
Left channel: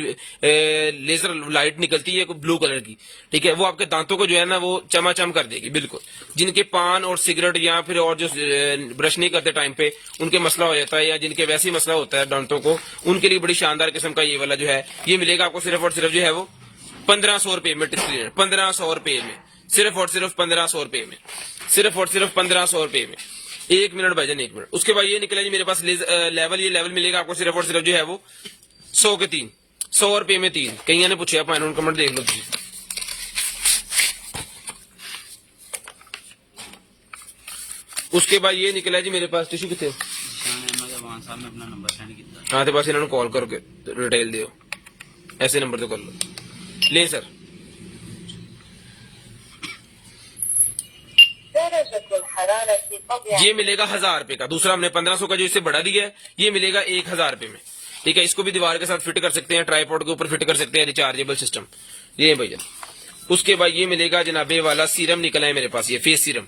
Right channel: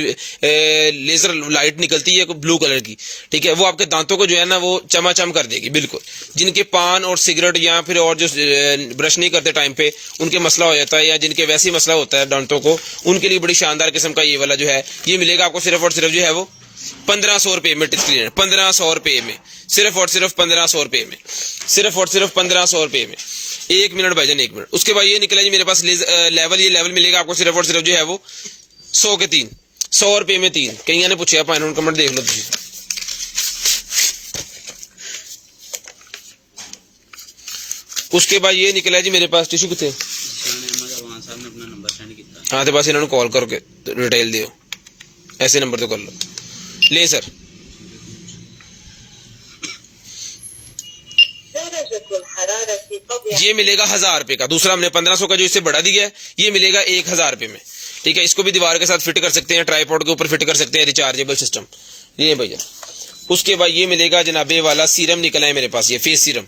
लेजर लाइट निकलती है कोई ब्लू कलर की, ठीक है, वो आपके दांतों को जो है ना वो चमाचम कर देगी बिल्कुल। जिनके पान और सिगरेट या फिर और जो ब्रश नहीं करते टाइम पे उनके मसला हो जाता है, या जिनके वैसे ही मसला होता है दांतों को, उनके लिए बड़ी शानदार किस्म का ये वाला जो है ये मिलेगा आपको सिर्फ और सिर्फ जो है वो 1500 रुपए में, 1500 रुपए में, सिर्फ और सिर्फ 1500 रुपए में, सिर्फ और सिर्फ 1500 रुपए में। 1 मिनट भाईजान 1 मिनट। उसके बाद ये निकला जी मेरे पास लेवल, ये लेवल मिलेगा आपको सिर्फ और सिर्फ जो है वो 100 के 3, 100 रुपए में 3। कई ने पूछा पाइन कमेंट देख लो तुम। उसके बाद ये निकला जी मेरे पास टिश्यू कितने, हाँ तो बस इन्होंने कॉल करके डिटेल दियो, ऐसे नंबर तो कर लो, ले सर। ये मिलेगा 1000 रुपए का, दूसरा हमने 1500 का जो इससे बढ़ा दिया है, ये मिलेगा 1000 रुपए में, ठीक है। इसको भी दीवार के साथ फिट कर सकते हैं, ट्राइपॉड के ऊपर फिट कर सकते हैं, रिचार्जेबल सिस्टम, ये भैया। उसके बाद ये मिलेगा जनाबे वाला सीरम निकला है मेरे पास, ये face serum,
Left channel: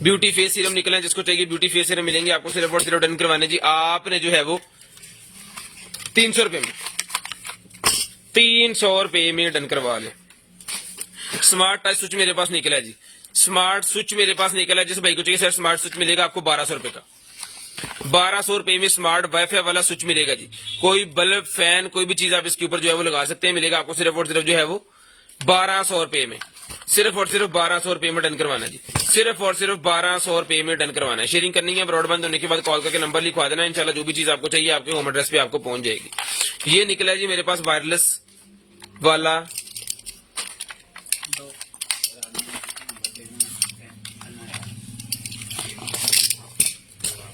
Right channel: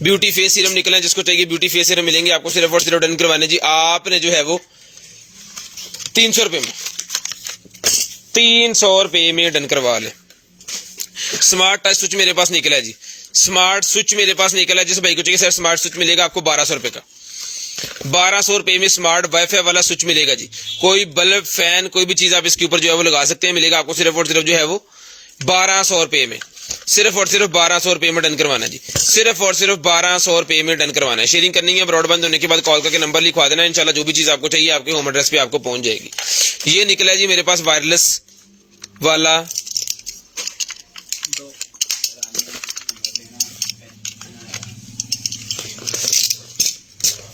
beauty face serum निकला है, जिसको चाहिए ब्यूटी फेस सीरम मिलेंगे आपको सिर्फ और सिर्फ डन करवाने जी। आपने जो है वो 300 रुपए में, 300 रुपए में डन करवा ले। स्मार्ट टच स्विच मेरे पास निकला है जी, स्मार्ट स्विच मेरे पास निकला है, जिस भाई को चाहिए सर स्मार्ट स्विच मिलेगा आपको 1200 रुपए का, 1200 रुपए में स्मार्ट वाईफाई वाला स्विच मिलेगा जी। कोई बल्ब फैन कोई भी चीज आप इसके ऊपर जो है वो लगा सकते हैं, मिलेगा आपको सिर्फ और सिर्फ जो है वो 1200 रुपए में, सिर्फ और सिर्फ 1200 रुपए में डन करवाना जी, सिर्फ और सिर्फ 1200 रुपए में डन करवाना है। शेयरिंग करनी है, ब्रॉडबैंड होने के बाद कॉल करके नंबर लिखवा देना, इंशाल्लाह जो भी चीज आपको चाहिए आपके होम एड्रेस पे आपको पहुंच जाएगी। ये निकला है जी मेरे पास वायरलेस वाला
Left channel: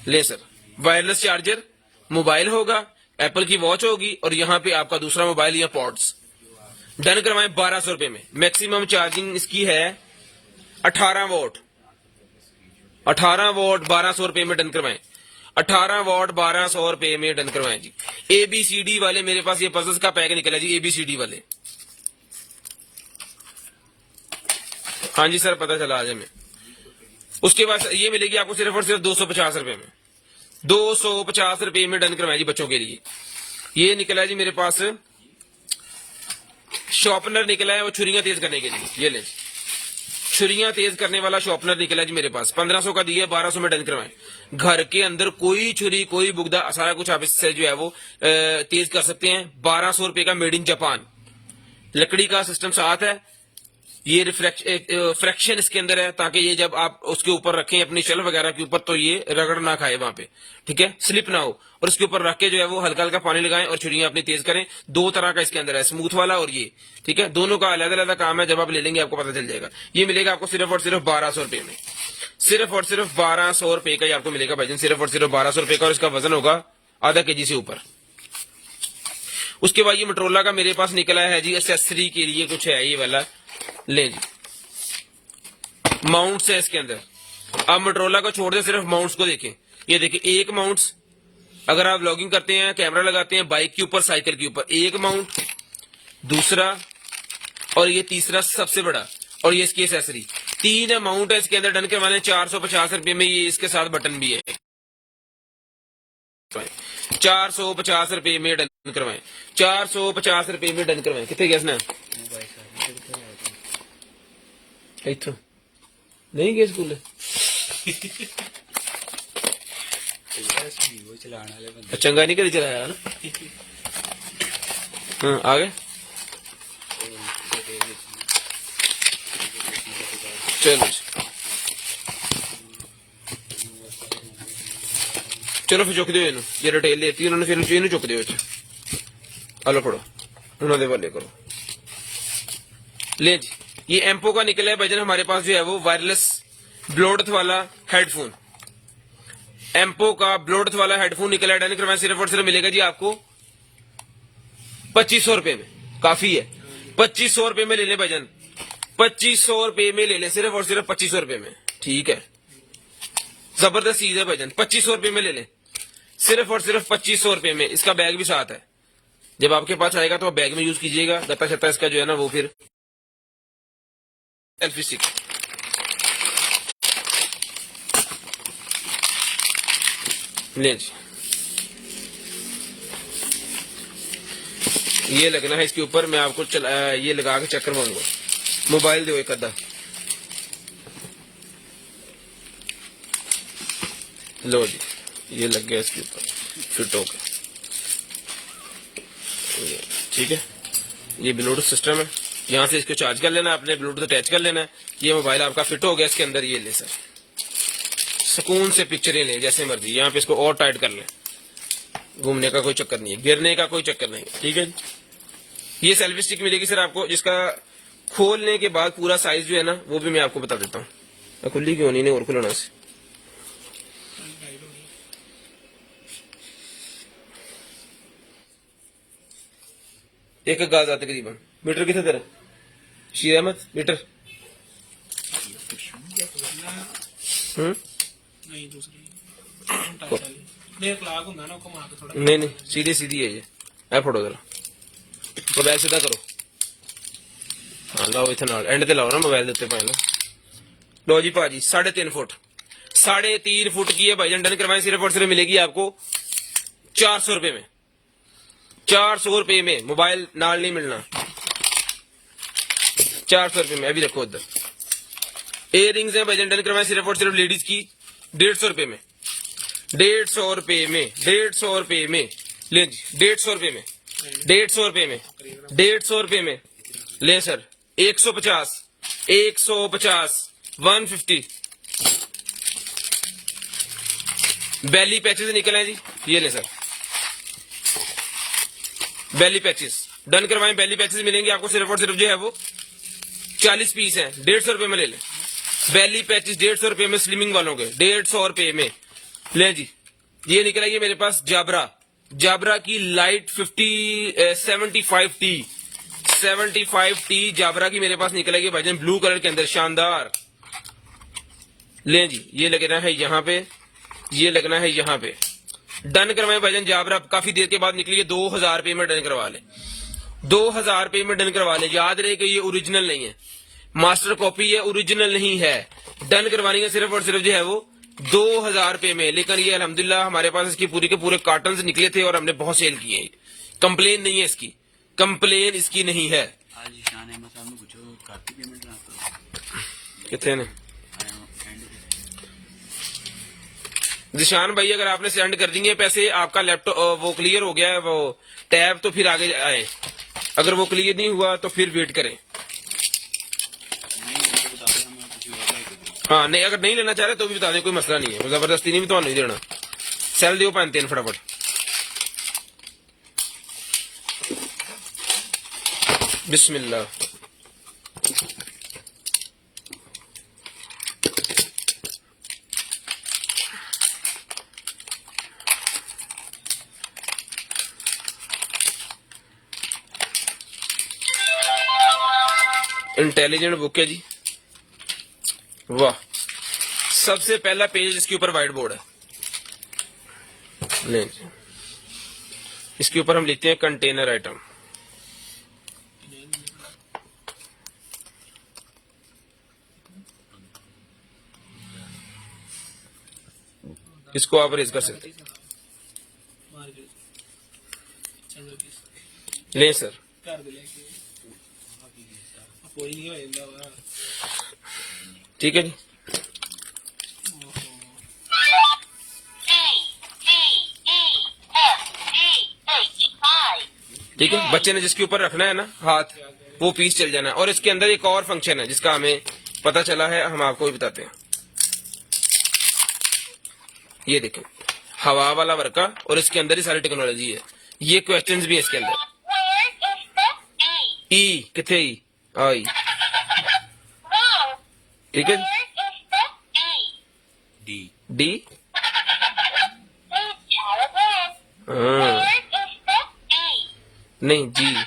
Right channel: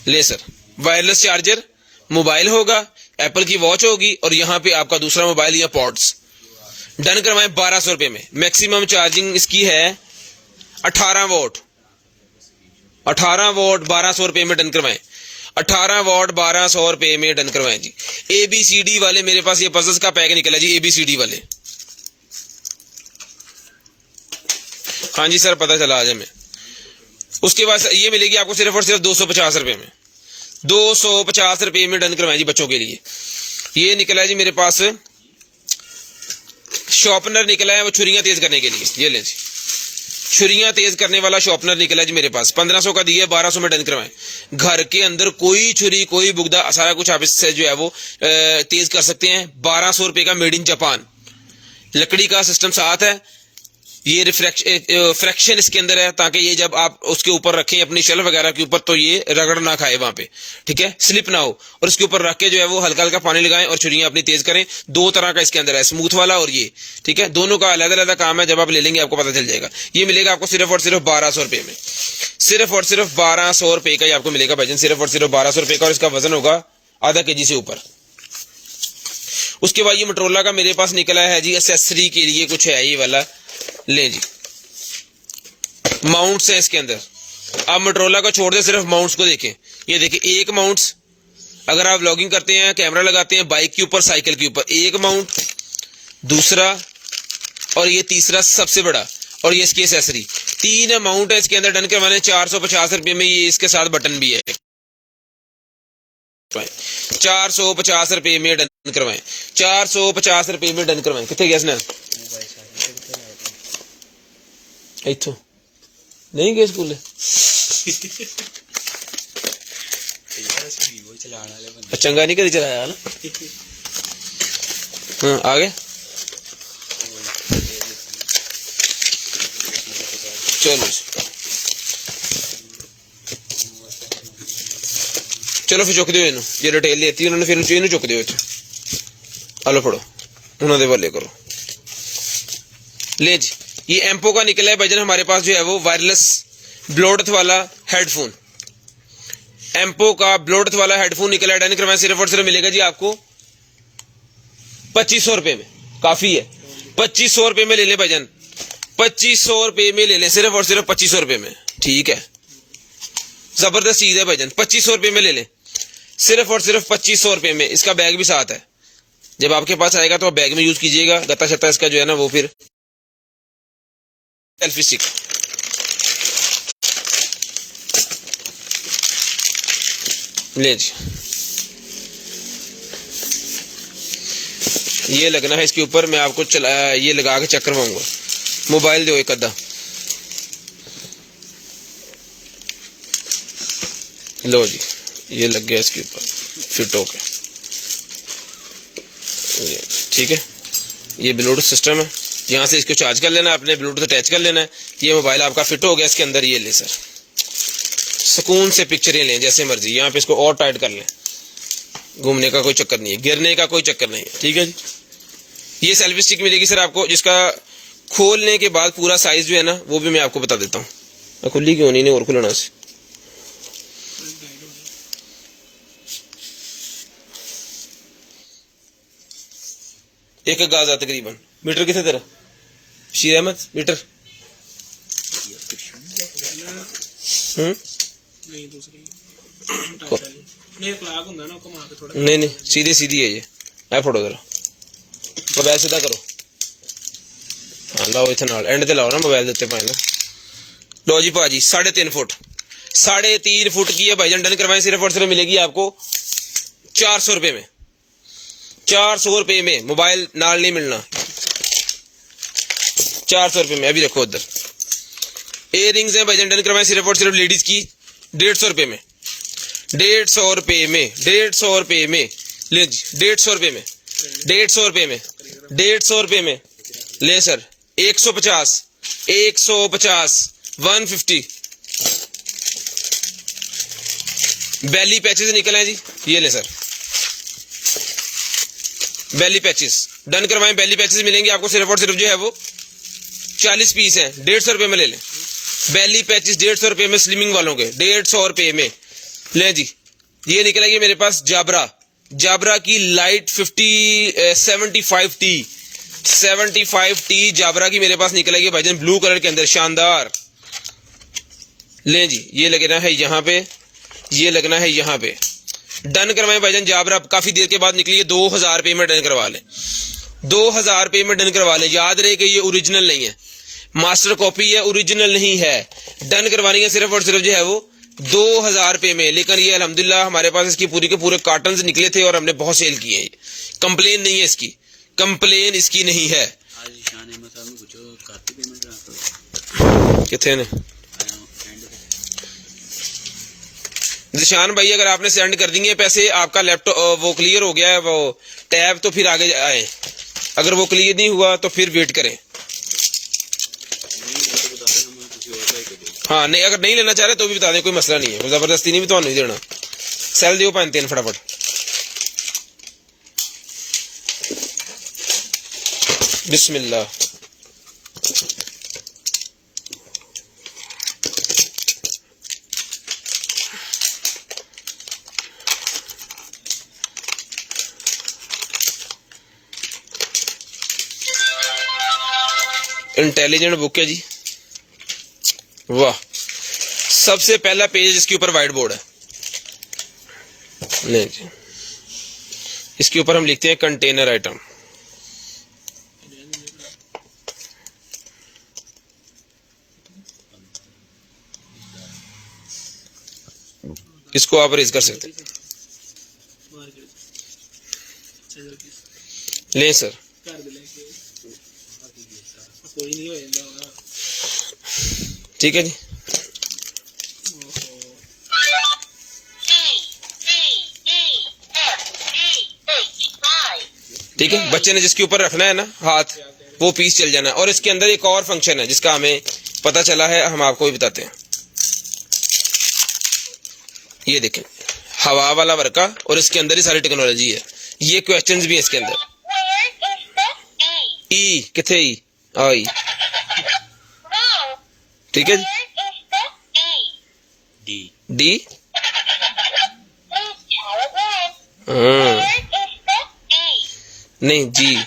ले सर, वायरलेस चार्जर, मोबाइल होगा, एप्पल की वॉच होगी और यहाँ पे आपका दूसरा मोबाइल या पॉड्स, डन करवाएं 1200 रुपए में। मैक्सिमम चार्जिंग इसकी है 18 वोट, 18 वोट 1200 रुपए में डन करवाएं, 18 वोट 1200 रुपए में डन करवाएं जी। ABCD वाले मेरे पास ये पजल्स का पैक निकला जी, ABCD वाले, हाँ जी सर पता चला आज हमें। उसके बाद ये मिलेगी आपको सिर्फ और सिर्फ 250 रुपए में, 250 रुपए में डन करवाएं जी बच्चों के लिए। ये निकला है जी मेरे पास शॉर्पनर निकला है, वो छुरियां तेज करने के लिए, ये ले जी, छुरियां तेज करने वाला शॉर्पनर निकला जी मेरे पास, 1500 का दिया, 1200 में डन करवाएं। घर के अंदर कोई छुरी कोई बुगदा सारा कुछ आप इससे जो है वो तेज कर सकते हैं। 1200 रुपए का, मेड इन जापान, लकड़ी का सिस्टम साथ है, ये फ्रैक्शन इसके अंदर है, ताकि ये जब आप उसके ऊपर रखें अपनी शेल्फ वगैरह के ऊपर तो ये रगड़ ना खाए वहां पे, ठीक है, स्लिप ना हो। और इसके ऊपर रख के जो है वो हल्का हल्का पानी लगाएं और छुरियां अपनी तेज करें। 2 तरह का इसके अंदर है, स्मूथ वाला और ये, ठीक है, दोनों का अलग अलग काम है, जब आप ले लेंगे आपको पता चल जाएगा। ये मिलेगा आपको सिर्फ और सिर्फ 1200 रुपए में, सिर्फ और सिर्फ 1200 रुपए का ही आपको मिलेगा भाईजान, सिर्फ और सिर्फ 1200 रुपए का, और इसका वजन होगा आधा केजी से ऊपर। उसके बाद ये मोटरोला का मेरे पास निकला है जी, एक्सेसरी के लिए कुछ है ये वाला, ले जी, माउंट्स हैं इसके अंदर। आप मोटरोला को छोड़ दे, सिर्फ माउंट्स को देखें, ये देखिए, एक माउंट्स अगर आप व्लॉगिंग करते हैं, कैमरा लगाते हैं बाइक के ऊपर, साइकिल के ऊपर, एक अमाउंट, दूसरा और ये तीसरा सबसे बड़ा, और ये इसकी एसेसरी, 3 अमाउंट है इसके अंदर डन करवाने। 450 रुपये में ये इसके साथ बटन भी है। 450 रुपये में डन करवाएं, 450 रुपये में डन करवाएं। कितने गया इसने? इथों नहीं गए स्कूल? चंगा नहीं करी चलाया ना। हाँ, आगे चलो चलो फिर चुक दियो इन्हों, जे डिटेल देती उन्होंने, फिर इन्हों चुक दियो इत्थे। आलो फड़ो, उन्होंने वाले करो। ले जी, ये एम्पो का निकला है भजन हमारे पास जो है वो वायरलेस ब्लूटूथ वाला हेडफोन। एम्पो का ब्लूटूथ वाला हेडफोन निकला है, डन करवाएं। सिर्फ और सिर्फ मिलेगा जी आपको 2500 रुपए में। काफी है, 2500 रुपए में ले ले भजन, 2500 रुपए में ले ले, सिर्फ और सिर्फ 2500 रुपए में। ठीक है, जबरदस्त चीज है भजन, 2500 रुपए में ले ले, सिर्फ और सिर्फ 2500 रुपए में। इसका बैग भी साथ है, जब आपके पास आएगा तो आप बैग में यूज कीजिएगा। गत्ता शत्ता इसका जो है ना वो फिर सेल्फी स्टिक। ले जी, ये लगना है इसके ऊपर। मैं आपको ये लगा के चेक करवाऊंगा। मोबाइल दो एक अद्धा, लो जी, ये लग गया इसके ऊपर, फिट हो गया। ठीक है, ये ब्लूटूथ सिस्टम है, यहाँ से इसको चार्ज कर लेना है, अपने ब्लूटूथ अटैच कर लेना है। ये मोबाइल आपका फिट हो गया इसके अंदर। ये ले सर, सुकून से पिक्चरें लें जैसे मर्जी। यहाँ पे इसको और टाइट कर लें, घूमने का कोई चक्कर नहीं है, गिरने का कोई चक्कर नहीं है। ठीक है जी, ये सेल्फी स्टिक मिलेगी सर आपको, जिसका खोलने के बाद पूरा साइज जो है ना वो भी मैं आपको बता देता हूँ। खुली क्यों नहीं और खुलना से। एक गाज आता तकरीबन। मीटर कितने तेरा शीर अहमद? मीटर नहीं दूसरी लाख होगा ना, घुमा के थोड़ा। नहीं सीधी सीधी है ये। ऐ फोटो जरा मोबाइल सीधा करो। हाँ लाओ इतना एंड ते लाओ ना मोबाइल देते पाए ना। लो जी भाजी 3.5 फुट, 3.5 फुट की है भाईजान, डन करवाएं। सिर्फ और सिर्फ मिलेगी आपको 400 रुपए में। 400 रुपए में मोबाइल नाल नहीं मिलना, 400 रुपए में। अभी देखो उधर इयर रिंग्स हैं भाईजान, डन करवाएं। सिर्फ और सिर्फ लेडीज की 150 रुपए में, 150 रुपए में, 150 रुपए में। ले जी 150 रुपए में, 150 रुपए में, 150 रुपए में ले सर। 150, 150, 150। बैली पैचेस निकले हैं जी, ये ले सर बैली पैचेस, डन करवाएं। बैली पैचेस मिलेंगे आपको सिर्फ और सिर्फ जो है वो 40 पीस हैं, 150 रुपए में ले लें। बैली पैचेस 150 रुपए में, स्लिमिंग वालों के 150 रुपए में ले जी। ये निकलेगी मेरे पास जाबरा की लाइट 75T, 75T जाबरा की मेरे पास निकलेगी भाईजान, ब्लू कलर के अंदर, शानदार। ले जी, ये लगना है यहाँ पे, ये लगना है यहाँ पे। डन करवाएं भाईजान। जाबरा काफी देर के बाद निकली है, 2000 रुपए में डन करवा ले, 2000 रुपए में डन करवा ले। याद रहे कि ये ओरिजिनल नहीं है, मास्टर कॉपी है, ओरिजिनल नहीं है। डन करवानी है सिर्फ और सिर्फ जो है वो 2000 रुपए में। लेकिन ये अल्हम्दुलिल्लाह हमारे पास इसकी पूरी के पूरे कार्टन निकले थे और हमने बहुत सेल किए हैं। कंप्लेन नहीं है इसकी, कंप्लेन इसकी नहीं है। कितने ने जिशान भाई, अगर आपने सेंड कर दिए पैसे, आपका लैपटॉप वो क्लियर हो गया है वो टैब, तो फिर आगे आए। अगर वो क्लियर नहीं हुआ तो फिर वेट करें। हाँ नहीं, अगर नहीं लेना चाह रहे तो भी बता दें, कोई मसला नहीं है। जबरदस्ती नहीं भी तो नहीं देना। सेल दियो 5-3 फटाफट। बिस्मिल्लाह। इंटेलिजेंट बुक है जी, वाह। सबसे पहला पेज इसके ऊपर व्हाइट बोर्ड है। नहीं जी, इसके ऊपर हम लिखते हैं कंटेनर आइटम। इसको आप रेज कर सकते हैं। लें सर, कोई नहीं होएगा। ठीक है जी। ठीक है, बच्चे ने जिसके ऊपर रखना है ना हाथ, वो पीस चल जाना है। और इसके अंदर एक और फंक्शन है जिसका हमें पता चला है, हम आपको भी बताते हैं। ये देखें, हवा वाला वर्का, और इसके अंदर ही सारी टेक्नोलॉजी है। ये क्वेश्चंस भी है इसके अंदर। ई किथे ई आई, ठीक है जी। डी नहीं जी,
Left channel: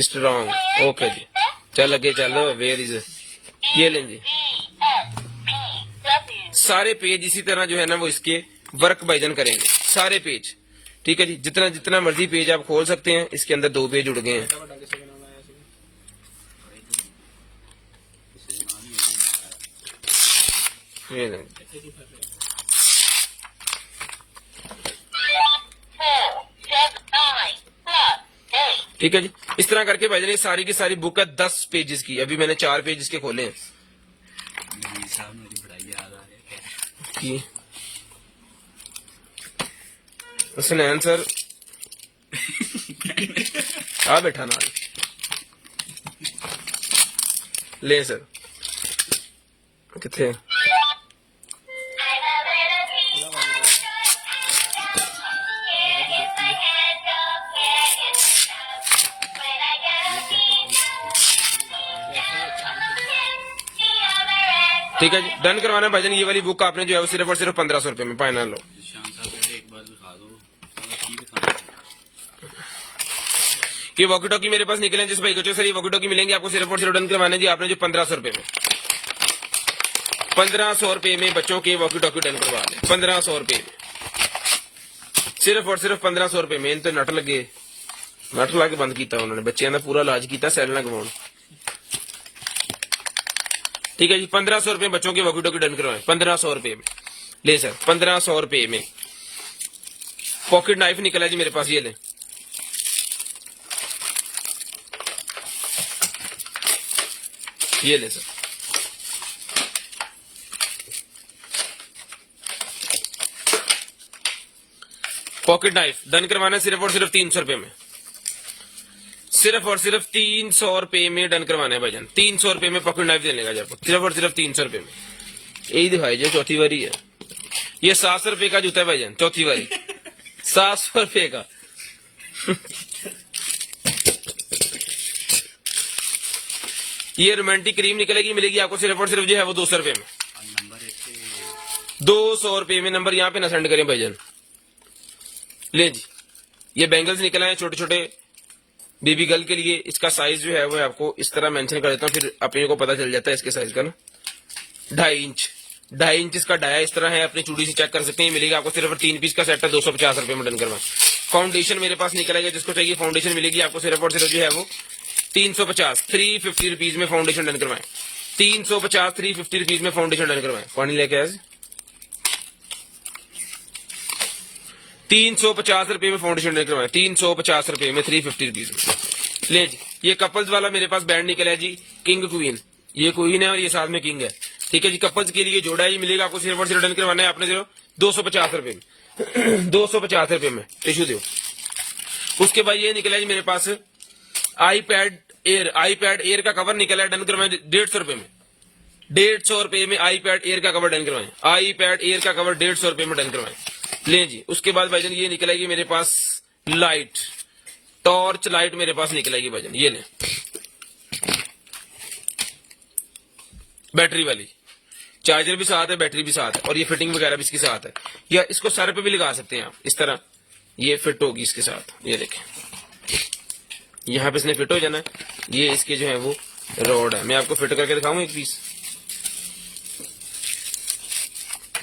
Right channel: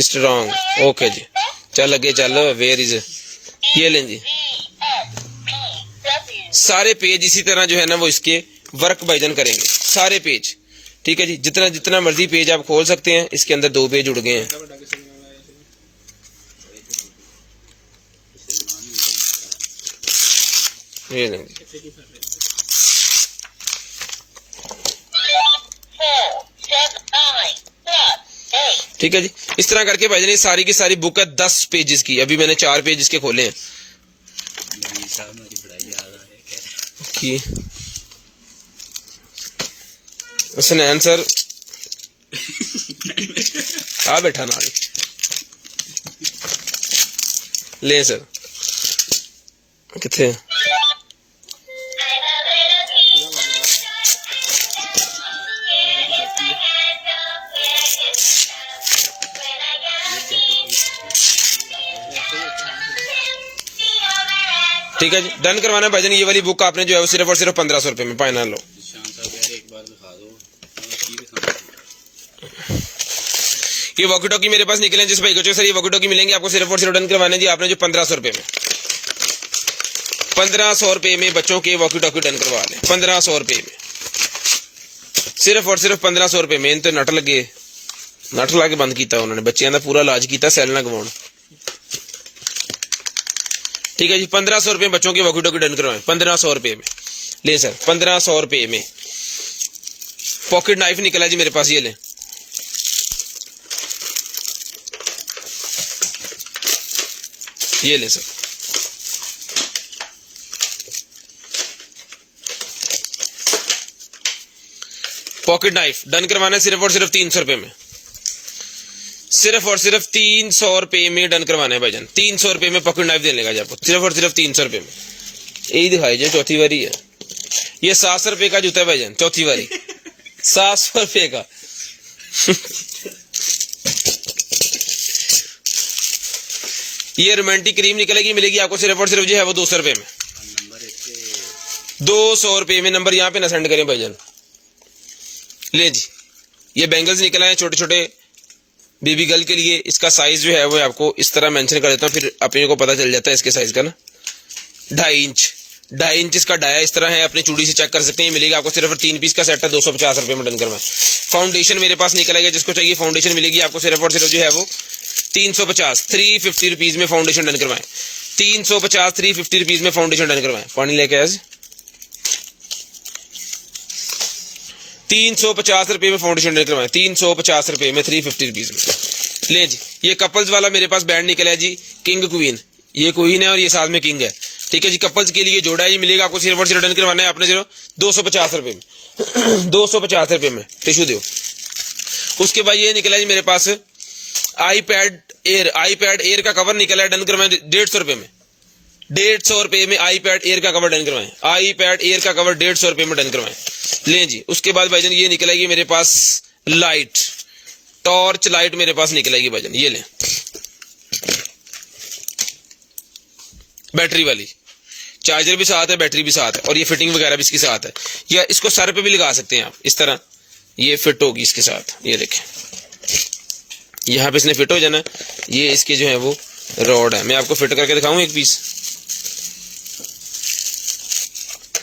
स्ट्रॉन्ग। ओके जी, चल आगे चलो। वेयर इज, ये लें जी। सारे पेज इसी तरह जो है ना वो इसके वर्क भाईजान करेंगे, सारे पेज। ठीक है जी, जितना जितना मर्जी पेज आप खोल सकते हैं। इसके अंदर 2 पेज उड़ गए हैं। ये नहीं, ठीक है जी। इस तरह करके भाईजान ये सारी की सारी बुक है 10 पेजेस की। अभी मैंने 4 पेज इसके खोले हैं कि हसनैन सर आ बैठा ना ले सर किथे ठीक है जी, डन करवाना है भाईजान। ये वाली बुक आपने जो है वो सिर्फ और सिर्फ 1500 रुपए में फाइनल लो। ये वॉकी टॉकी मेरे पास निकले जिस भाई को चाहिए सर ये वॉकी टॉकी मिलेंगे आपको सिर्फ और सिर्फ डन करवाने जी आपने जो 1500 रुपए में, 1500 रुपए में बच्चों के वॉकी टॉकी डन करवा लें। 1500 रुपए में, सिर्फ और सिर्फ 1500 रुपए में। तो नट लगे, नट ला के बंद किया उन्होंने, बच्चों का पूरा इलाज किया सैल ना गवाउन। ठीक है जी, 1500 रुपए बच्चों के वॉकी टॉकी डन करवाएं 1500 रुपए में। ले सर 1500 रुपए में। पॉकेट नाइफ निकला जी मेरे पास, ये ले। ये ले सर, पॉकेट नाइफ डन करवाना है सिर्फ और सिर्फ 300 रुपए में। सिर्फ और सिर्फ 300 रुपए में डन करवाना है भाईजान। 300 रुपए में पॉकेट नाइफ देने लगा आपको, सिर्फ और सिर्फ 300 रुपए में। यही दिखाई जो चौथी बारी है। ये 700 रुपए का जूता है भाईजान, चौथी बारी 700 रुपए का। ये रोमांटिक क्रीम निकलेगी, मिलेगी आपको सिर्फ और सिर्फ जो है वो 200 रुपए में। 200 रुपए में। नंबर यहाँ पे ना सेंड करें भाईजान। ले जी, ये बैंगल्स निकल आए छोटे छोटे बेबी गर्ल के लिए। इसका साइज जो है वो आपको इस तरह मेंशन कर देता हूँ, फिर अपने को पता चल जाता है इसके साइज का ना। 2.5 इंच इसका डाया इस तरह है, अपनी चूड़ी से चेक कर सकते हैं। मिलेगा आपको सिर्फ 3 पीस का सेट है, 250 रुपए में डन करवाएं। फाउंडेशन मेरे पास निकलेगा, जिसको चाहिए फाउंडेशन मिलेगी आपको सिर्फ और सिर्फ जो है वो 350 350 रुपीज में फाउंडेशन डन करवाएं। 350 350 रुपीज में फाउंडेशन डन करवाएं। पानी लेके आज 350 रुपए में फाउंडेशन डन करवाएं। 350 रुपए में 350 रुपीज में। ले जी, ये कपल्स वाला मेरे पास बैंड निकला है जी, किंग क्वीन। ये क्वीन है और ये साथ में किंग है। ठीक है जी, कपल्स के लिए जोड़ा है। ये मिलेगा आपको सिर्फ और सिर्फ डन करवाना है आपने सिर्फ 250 रुपए में। 250 रुपए में टिश्यू दो। उसके बाद ये निकला जी मेरे पास आईपैड एयर का कवर निकला है, डन करवाएं 150 रुपए में। 150 रुपए में आईपैड एयर का कवर डन करवाएं। आईपैड एयर का कवर 150 रुपए में डन करवाएं। ले जी, उसके बाद भाईजान ये निकलेगी मेरे पास लाइट, टॉर्च लाइट मेरे पास निकलेगी भाईजान। ये ले, बैटरी वाली, चार्जर भी साथ है, बैटरी भी साथ है, और ये फिटिंग वगैरह भी इसके साथ है। या इसको सर पे भी लगा सकते हैं आप, इस तरह ये फिट होगी इसके साथ। ये देखें, यहाँ पे इसने फिट हो जाना। ये इसके जो है वो रॉड है, मैं आपको फिट करके दिखाऊं एक पीस।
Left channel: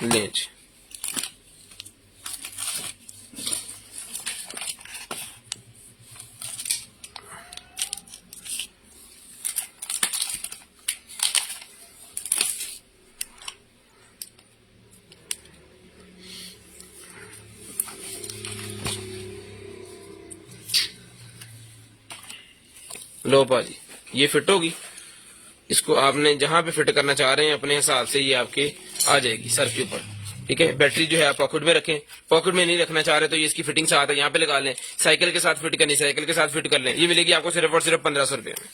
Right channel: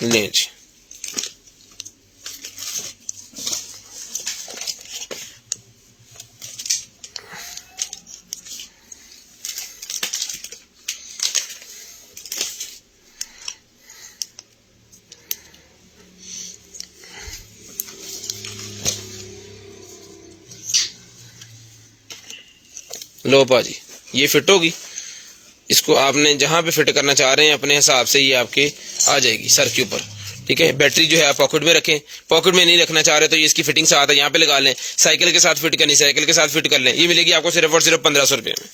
नहीं जी, लो पाजी, ये फिट होगी। इसको आपने जहां पे फिट करना चाह रहे हैं अपने हिसाब से ये आपके आ जाएगी सर के ऊपर, ठीक है। बैटरी जो है आप पॉकेट में रखें, पॉकेट में नहीं रखना चाह रहे तो ये इसकी फिटिंग साथ है, यहाँ पे लगा लें। साइकिल के साथ फिट करनी, साइकिल के साथ फिट कर लें। ये मिलेगी आपको सिर्फ और सिर्फ 1500 रुपये में।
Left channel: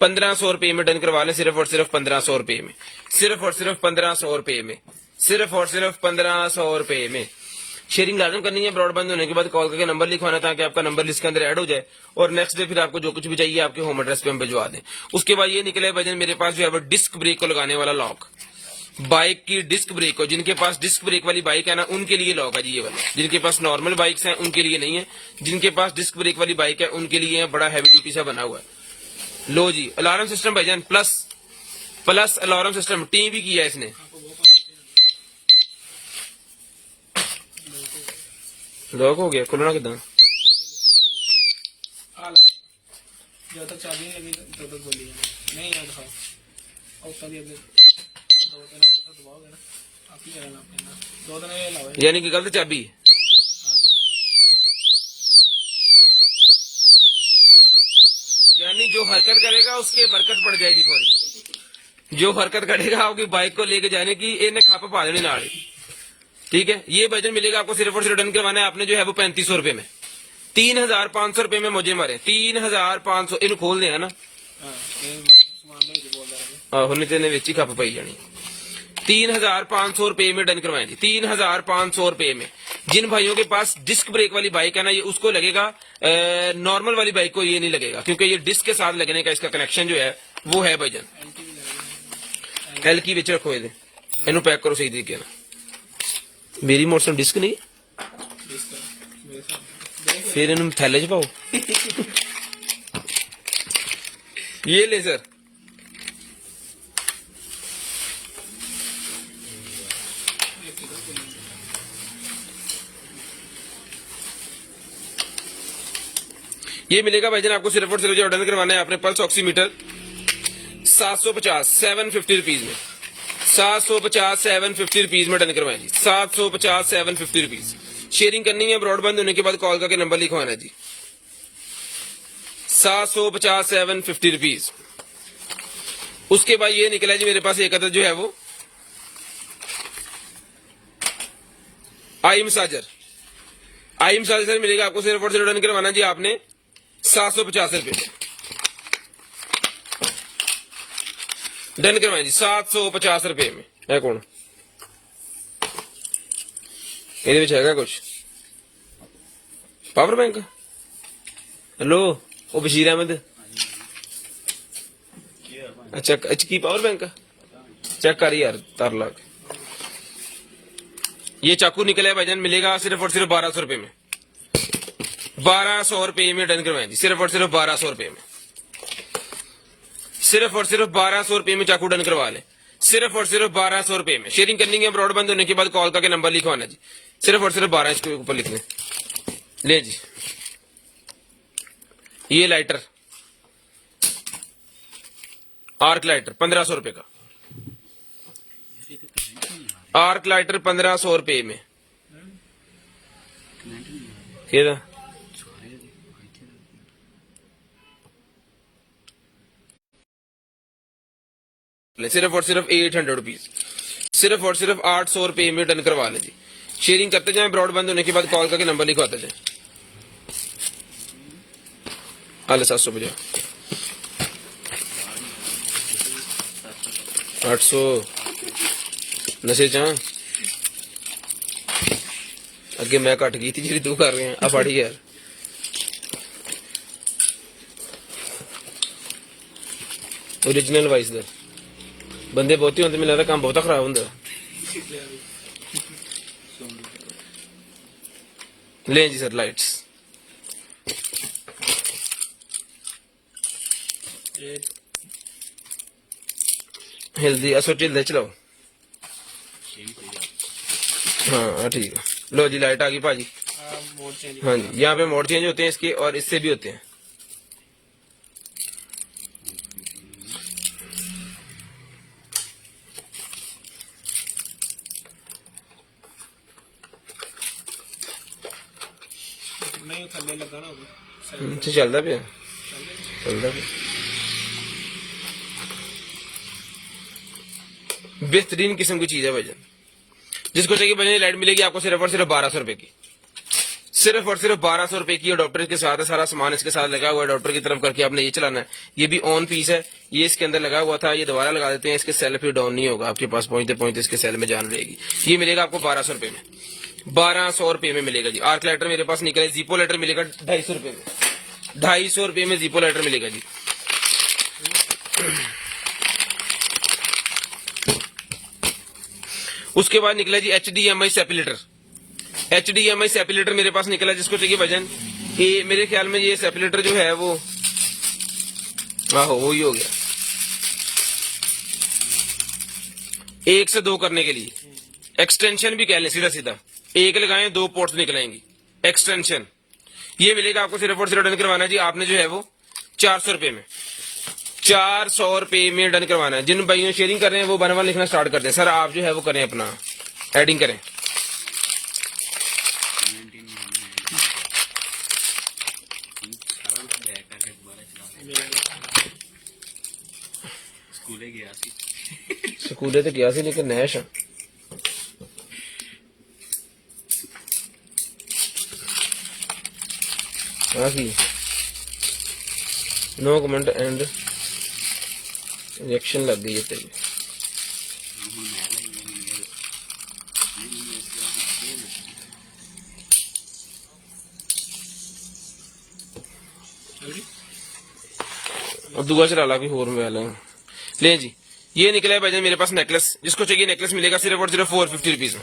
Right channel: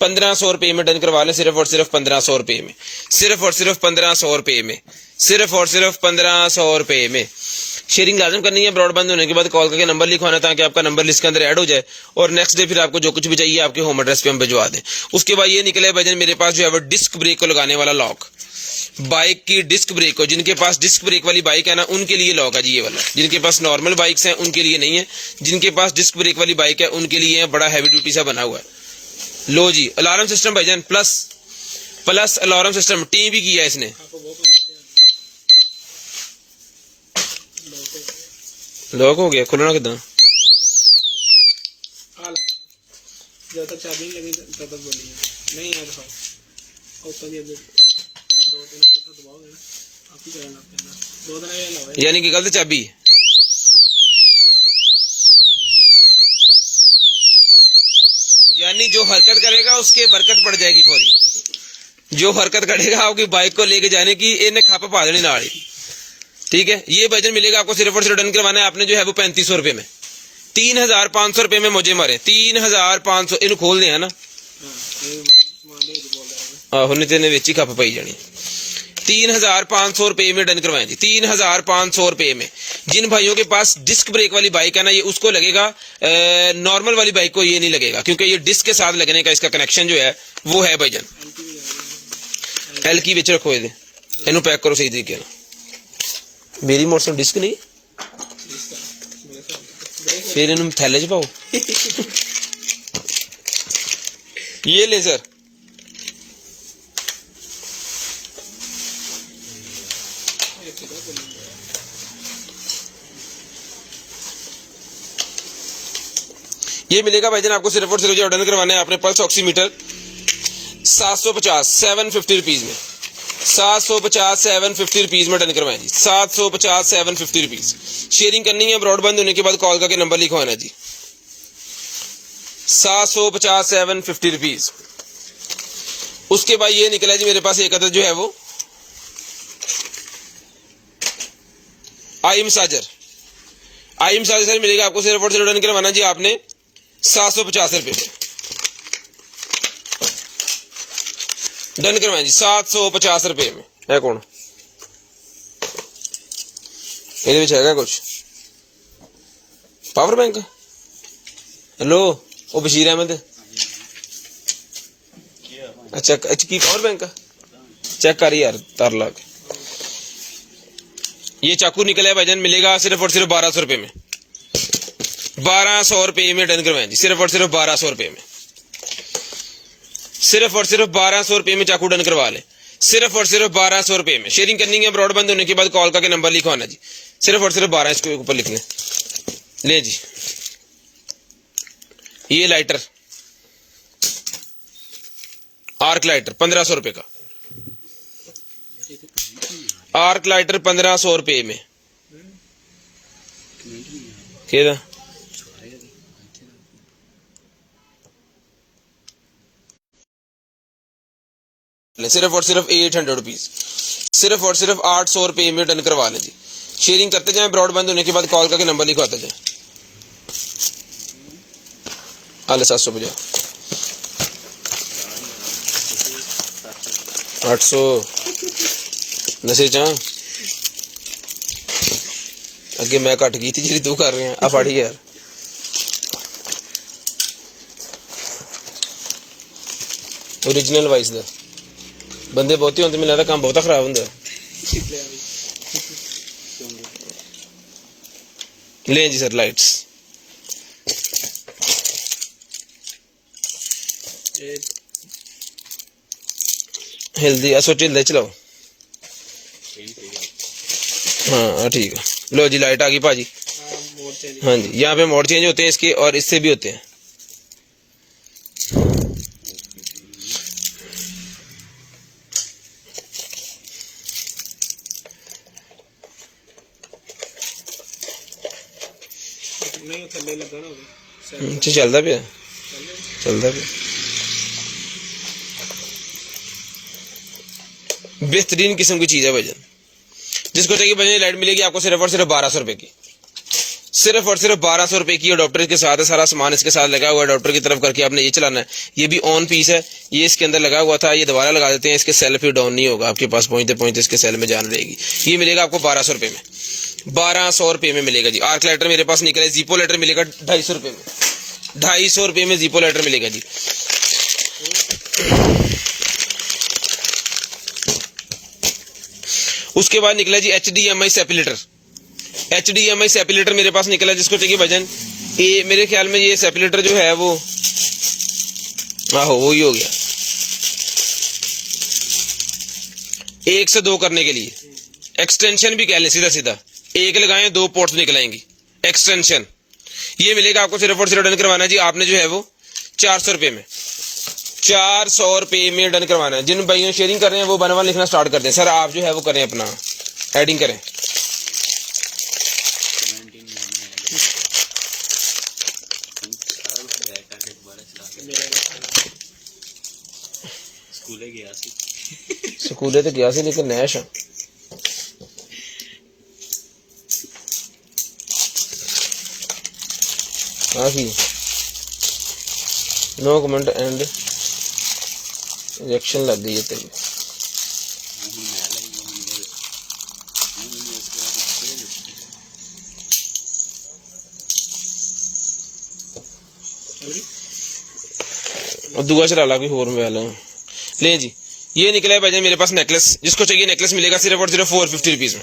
1500 रुपये में डन करवा लें, सिर्फ और सिर्फ 1500 रुपये में, सिर्फ और सिर्फ 1500 रुपये में, सिर्फ और सिर्फ 1500 रुपये में। शेयरिंग लाजम करनी है। ब्रॉडबैंड होने के बाद कॉल करके नंबर लिखवाना ताकि आपका नंबर लिस्ट के अंदर ऐड हो जाए और नेक्स्ट डे फिर आपको जो कुछ भी चाहिए आपके होम एड्रेस पे हम भिजवा दें। उसके बाद ये निकले भजन मेरे पास जो है वो डिस्क ब्रेक को लगाने वाला लॉक, बाइक की डिस्क ब्रेक को, जिनके पास डिस्क ब्रेक वाली बाइक है ना उनके लिए लॉक है जी ये वाला। जिनके पास नॉर्मल बाइक्स हैं उनके लिए नहीं है, जिनके पास डिस्क ब्रेक वाली बाइक है उनके लिए बड़ा हैवी ड्यूटी सा बना हुआ है। लो जी, अलार्म सिस्टम भजन प्लस अलार्म सिस्टम टी भी किया है इसने। लॉक हो गया, खुलना कितना? जब तक चाबी नहीं लगी तब तक बोली नहीं यार साहब। और चलिए अब 2-3 मिनट दबाओगे ना आप ही करेंगे, 2 दिन ये लाओ यानी कि गलत चाबी है। यानी जो हरकत करेगा उसके बरकत पड़ जाएगी फौरी। जो हरकत करेगा आपकी बाइक को लेके जाने की, इन्हें खापा पा देनी नाड़ी, ठीक है। ये भजन मिलेगा आपको सिर्फ और सिर्फ डन करवाना है आपने जो है वो 3500 रुपये में। 3500 रुपये में मुझे मारे 3500 इन खोल दिया ना आहो, नहीं तेने विच ही खप पाई जानी। 3500 रुपये में डन करवाएं जी, 3500 रुपये में। जिन भाइयों के पास डिस्क ब्रेक वाली बाइक है ना ये उसको लगेगा, नॉर्मल वाली बाइक को ये नहीं लगेगा क्योंकि ये डिस्क के साथ लगने का इसका कनेक्शन जो है वो है भाईजान। एल की विच रखो, इनू पैक करो सही तरीके ना। मेरी मोटरसाइकिल डिस्क नहीं, फिर इन थैले च पाओ। ये ले सर, ये मिलेगा भाईजान आपको सिर्फ और सिर्फ जो ऑर्डर करवाना है आपने पल्स ऑक्सीमीटर 750 750 रुपीज में, 750 750 रुपीज में डन करवाएं जी, 750 750 रुपीज। शेयरिंग करनी है, ब्रॉडबैंड होने के बाद कॉल करके नंबर लिखवाना जी, 750 750 रुपीज। उसके बाद ये निकला जी मेरे पास एक अदर जो है वो आई मसाजर सर मिलेगा आपको सिर्फ और सिर्फ डन करवाना जी आपने 750 रुपये में। डन करवाएं जी 750 रुपये में। है कौन ਇਹਦੇ ਵਿੱਚ ਹੈਗਾ ਕੁਝ ਪਾਵਰ ਬੈਂਕ? हेलो ਉਹ ਬਸ਼ੀਰ ਅਹਿਮਦ अच्छा एच की पावर बैंक चेक कर यार तार लाग। ये चाकू निकला है भाईजान मिलेगा सिर्फ और सिर्फ 1200 रुपये में, 1200 रुपये में डन करवाएं जी, सिर्फ और सिर्फ 1200 रुपये में, सिर्फ और सिर्फ 1200 रुपये में चाकू डन करवा ले, सिर्फ और सिर्फ 1200 रुपये में। शेयरिंग करनी है, ब्रॉडबैंड होने के बाद कॉल करके नंबर लिखवाना जी, सिर्फ और सिर्फ 12 इसके ऊपर लिखने। ले जी ये लाइटर आर्क लाइटर 1500 रुपये का, आर्क लाइटर 1500 रुपये में। क्या सिर्फ और सिर्फ 800 रुपीज, सिर्फ और सिर्फ 800 रुपये में डन करवा लें जी। शेयरिंग करते जाएं, ब्रॉडबैंड होने के बाद कॉल करके नंबर लिखवाते जाएं। हाल 750 800 नशे चा अगे मैं घट गई थी जी तू कर रहे हैं आ फाड़ी यार। ओरिजिनल वाइस दा बंदे बहुते होंगे, मिलता काम बहुता खराब होंगे। ले जी सर लाइट्स हेल्दी सोचो ले चलाओ। हाँ ठीक है, लो जी लाइट आ गई भाजी। हाँ जी यहाँ पे मोड चेंज होते हैं इसके और इससे भी होते हैं। अच्छा चलता पे चलता है। बेहतरीन किस्म की चीज है भाईजान, जिसको चाहिए भाईजान लाइट मिलेगी आपको सिर्फ और सिर्फ 1200 रुपए की, सिर्फ और सिर्फ 1200 रुपए की। अडॉप्टर के साथ है, सारा सामान इसके साथ लगा हुआ है। अडॉप्टर की तरफ करके आपने ये चलाना है। ये भी ऑन पीस है, ये इसके अंदर लगा हुआ था, ये दोबारा लगा देते हैं, इसके सेल फिर डाउन नहीं होगा, आपके पास पहुंचते पहुंचते इसके सेल में जान रहेगी। ये मिलेगा आपको 1200 रुपए में, 1200 रुपए में मिलेगा जी। आर्क लाइटर मेरे पास निकला है, जीपो लाइटर मिलेगा 250 रुपए में, 250 रुपए में जीपो लाइटर मिलेगा जी। उसके बाद निकला जी HDMI सेपरेटर, HDMI सेपरेटर मेरे पास निकला, जिसको चाहिए भजन ये मेरे ख्याल में ये सेपरेटर जो है वो आहो वही हो गया, 1 से 2 करने के लिए एक्सटेंशन भी कह ले, सीधा सीधा 1 लगाएं 2 पोर्ट्स निकलाएंगी, एक्सटेंशन। ये मिलेगा आपको सिर्फ और सिर्फ डन करवाना है जी। आपने जो है वो 400 रुपए में, 400 रुपए में डन करवाना है। जिन भाइयों शेयरिंग कर रहे हैं वो 1 लिखना स्टार्ट कर दें। सर आप जो है वो करें, अपना एडिंग करें। स्कूले तो गया सी लेकिन नैश नो कमेंट एंड रिएक्शन लग गई है तेरी। और दुआ चला ला कोई होर में वाला ले जी। ये निकला है भाईजान मेरे पास नेकलेस, जिसको चाहिए नेकलेस मिलेगा सिर्फ और सिर्फ 450 रुपीज में,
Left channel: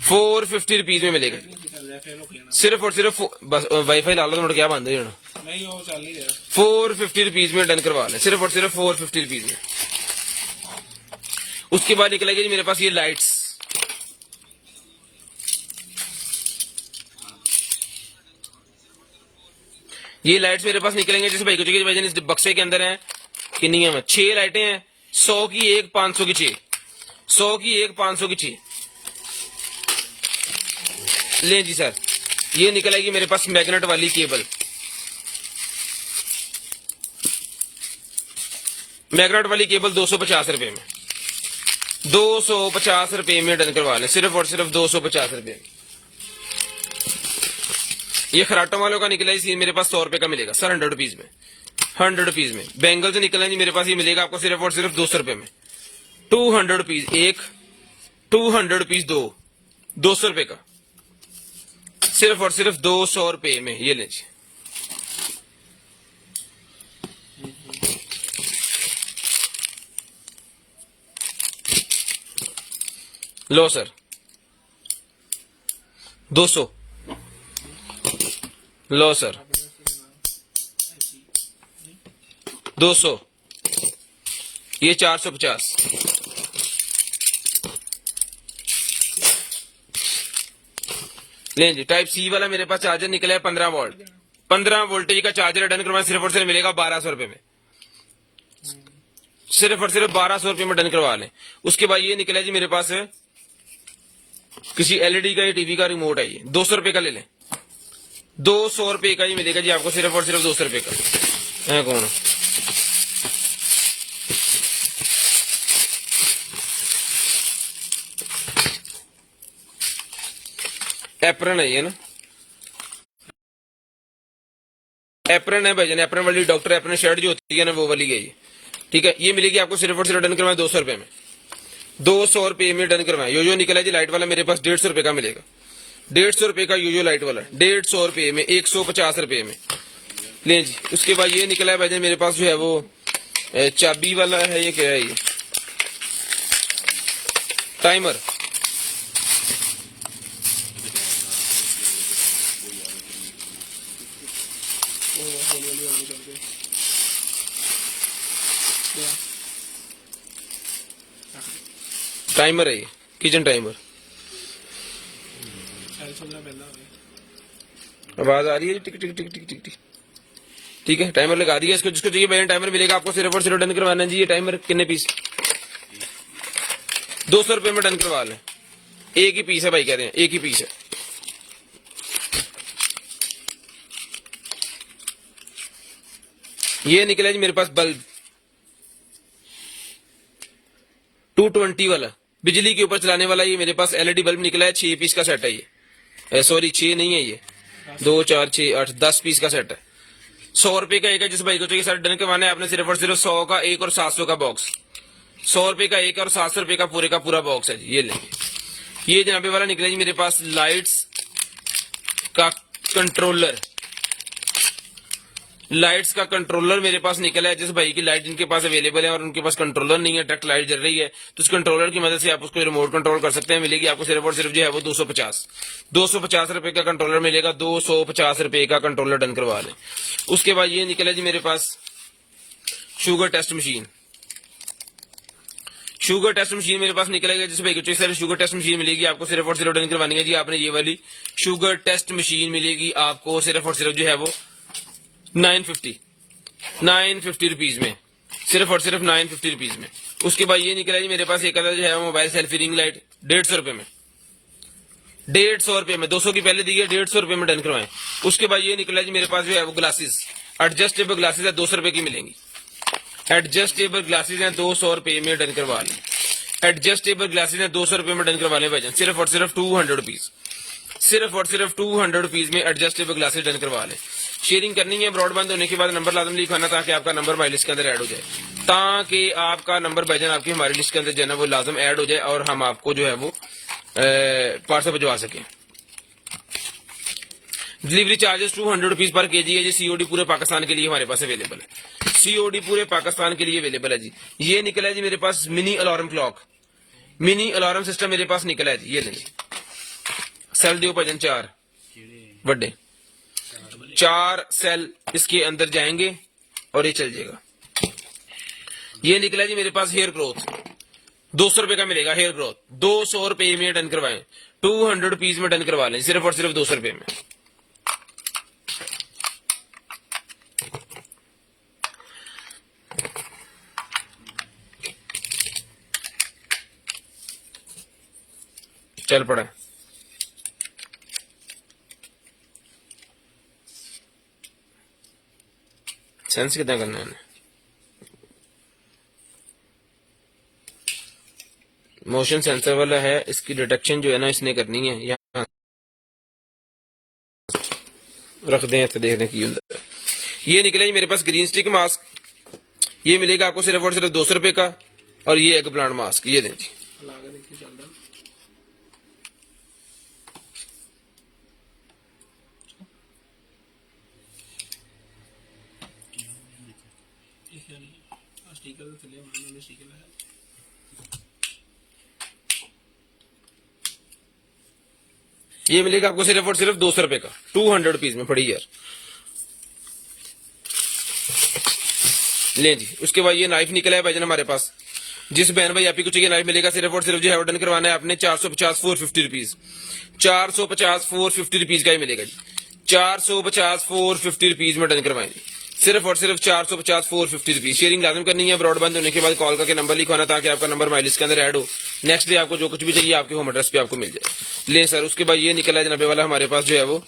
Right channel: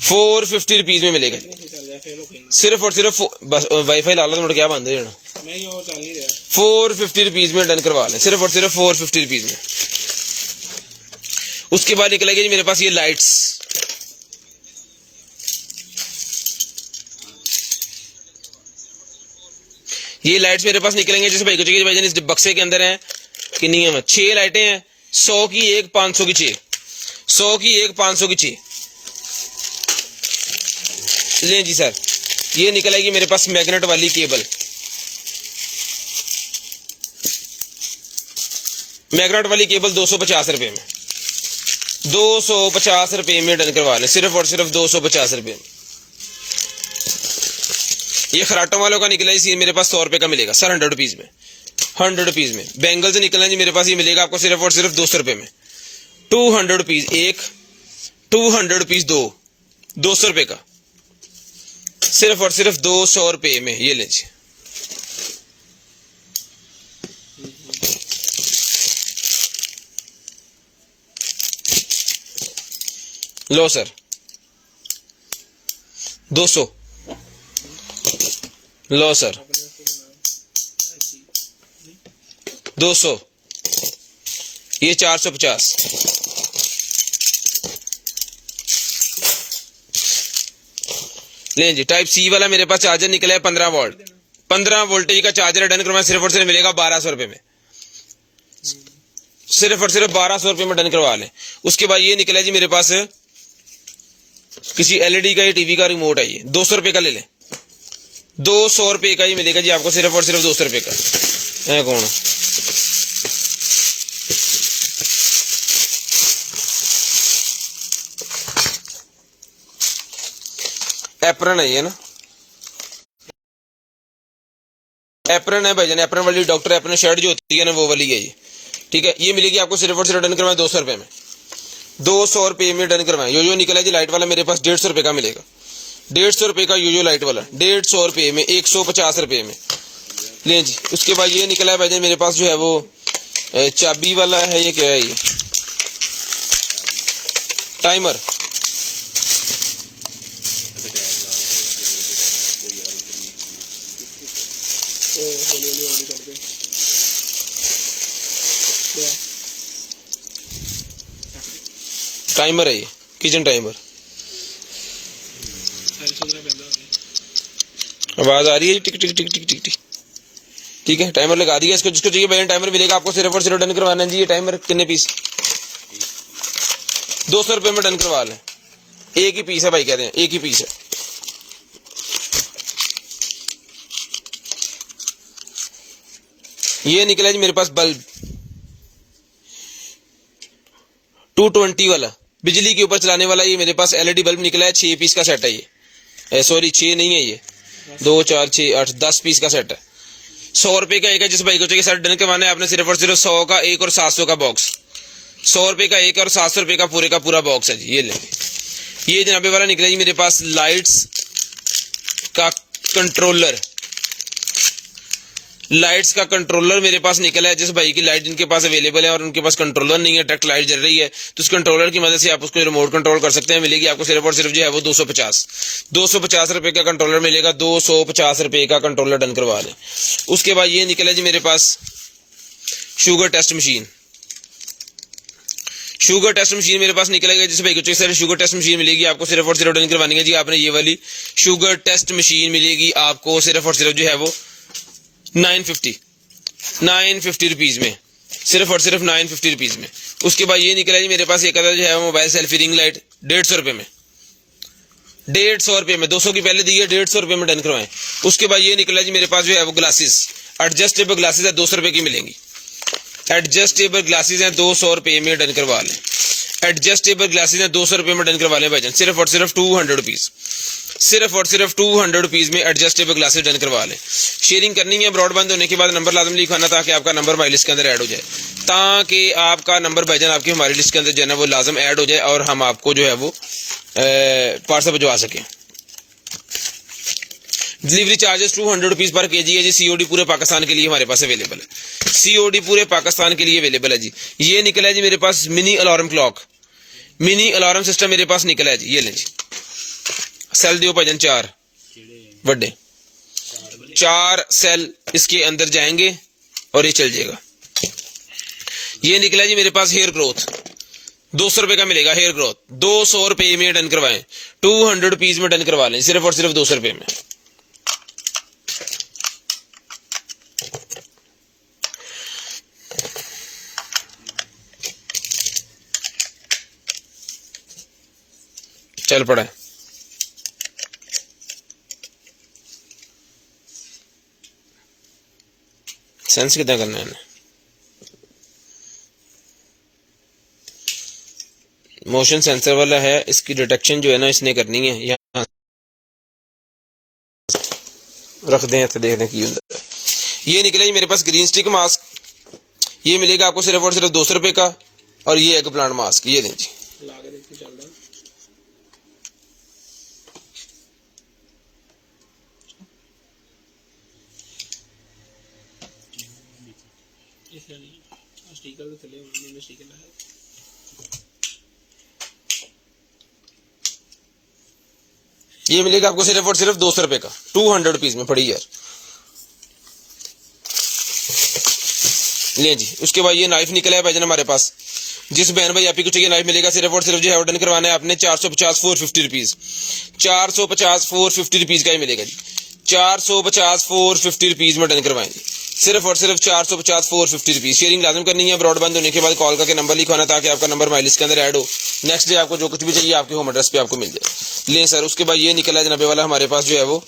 450 रुपीज में मिलेगा सिर्फ और सिर्फ। बस वाईफाई ला लो तो क्या बंद है 450 रुपीज में डन करवा लें, सिर्फ और सिर्फ 450 रुपीज में। उसके बाद निकलेगी जी मेरे पास ये लाइट्स, ये लाइट्स मेरे पास निकलेंगे जिसमें भाईजान इस बक्से के अंदर है कितनी है 6 लाइटें हैं, 100 की 1 500 की 6, 100 की 1 500 की 6 लें जी सर। ये निकलेगी मेरे पास मैग्नेट वाली केबल, मैग्नेट वाली केबल 250 रुपए में, 250 रुपए में डन करवा लें, सिर्फ और सिर्फ 250 रुपए में। ये खराटों वालों का निकला इसी मेरे पास 100 रुपए का मिलेगा सर, 100 रुपीज में, 100 रुपीज में। बैंगल से निकलना जी मेरे पास ये मिलेगा आपको सिर्फ और सिर्फ 200 रुपए में, 200 रुपीज 1, 200 रुपीज 2, 200 रुपए का, सिर्फ और सिर्फ 200 रुपए में। ये लीजिए लो सर 200 लो सर 200, ये 450, लें जी। टाइप सी वाला मेरे पास चार्जर निकला है 15 वोल्ट, 15 वोल्टेज का चार्जर डन करवाएं, सिर्फ और सिर्फ मिलेगा 1200 रुपए में, सिर्फ और सिर्फ 1200 रुपए में डन करवा लें। उसके बाद ये निकला जी मेरे पास किसी एलईडी का या टीवी का रिमोट है, ये 200 रुपए का ले लें, 200 रुपए का ही मिलेगा जी आपको, सिर्फ और सिर्फ 200 रुपए का। कौन एप्रन है ये ना, एप्रन है भाईजान, एप्रन वाली डॉक्टर एप्रन शर्ट जो होती है ना वो वाली है ये, ठीक है। ये मिलेगी आपको सिर्फ और सिर्फ डन करवाएं 200 रुपए में, 200 रुपए में डन करवाएं। यो निकला जी लाइट वाला मेरे पास 150 रुपए का मिलेगा, 150 रुपए का यो लाइट वाला 150 रुपए में, 150 रुपए में लें जी। उसके बाद ये निकला है भाईजान मेरे पास जो है वो चाबी वाला है, ये क्या है ये टाइमर, टाइमर है ये किचन टाइमर। आवाज आ रही है टिक टिक टिक टिक टिक टिक, ठीक है। टाइमर लगा दिया इसको, जिसको चाहिए भाई टाइमर मिलेगा आपको सिर्फ और सिर्फ डन करवाना है जी। ये टाइमर कितने पीस, 200 रुपए में डन करवा लें, एक ही पीस है भाई, कह रहे हैं एक ही पीस है। ये निकला जी मेरे पास बल्ब 220 वाला बिजली के ऊपर चलाने वाला, ये मेरे पास एलईडी बल्ब निकला है। 6 पीस का सेट है ये, सॉरी 6 नहीं है, ये 2 4 6 8 10 पीस का सेट है। 100 रुपए का एक है। जिस भाई को चाहिए सेट डन करवाना है आपने सिर्फ और सिर्फ 100 का एक और 700 का बॉक्स, 100 रुपए का एक और 700 रुपए का पूरा बॉक्स है जी। ये लो, ये जनाबे वाला निकला जी मेरे पास लाइट्स का कंट्रोलर, लाइट्स का कंट्रोलर मेरे पास निकला है। जिस भाई की लाइट इनके पास अवेलेबल है और उनके पास कंट्रोलर नहीं है, डायरेक्ट लाइट जल रही है, तो उस कंट्रोलर की मदद से आप उसको रिमोट कंट्रोल कर सकते हैं। मिलेगी आपको सिर्फ और सिर्फ जो है वो 250 रुपए का कंट्रोलर मिलेगा। 250 रुपए का कंट्रोलर डन करवा लें। उसके बाद ये निकला जी मेरे पास sugar test machine, sugar test machine मेरे पास निकलेगा। जिस भाई को चाहिए शुगर टेस्ट मशीन मिलेगी आपको सिर्फ और सिर्फ डन करवानी है जी आपने। ये वाली शुगर टेस्ट मशीन मिलेगी आपको सिर्फ और सिर्फ जो है वो 950 रुपीज में, सिर्फ और सिर्फ 950 रुपीज में। उसके बाद ये निकला जी मेरे पास एक अदर जो है मोबाइल सेल्फी रिंग लाइट 150 रुपए में, 150 रुपए में, 200 की पहले दी है, 150 रुपए में डन करवाएं। उसके बाद ये निकला जी मेरे पास जो है वो ग्लासेस, एडजस्टेबल ग्लासेस है, 200 रुपए की मिलेंगी। एडजस्टेबल ग्लासेस हैं 200 रुपए में डन करवा लें। एडजस्टेबल ग्लासेस हैं 200 रुपए में डन करवा लें भाईजान, सिर्फ और सिर्फ 200 रुपीज, सिर्फ और सिर्फ 200 रुपीज में एडजस्टेबल ग्लासेस डन करवा लें। शेयरिंग करनी है, ब्रॉडबैंड होने के बाद नंबर लाजम लिखाना ताकि आपका नंबर हमारी लिस्ट के अंदर ऐड हो जाए, ताकि आपका नंबर भाईजान आपकी हमारी लिस्ट के अंदर जो है ना वो लाजम ऐड हो जाए और हम आपको जो है वो पार्सल भिजवा सकें। Delivery charges 200 rupees per KG है जी। सीओडी पूरे पाकिस्तान के लिए हमारे पास अवेलेबल है, सीओडी पूरे पाकिस्तान के लिए अवेलेबल है जी। ये निकला है जी मेरे पास mini alarm clock, mini alarm system मेरे पास निकला है जी। ये लें जी, सेल दियो भाईजान 4 बड़े 4 सेल इसके अंदर जाएंगे और ये चल जाएगा। ये निकला जी मेरे पास हेयर ग्रोथ, 200 रुपए का मिलेगा हेयर ग्रोथ, 200 रुपए में डन करवाएं, 200 रुपीज में डन करवा लें, सिर्फ और सिर्फ 200 रुपए में। चल पड़ा सेंस कितना करना है, मोशन सेंसर वाला है, इसकी डिटेक्शन जो है ना इसने करनी है। यहाँ रख दें तो देखने की। ये निकला जी मेरे पास ग्रीन स्टिक मास्क, ये मिलेगा आपको सिर्फ और सिर्फ 200 रुपए का। और ये एग प्लांट मास्क, ये लें जी। स्टिकर तो चले, मैंने स्टिकर लगाया। ये मिलेगा आपको सिर्फ और सिर्फ 200 रुपए का, 200 रुपीज में पड़ी यार। ले जी। उसके बाद ये नाइफ निकला है भाईजान हमारे पास। जिस बहन भाई आपको चाहिए नाइफ मिलेगा सिर्फ और सिर्फ जो है ऑर्डर करवाना है आपने 450 450 रुपीज, 450 450 रुपीज का ही मिलेगा जी। 450 450 रुपीज में डन करवाएंगे, सिर्फ और सिर्फ 450 450 रुपीज। शेयरिंग लाजम करनी है, ब्रॉडबैंड होने के बाद कॉल करके नंबर लिखवाना ताकि आपका नंबर हमारी लिस्ट के अंदर ऐड हो। नेक्स्ट डे आपको जो कुछ भी चाहिए आपके होम एड्रेस पे आपको मिल जाए। लें सर। उसके बाद ये निकला है जनाबे वाला हमारे पास जो है वो,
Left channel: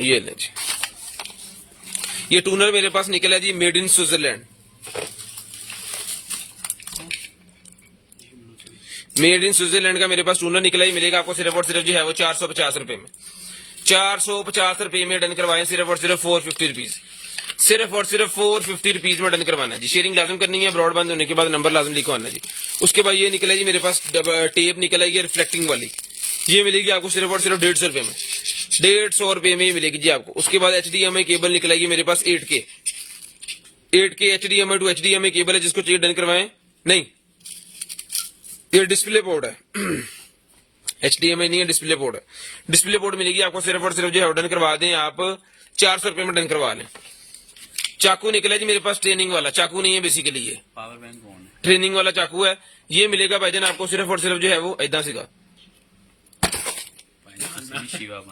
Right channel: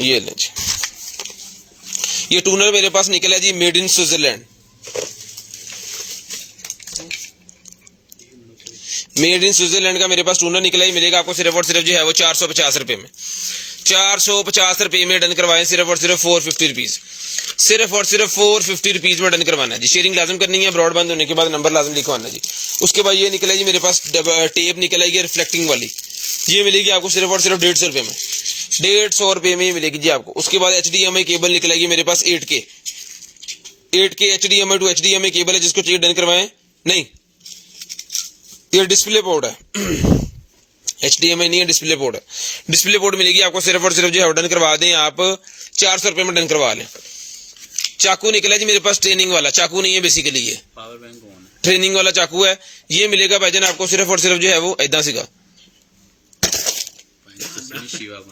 ये लें जी। ये टूनर मेरे पास निकला है जी made in Switzerland, made in Switzerland का मेरे पास टूनर निकला है। मिलेगा आपको सिर्फ और सिर्फ जो है वो 450 रुपए में, 450 रुपए में डन करवाएं, सिर्फ और सिर्फ 450 रुपीज, सिर्फ और सिर्फ 450 रुपीज में डन करवाना जी। शेयरिंग लाजम करनी है, ब्रॉडबैंड होने के बाद नंबर लाजम लिखवाना जी। उसके बाद ये निकला है जी मेरे पास टेप निकला है रिफ्लेक्टिंग वाली, ये मिलेगी आपको सिर्फ और सिर्फ 150 रुपए में, 150 रुपए में मिलेगी जी आपको। उसके बाद HDMI केबल निकला है जी मेरे पास 8K HDMI to HDMI cable है, जिसको चाहिए डन करवाएं। नहीं, ये डिस्प्ले पोर्ट है, HDMI नहीं है, डिस्प्ले पोर्ट है। डिस्प्ले पोर्ट मिलेगी आपको सिर्फ और सिर्फ जो है डन करवा दें आप 400 रुपए में डन करवा लें। चाकू निकला जी मेरे पास ट्रेनिंग वाला, चाकू नहीं है बेसिकली, ये पावर बैंक कौन है? ट्रेनिंग वाला चाकू है। ये मिलेगा भाईजान आपको सिर्फ और सिर्फ जो है वो ऐदा सीगा। शिवा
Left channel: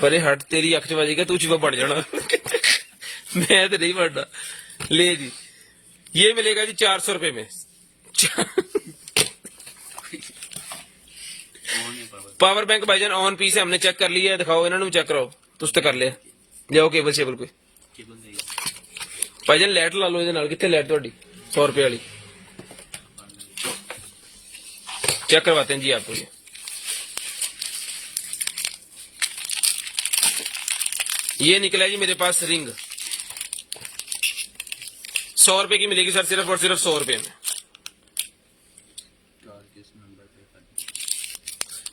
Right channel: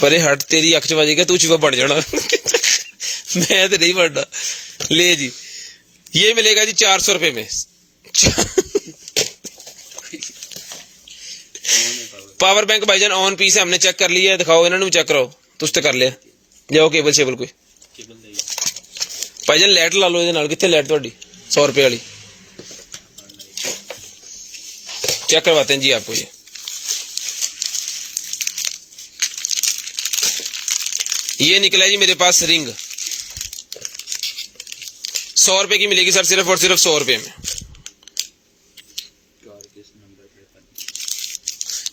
परे हट, तेरी अख च वजेगा, तू शिवा बढ़ जाना मैं तो नहीं बढ़ना। ले जी, ये मिलेगा जी 400 रुपए में। पावर बैंक भाईजान ऑन पीस है, हमने चेक कर लिया है, दिखाओ इन्होंने भी चेक कराओ, तुझ तो कर लिया। जाओ केबल शेबल कोई ਭਾਈਜਾਨ ਲਾਈਟ ਲਾ ਲਓ ਇਹਦੇ ਨਾਲ, ਕਿੱਥੇ ਲਾਈਟ ਤੁਹਾਡੀ 100 रुपये वाली? चेक करवाते हैं जी आपको ये निकला जी मेरे पास रिंग 100 रुपए की मिलेगी सर, सिर्फ और सिर्फ 100 रुपए में।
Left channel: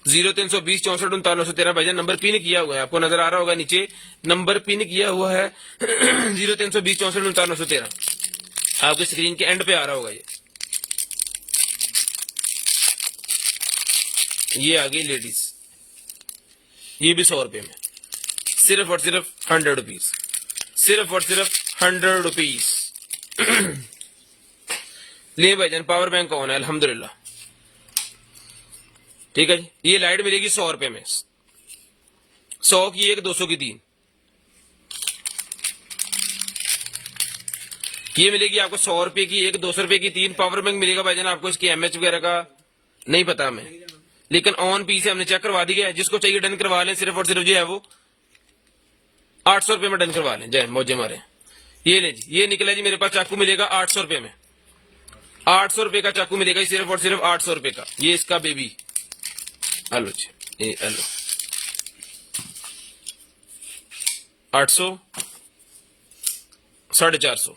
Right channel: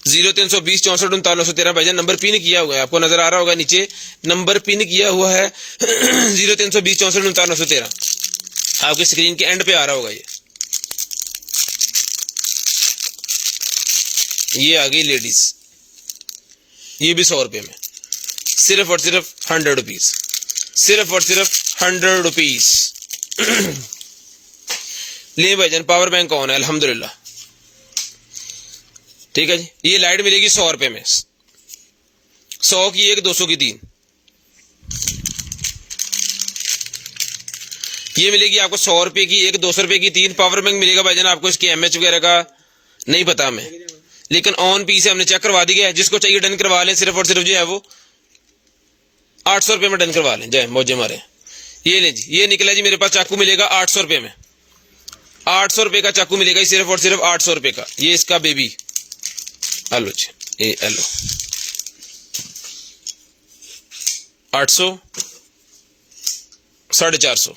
0320 64 3913 भाईजान नंबर पिन किया हुआ है, आपको नजर आ रहा होगा नीचे नंबर पिन किया हुआ है 0320 64 3913 आपकी स्क्रीन के एंड पे आ रहा होगा। ये आ गई लेडीज, ये भी 100 रुपए में, सिर्फ और सिर्फ 100 रुपीज, सिर्फ और सिर्फ 100 रुपीज। ले भाईजान पावर बैंक ऑन है अल्हम्दुलिल्लाह, ठीक है जी। ये लाइट मिलेगी 100 रुपए में, 100 की एक, 200 की 3। ये मिलेगी आपको 100 रुपए की एक, 200 रुपए की 3। पावर बैंक मिलेगा भाईजान आपको, इसकी एमएच वगैरह का नहीं पता हमें, लेकिन ऑन पीस है, हमने चेक करवा दी है। जिसको चाहिए डन करवा लें, सिर्फ और सिर्फ जो है वो 800 रुपए में डन करवा लें, जय मौजे मारे। ये ले जी, ये निकला जी मेरे पास चाकू मिलेगा 800 रुपए में, 800 रुपए का चाकू मिलेगा, सिर्फ और सिर्फ 800 रुपए का। ये इसका बेबी हेलो जी, ये हेलो 800 450।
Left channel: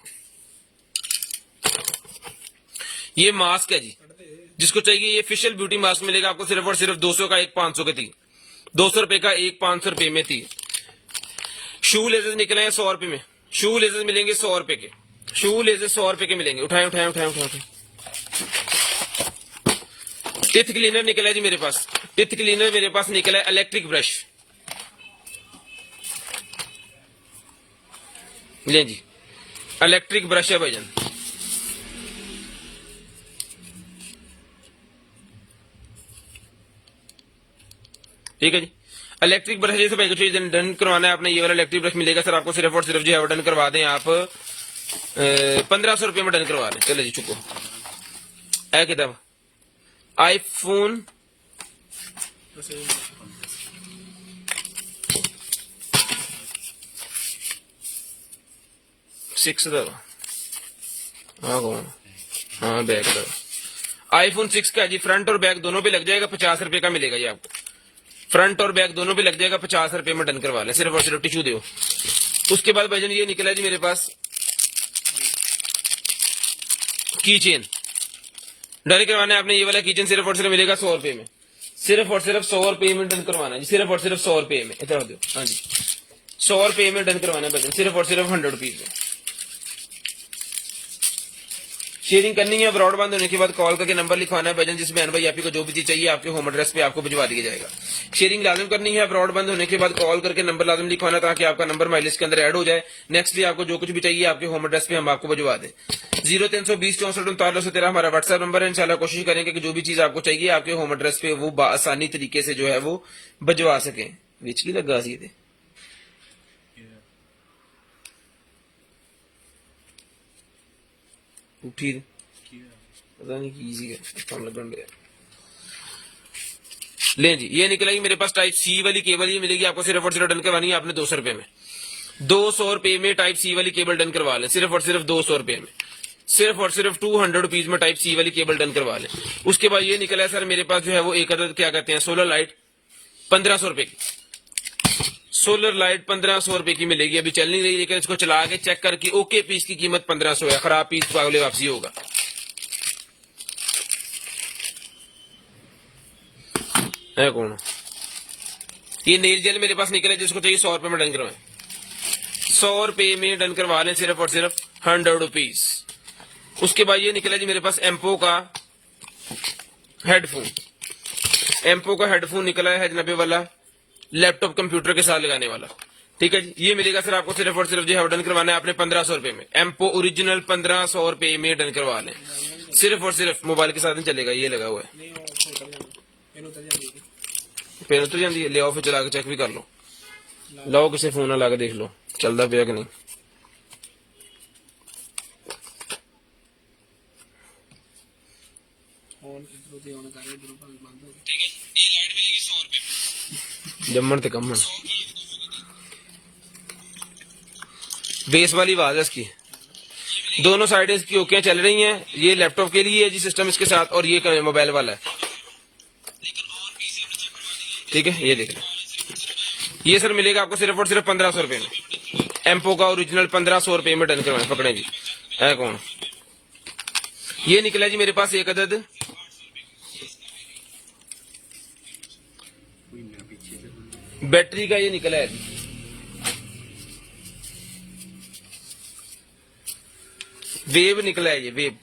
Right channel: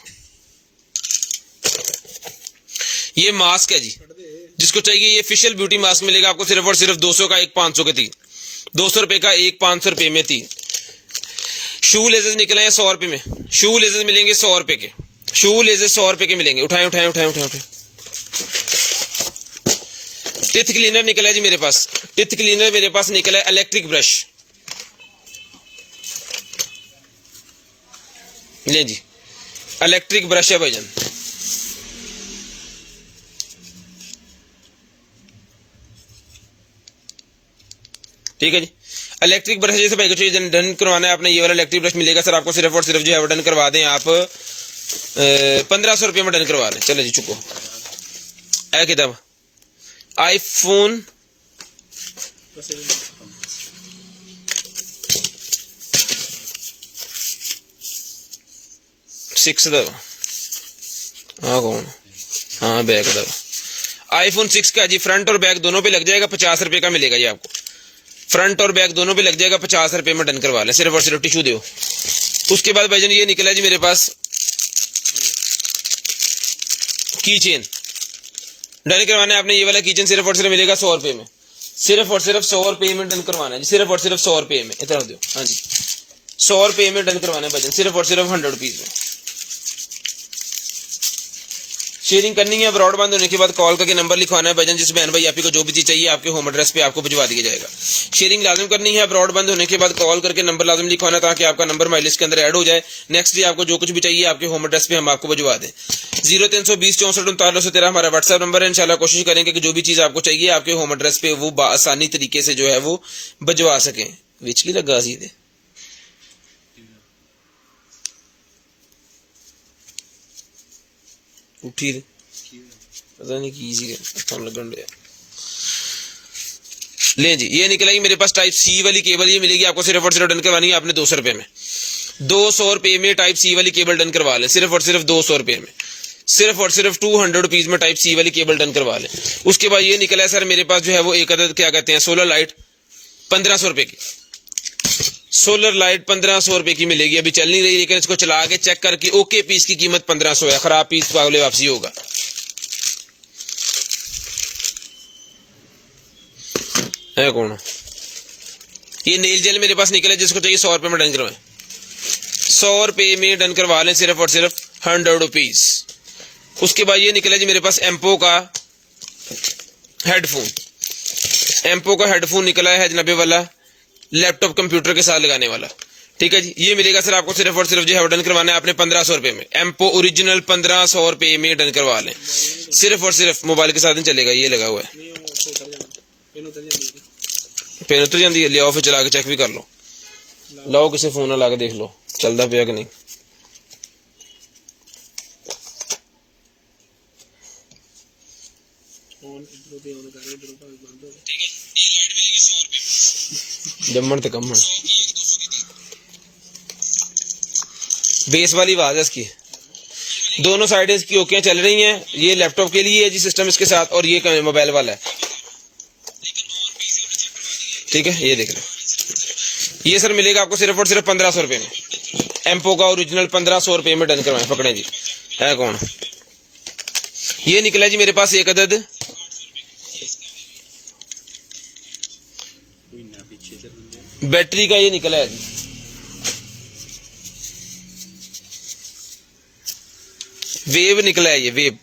ये मास्क है जी, जिसको चाहिए ये फेशियल ब्यूटी मास्क मिलेगा आपको, सिर्फ और सिर्फ 200 का एक, 500 का 3, 200 रुपए का एक, 500 रुपए में 3। शू लेजेस निकले हैं 100 रुपए में, शू लेजेस मिलेंगे 100 रुपए के, शू लेजेस 100 रुपए के मिलेंगे। उठाएं उठाएं उठाएं उठाएं उठाएं। टिथ क्लीनर निकला है जी मेरे पास, टिथ क्लीनर मेरे पास निकला है इलेक्ट्रिक ब्रश, ले जी इलेक्ट्रिक ब्रश है भाईजान, ठीक है जी। इलेक्ट्रिक ब्रश जैसे भाई को डन करवाना है आपने, ये वाला इलेक्ट्रिक ब्रश मिलेगा सर आपको, सिर्फ और सिर्फ जो है डन करवा दें आप 1500 रुपये में डन करवा लें। चलो जी चुको है किताब आईफोन 6 दो, हाँ कौन, हाँ बैक दो, आईफोन 6 का जी फ्रंट और बैक दोनों पे लग जाएगा, 50 रुपए का मिलेगा जी आपको, फ्रंट और बैक दोनों पे लग जाएगा, 50 रुपए में डन करवा लें, सिर्फ और सिर्फ टिश्यू दो। उसके बाद भाईजान ये निकला जी मेरे पास की चेन, डन करवाना है आपने, ये वाला किचन सिर्फ और सिर्फ मिलेगा 100 रुपए में, सिर्फ और सिर्फ 100 रुपए में डन करवाना है जी, सिर्फ और सिर्फ 100 रुपए में, इतना दो, हाँ जी 100 रुपए में डन करवाना है भाईजान, सिर्फ और सिर्फ 100 रुपीज में। शेयरिंग करनी है, ब्रॉडबैंड होने के बाद कॉल करके नंबर लिखवाना है भाईजान, जिस बहन भाई आप को जो भी चीज चाहिए आपके होम एड्रेस पे आपको भिजवा दिया जाएगा। शेयरिंग लाजिम करनी है, ब्रॉडबैंड होने के बाद कॉल करके नंबर लाजिम लिखवाना, ताकि आपका नंबर माइलिस्ट के अंदर ऐड हो जाए। नेक्स्ट डे आपको जो कुछ भी चाहिए आपके होम एड्रेस पे हम आपको भिजवा दें। 0320 64 3913 हमारा व्हाट्सएप नंबर है। इंशाल्लाह कोशिश करेंगे कि जो भी चीज आपको चाहिए आपके होम एड्रेस पे वो आसानी तरीके से जो है वो भिजवा सकें। विच की लगा सी दे उठी पता नहीं की लगन डे। ले जी ये निकलेगी मेरे पास टाइप सी वाली केबल, ये मिलेगी आपको, सिर्फ और सिर्फ डन करवानी है आपने 200 रुपए में, 200 रुपए में टाइप सी वाली केबल डन करवा लें, सिर्फ और सिर्फ 200 रुपए में, सिर्फ और सिर्फ 200 रुपीज में टाइप सी वाली केबल डन करवा लें। उसके बाद ये निकला है सर मेरे पास जो है वो एक अदद क्या कहते हैं सोलर लाइट 1500 रुपए की, सोलर लाइट 1500 रुपए की मिलेगी, अभी चल नहीं रही लेकिन इसको चला के चेक करके ओके पीस की कीमत 1500 है, खराब पीस पागले वापसी होगा। है कौन ये नील जेल मेरे पास निकला, जिसको चाहिए 100 रुपए में डन करवाएं, 100 रुपए में डन करवा लें, सिर्फ और सिर्फ 100 रुपीज। उसके बाद ये निकला जी मेरे पास एम्पो का हेडफोन, एम्पो का हेडफोन निकला है जनाबे वाला, लैपटॉप कंप्यूटर के साथ लगाने वाला, ठीक है जी। ये मिलेगा सर आपको सिर्फ और सिर्फ जो है डन करवाना है आपने 1500 रुपए में, एम्पो ओरिजिनल 1500 रुपए में डन करवा लें, सिर्फ और सिर्फ मोबाइल के साथ ही चलेगा, ये लगा हुआ है। पेन उतर जाती है, ले आओ फिर चला के चेक भी कर लो, लाओ किसी फोन ना ला के देख लो चलता पिया कि नहीं। जम्मन ते कम्मन बेस वाली आवाज है इसकी, दोनों साइड इसकी ओके चल रही हैं। ये लैपटॉप के लिए है जी सिस्टम इसके साथ, और ये मोबाइल वाला है। ठीक है, ये देख लो। ये सर मिलेगा आपको सिर्फ और सिर्फ 1500 रुपए में। एम्पो का ओरिजिनल 1500 रुपए में डन करवाएं। पकड़े जी, है कौन? ये निकला जी मेरे पास एक अदद। बैटरी का ये निकला है जी। वेव निकला है ये, वेव।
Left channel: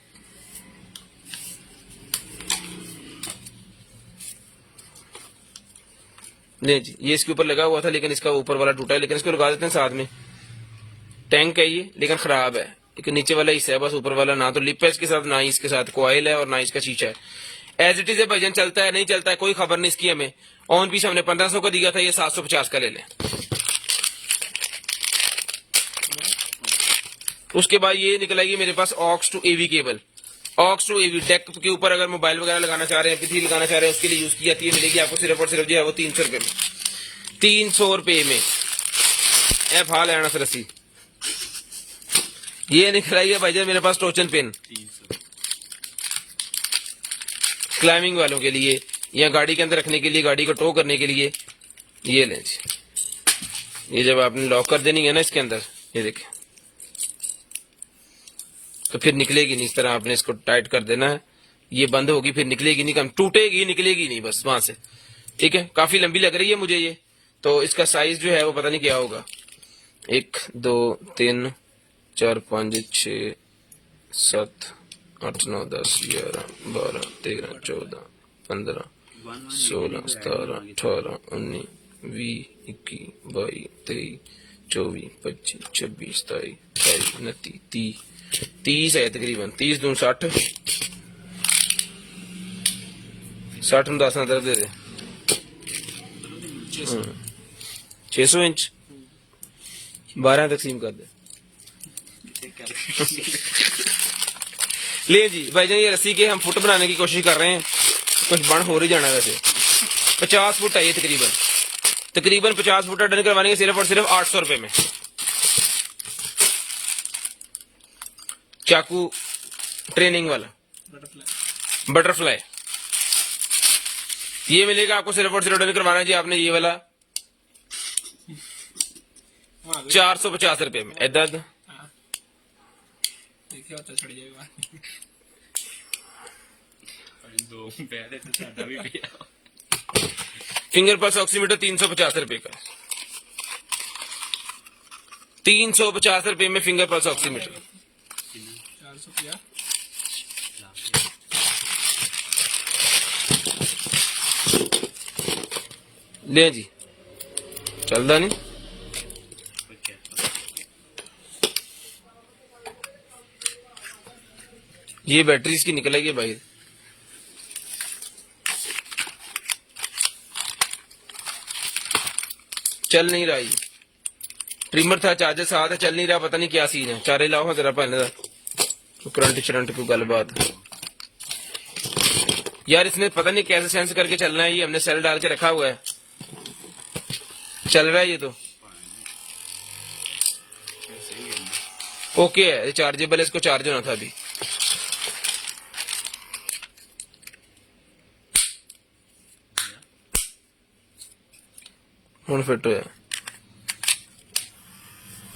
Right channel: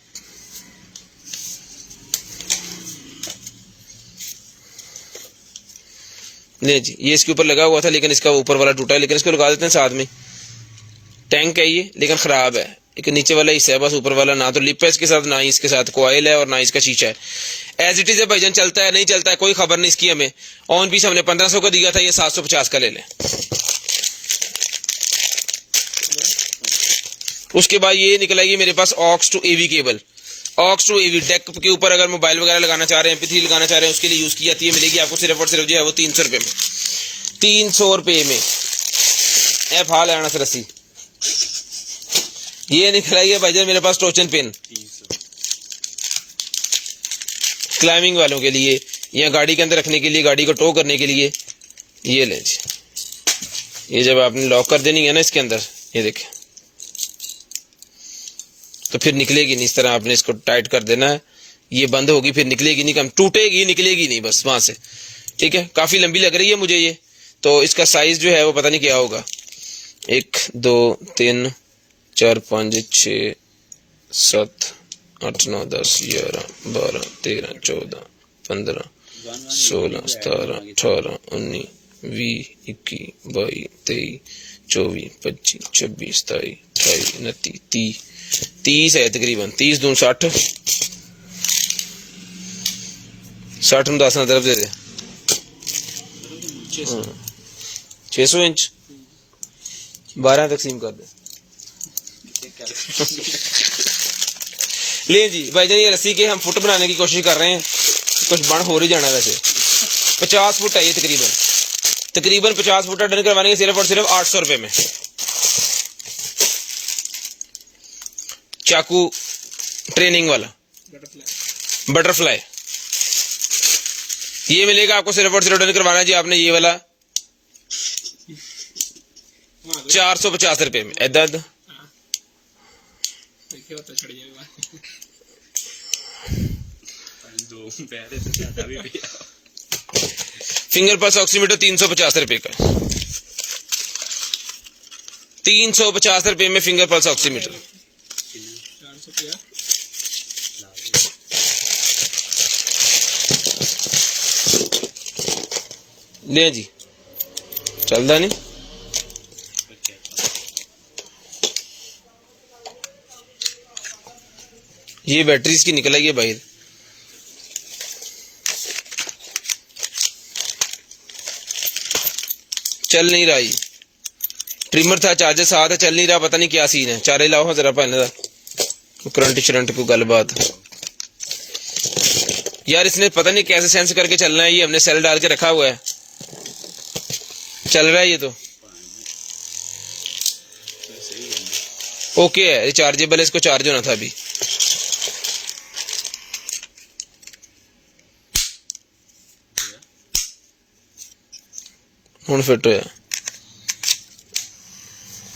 नहीं जी, ये इसके ऊपर लगा हुआ था लेकिन इसका ऊपर वाला टूटा है, लेकिन इसको लगा देते हैं साथ में। टैंक है ये, लेकिन खराब है। एक नीचे वाला हिस्सा है बस, ऊपर वाला ना तो लिप है इसके साथ, ना ही इसके साथ कॉइल है, और ना इसका शीशा है। एज इट इज है भाईजान, चलता है नहीं चलता है कोई खबर नहीं इसकी हमें। ऑन पीस हमने 1500 का दिया था, ये 750 का ले लें। उसके बाद ये निकला ये मेरे पास aux to AV cable. Aux to AV deck के ऊपर अगर मोबाइल वगैरह लगाना चाह रहे हैं, MP3 लगाना चाह रहे हैं, उसके लिए यूज की जाती है। मिलेगी आपको सिर्फ और सिर्फ जो है वो 300 रुपए में। 300 रुपए में ए फा लेना सर रस्सी। ये निकला है भाईजान मेरे पास टोचन पिन, क्लाइंबिंग वालों के लिए या गाड़ी के अंदर रखने के लिए, गाड़ी को टो करने के लिए। ये लें जी, ये जब आपने लॉक कर देनी है ना इसके अंदर, ये देखें, तो फिर निकलेगी नहीं। इस तरह आपने इसको टाइट कर देना है, ये बंद होगी, फिर निकलेगी नहीं, कम टूटेगी, निकलेगी नहीं बस वहां से। ठीक है, काफी लंबी लग रही है मुझे ये, तो इसका साइज जो है वो पता नहीं क्या होगा। 1 2 3 4 5 6 7 8 9 10 11 12 13 14 15 16 17 18 19 20 21 22 23 24 25 26 27 28 29 30 है तकरीबन। 30 दूं 60, 60 में 10 तरफ दे दे। 600 इंच 12 तकसीम कर दे। ले जी भाईजान, ये रस्सी के हम फुट बनाने की कोशिश कर रहे हैं, कुछ बन हो ही जाना। वैसे 50 फुट है ये तकरीबन 50 फुट डन करवाने के सिर्फ और सिर्फ 800 रुपए में। चाकू ट्रेनिंग वाला बटरफ्लाई ये मिलेगा आपको सिर्फ और सिर्फ डन करवाना है जी आपने ये वाला 450 रुपए में। इधर देखिए पता चढ़ जाएगा। फिंगर पल्स ऑक्सीमीटर 350 रुपए का। 350 रुपए में फिंगर पल्स ऑक्सीमीटर। 450 ले जी, चलता नहीं। ये बैटरी इसकी निकल आई है बाहर। चल नहीं रहा, ये ट्रिमर था, चार्जर साथ है, चल नहीं रहा, पता नहीं क्या सीन है। चारे लाओ जरा पहले करंट शरंट को गलबात यार, इसने पता नहीं कैसे सेंस करके चलना है। ये हमने सेल डाल के रखा हुआ है, चल रहा है ये तो ओके है। ये चार्जेबल है, इसको चार्ज होना था अभी। ਹੁਣ ਫਿੱਟ ਹੋਇਆ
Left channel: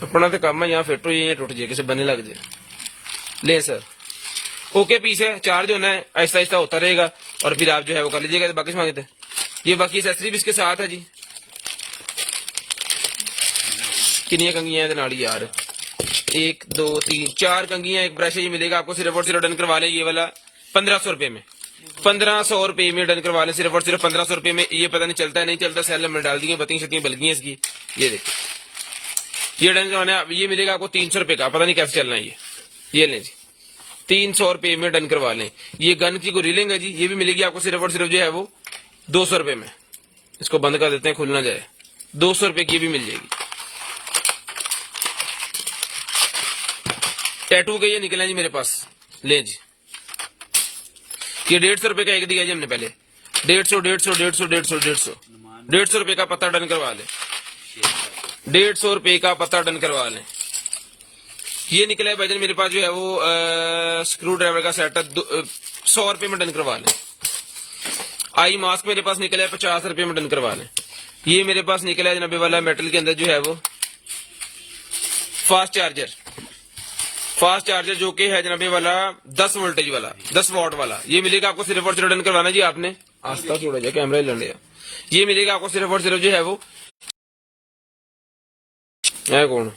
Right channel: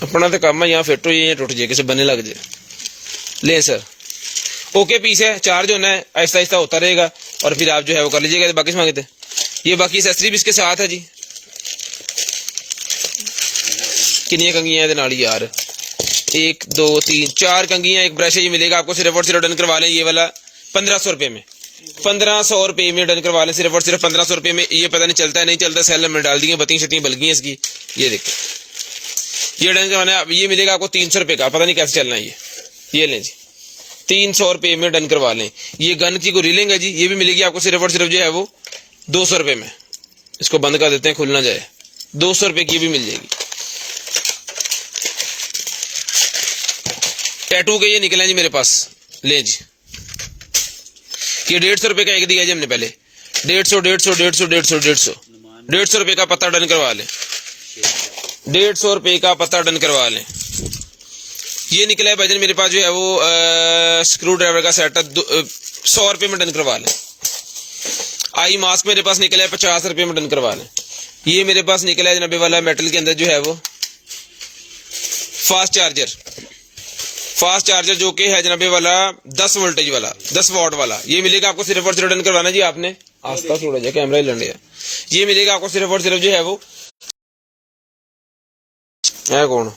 अपना तो काम है, यहाँ फिट हो जाए टूट जाए, किसी बने लग जाए। ले सर ओके पीस है, चार्ज होना है, आहिस्ता आहिस्ता होता रहेगा और फिर आप जो है वो कर लीजिएगा। बाकी मांगे थे ये बाकी एक्सेसरी भी इसके साथ है जी। कितनी कंघियां है नाल यार, 1 2 3 4 कंघियां, एक ब्रश ये मिलेगा आपको सिर्फ और सिर्फ डन करवा लें ये वाला 1500 रुपए में। 1500 रुपए में डन करवा लें सिर्फ और सिर्फ 1500 रुपए में। ये पता नहीं चलता है नहीं चलता, सेल में डाल दिए, बत्तियां शत्तियां बल गई इसकी। ये देखिए ये डन करवाना, ये मिलेगा आपको 300 रुपए का, पता नहीं कैसे चलना है ये लें जी 300 रुपए में डन करवा लें। ये गन की गोली लेंगे जी, ये भी मिलेगी आपको सिर्फ और सिर्फ जो है वो 200 रुपए में। इसको बंद कर देते हैं, खुल ना जाए। 200 रुपए की भी मिल जाएगी। टैटू के ये निकले जी मेरे पास, ले जी ये 150 रुपए का एक दिया जी हमने पहले। 150 रुपए का पत्ता डन करवा लें। 150 रुपए का पत्ता डन करवा लें। ये निकला है भाईजान मेरे पास जो है वो स्क्रू ड्राइवर का सेट है 100 रुपये में डन करवा लें। आई मास्क मेरे पास निकला है 50 रुपये में डन करवा लें। ये मेरे पास निकला है जनाबे वाला मेटल के अंदर जो है वो फास्ट चार्जर जो कि है जनाबे वाला 10 वोल्टेज वाला 10 वॉट वाला। ये मिलेगा आपको सिर्फ और सिर्फ डन करवाना जी आपने आस्था थोड़ा जा कैमरा ही लंडे। ये मिलेगा आपको सिर्फ और सिर्फ जो है वो है कौन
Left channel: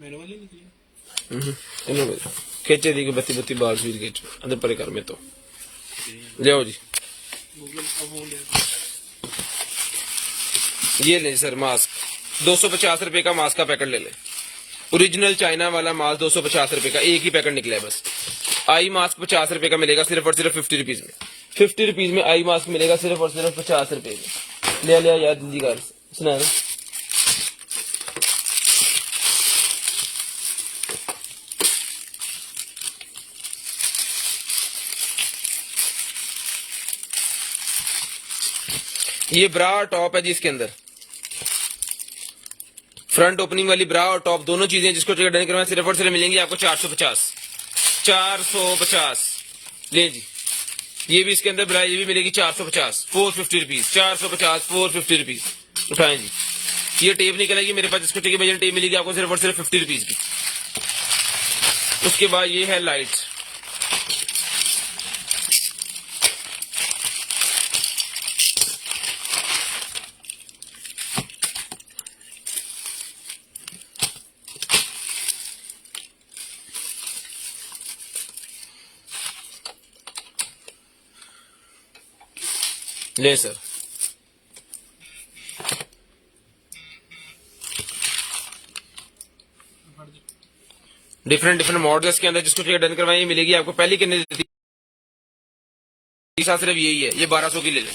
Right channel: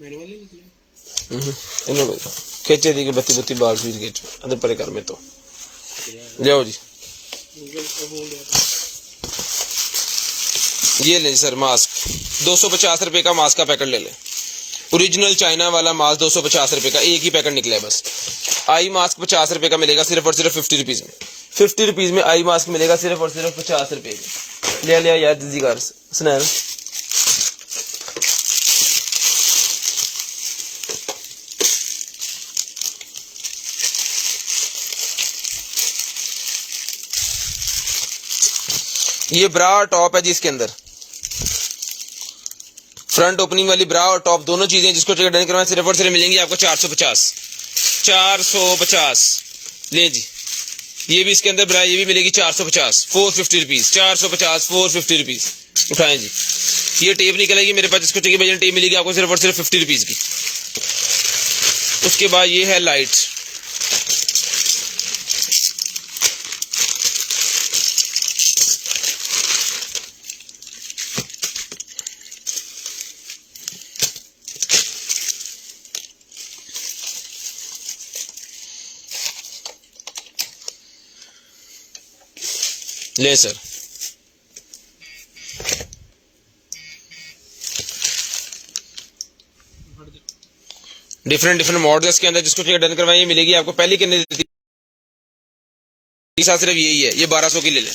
मेरे वाली निकली खींचे दी बत्ती बत्ती बाल स्वीट खींच अंदर परे कर में तो जाओ जी। गूगल का फोन लिया ये लें सर मास्क 250 रुपए का मास्क का पैकेट ले लें। ओरिजिनल चाइना वाला मास्क 250 रुपए का एक ही पैकेट निकला है बस। आई मास्क 50 रुपए का मिलेगा सिर्फ और सिर्फ 50 रुपीज में। 50 रुपीज में आई मास्क मिलेगा सिर्फ और सिर्फ 50 रुपए में। ले लिया यार दीदी घर स्नैर ये ब्रा और टॉप है जी इसके अंदर फ्रंट ओपनिंग वाली ब्रा और टॉप दोनों चीजें जिसको डन करवाएं सिर्फ और सिर्फ मिलेंगी आपको 450 ले जी। ये भी इसके अंदर ब्रा ये भी मिलेगी 450 450 रुपीज 450 450 रुपीज उठाएं जी। ये टेप निकलेगी मेरे पास जिसको चाहिए भजन टेप मिलेगी आपको सिर्फ और सिर्फ 50 रुपीज की। उसके बाद ये है लाइट ले सर। डिफरेंट मॉडल्स के अंदर जिसको डन करवाएंगे मिलेगी आपको पहली कितने देती सिर्फ यही है। ये 1200 की ले लें।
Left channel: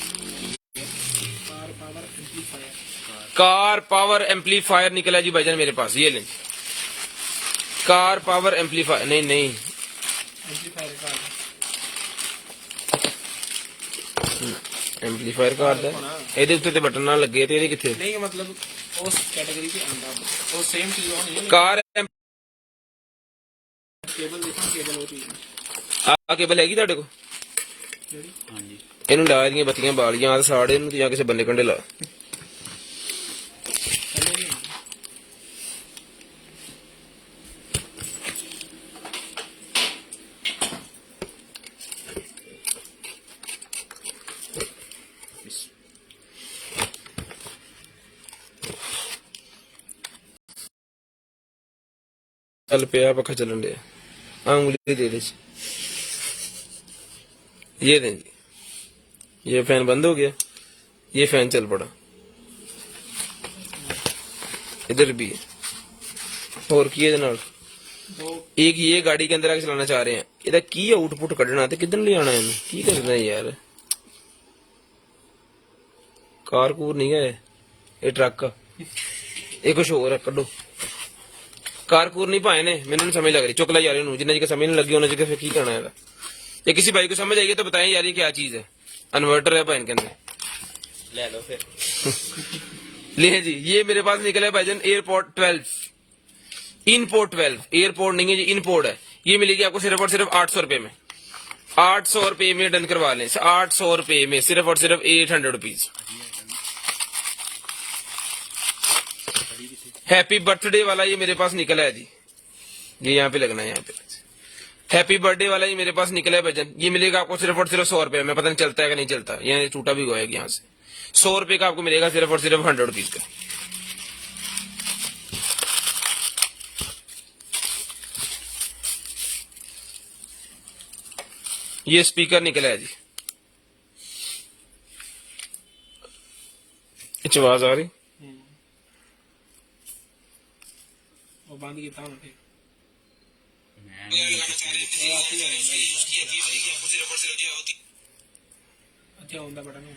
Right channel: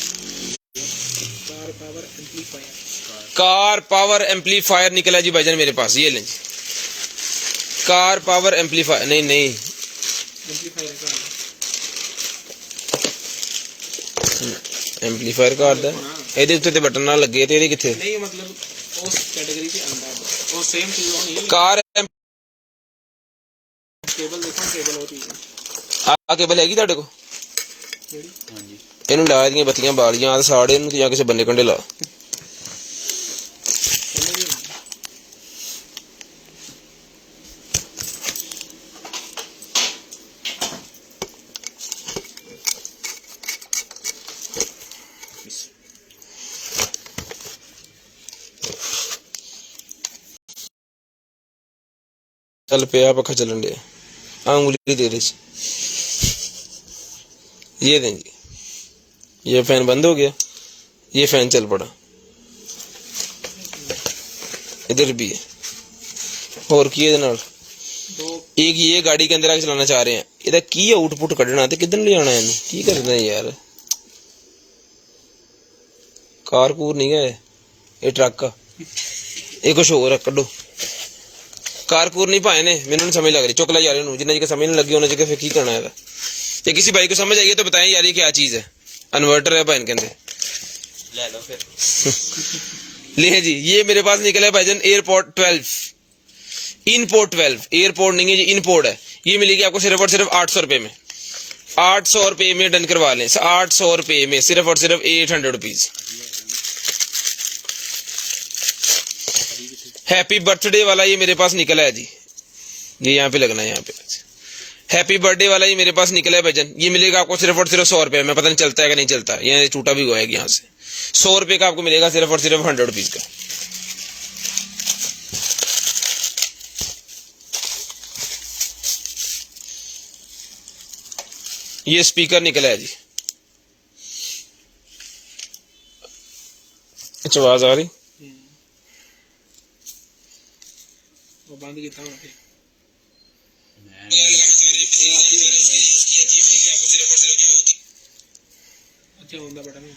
कार पावर एम्पलीफायर निकला जी भाईजान मेरे पास। ये लें कार पावर एम्पलीफायर नहीं एम्पलीफायर का आता है ਇਹਦੇ ਉੱਤੇ ਤੇ ਬਟਨ ਨਾਲ ਲੱਗੇ ਤੇ ਇਹਦੇ ਕਿੱਥੇ नहीं मतलब उस कैटेगरी के अंदर वो सेम चीज नहीं ਕਾਰ केबल देखो केबल होती है ਆ ਕੇਬਲ ਹੈਗੀ ਤੁਹਾਡੇ ਕੋਲ ਜਿਹੜੀ ਹਾਂਜੀ ਇਹਨੂੰ ਲਾ ਦੀਆਂ ਬੱਤੀਆਂ ਬਾਲੀਆਂ ਆ ਸਾੜੇ ਇਹਨੂੰ ਜਾਂ ਕਿਸੇ ਬੰਨੇ ਕੰਡੇ ਲਾ कल पे पखा चलन दिया उंगली दे रही ये दें जी। ये फैन बंद हो गया ये फैन चल पड़ा इधर भी है और की एक ये गाड़ी के अंदर आके चलाना चाह रहे हैं इधर की आउटपुट कढ़ना ते किधर ले आना है की करना है यार कार कूर नहीं है ये ट्रक ये कुछ और है कड्डो कारकूर नहीं पाए ने मैंने समझ लग रही चुक ला यार जिन्ना जगह समझ नहीं लगी उन्हें जगह फिर की करना है। ये किसी भाई को समझ आई है तो बताएं यार ये क्या चीज है। इन्वर्टर है भाई कहते ले लो फिर ले जी। ये मेरे पास निकला है भाईजान एयरपोर्ट 12 इनपोर्ट 12 एयरपोर्ट नहीं है ये इनपोर्ट है। ये मिलेगी आपको सिर्फ और सिर्फ 800 रुपए में 800 रुपए में डन करवा लें 800 रुपए में सिर्फ और सिर्फ 800 रुपीज। हैप्पी बर्थडे वाला ये मेरे पास निकला है जी। ये यहाँ पे लगना है यहाँ पे हैप्पी बर्थडे वाला ये मेरे पास निकला है भाईजान। ये मिलेगा आपको सिर्फ और सिर्फ 100 रुपए में। पता नहीं चलता है कि नहीं चलता है ये टूटा भी हुआ है यहाँ से 100 रुपए का आपको मिलेगा सिर्फ और सिर्फ 100 रुपीज का। ये स्पीकर निकला है जी। आवाज आ रही वो बंद किया था उनके अच्छा होंदा बटन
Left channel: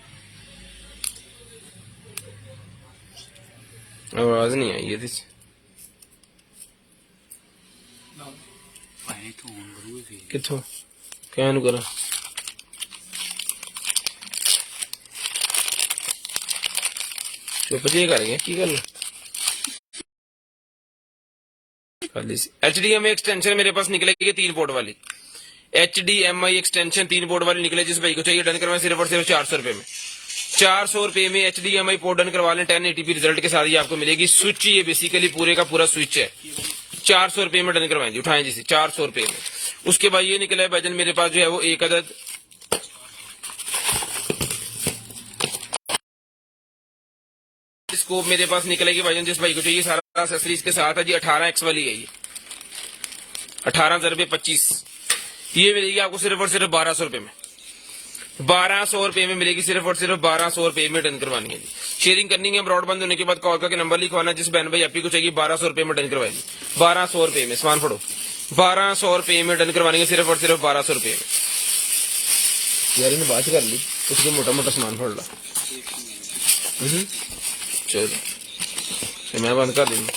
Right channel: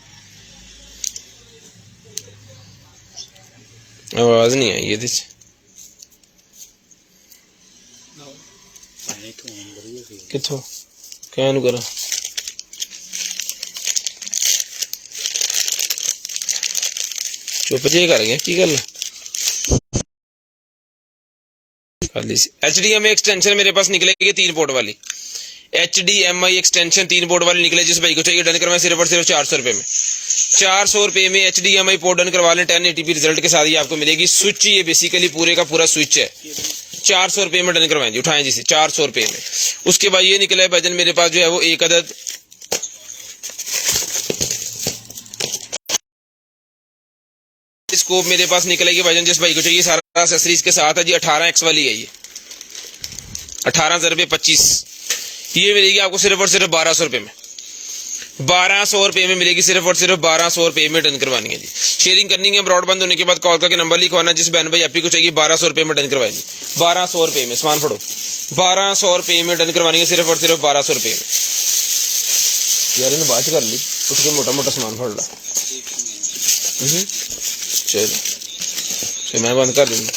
आवाज नहीं आई ਇਹਦੇ ਚ ਕਿੱਥੋਂ क्या नु करा चुप जी कर गया की गल HDMI एक्सटेंशन मेरे पास निकलेगी 3 पोर्ट वाली HDMI एक्सटेंशन 3 पोर्ट वाली निकले। जिस भाई को चाहिए डन करवाएं सिर्फ और सिर्फ 400 रुपए में। 400 रुपए में HDMI पोर्ट डन करवा लें 1080p रिजल्ट के साथ ही आपको मिलेगी। स्विच ये बेसिकली पूरे का पूरा स्विच है। 400 रुपए में डन करवाएं जी, उठाएं जी 400 रुपए में। उसके बाद ये निकला है भाईजान मेरे पास जो है वो एक अदद स्कोप मेरे पास निकलेगी भाईजान। जिस भाई को चाहिए सारा एक्सेसरीज के साथ है जी। 18x वाली है ये 18,025 ये मिलेगी आपको सिर्फ और सिर्फ 1200 रुपए में। 1200 रुपए में मिलेगी सिर्फ और सिर्फ 1200 रुपए में डन करवानी है जी। शेयरिंग करनी है ब्रॉडबैंड होने के बाद कॉल करके नंबर लिखवाना। जिस बहन भाई आपको चाहिए 1200 रुपए में डन करवाएंगे। 1200 रुपए में सामान फड़ो 1200 रुपए में डन करवानी है सिर्फ और सिर्फ 1200 रुपए में। यार इन्हें बात कर ली उसके मोटा मोटा सामान फड़ ला। चलो मैं बंद कर दूंगा।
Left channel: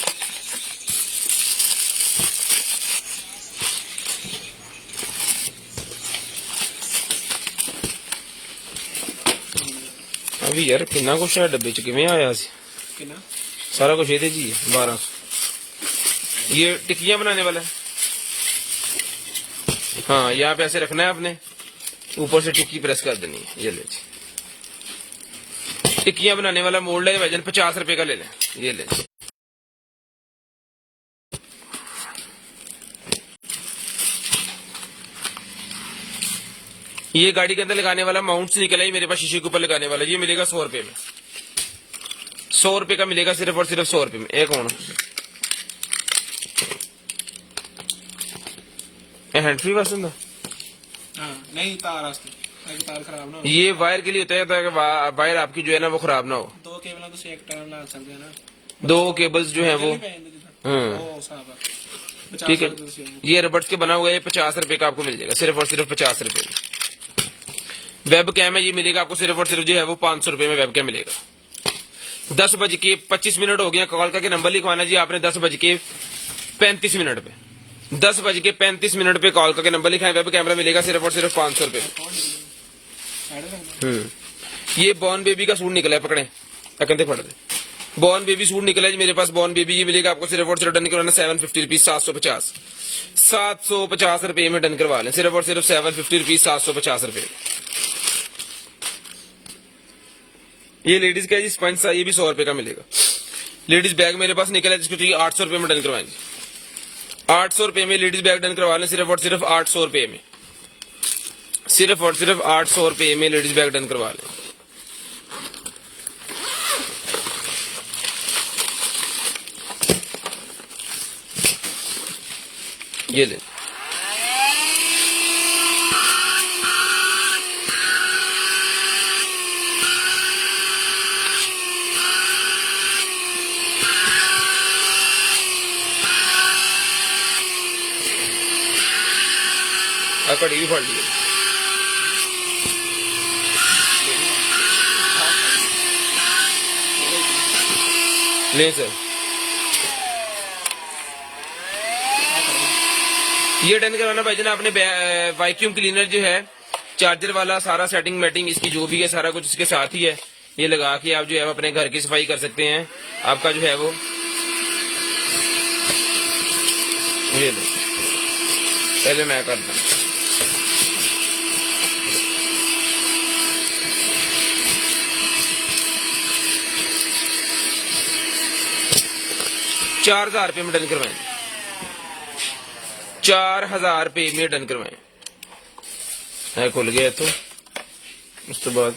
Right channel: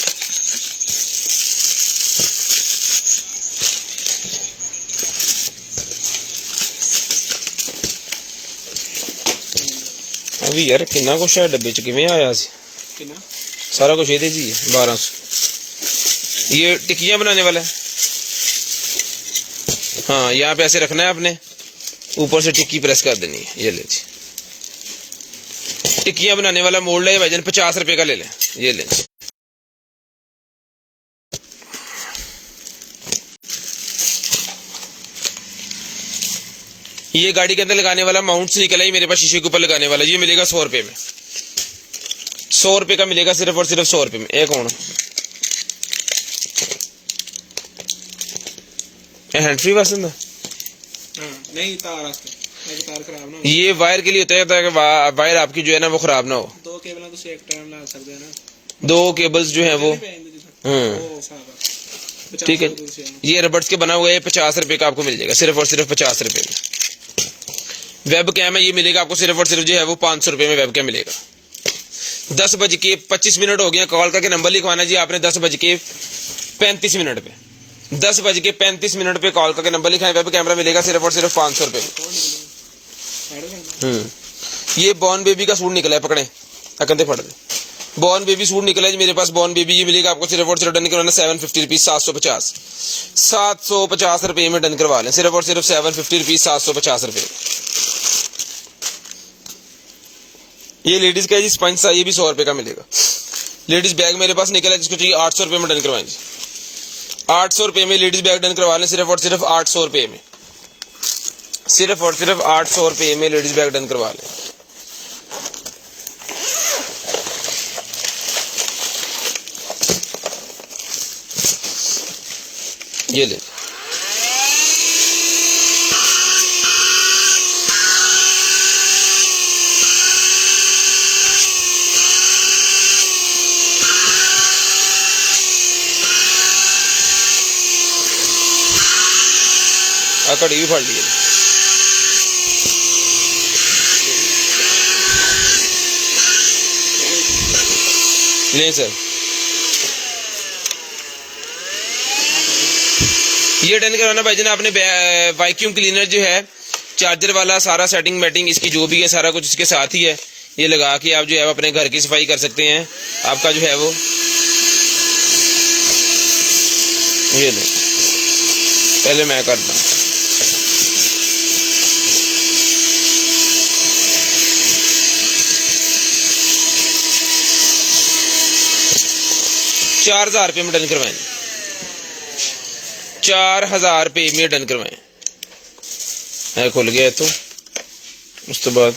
अभी यार कितना कुछ है डब्बे च किवें आया सी कितना सारा कुछ ये जी 1200। ये टिक्कियां बनाने वाला है। हाँ यहाँ पे ऐसे रखना है आपने, ऊपर से टिक्की प्रेस कर देनी है। ये ले जी टिक्कियां बनाने वाला मोल्ड है भाईजान। 50 रुपए का ले लें। ये ले ये गाड़ी के अंदर लगाने वाला माउंट से निकला ही मेरे पास शीशे के ऊपर लगाने वाला। ये मिलेगा 100 रुपए में। 100 रुपए का मिलेगा सिर्फ और सिर्फ 100 रुपए में। एक कौन हैंड फ्री वासन ना नहीं तार खराब ना। ये वायर के लिए होता है कि वायर आपकी जो है ना वो खराब ना हो। 2 केबलों को एक टर्न ना कर देना। 2 केबल्स जो है वो ठीक है। ये रबड़ के बना हुआ है। 50 रुपए का आपको मिल जाएगा सिर्फ और सिर्फ 50 रुपए में। वेब कैम है ये मिलेगा आपको सिर्फ और सिर्फ जो है वो 500 रुपए में वेब कैम मिलेगा। 10:25 हो गया। कॉल करके नंबर लिखवाना जी आपने 10:35 पे। 10:35 पे कॉल करके नंबर लिखाएं। वेब कैमरा मिलेगा सिर्फ और सिर्फ 500 रुपए में। ये बॉर्न बेबी का सूट निकला है। पकड़े अकंते फट दे। बॉर्न बेबी सूट निकला है मेरे पास। बॉर्न बेबी ये मिलेगा आपको सिर्फ और सिर्फ डन करवाना 750 रुपीज 750 रुपए में डन करवा लें सिर्फ और सिर्फ 750 रुपीज 750 रुपए। ये लेडीज का है जी स्पंज सा। ये भी 100 रुपए का मिलेगा। लेडीज बैग मेरे पास निकला है जिसको चाहिए 800 रुपए में डन करवाएंगे। 800 रुपए में लेडीज बैग डन करवा लें सिर्फ और सिर्फ 800 रुपए में। सिर्फ और सिर्फ 800 रुपए में लेडीज बैग डन करवा लें। ये ले कड़ी भी फड़ ली ले सर। ये डन कराना भाईजान आपने वैक्यूम क्लीनर जो है चार्जर वाला सारा सेटिंग मैटिंग इसकी जो भी है सारा कुछ इसके साथ ही है। ये लगा के आप जो है अपने घर की सफाई कर सकते हैं। आपका जो है वो ये लो पहले मैं कर दूँ। ₹4,000 में डन करवाएं। 4,000 रुपये में डन करवाएं। खुल गया तो उसके बाद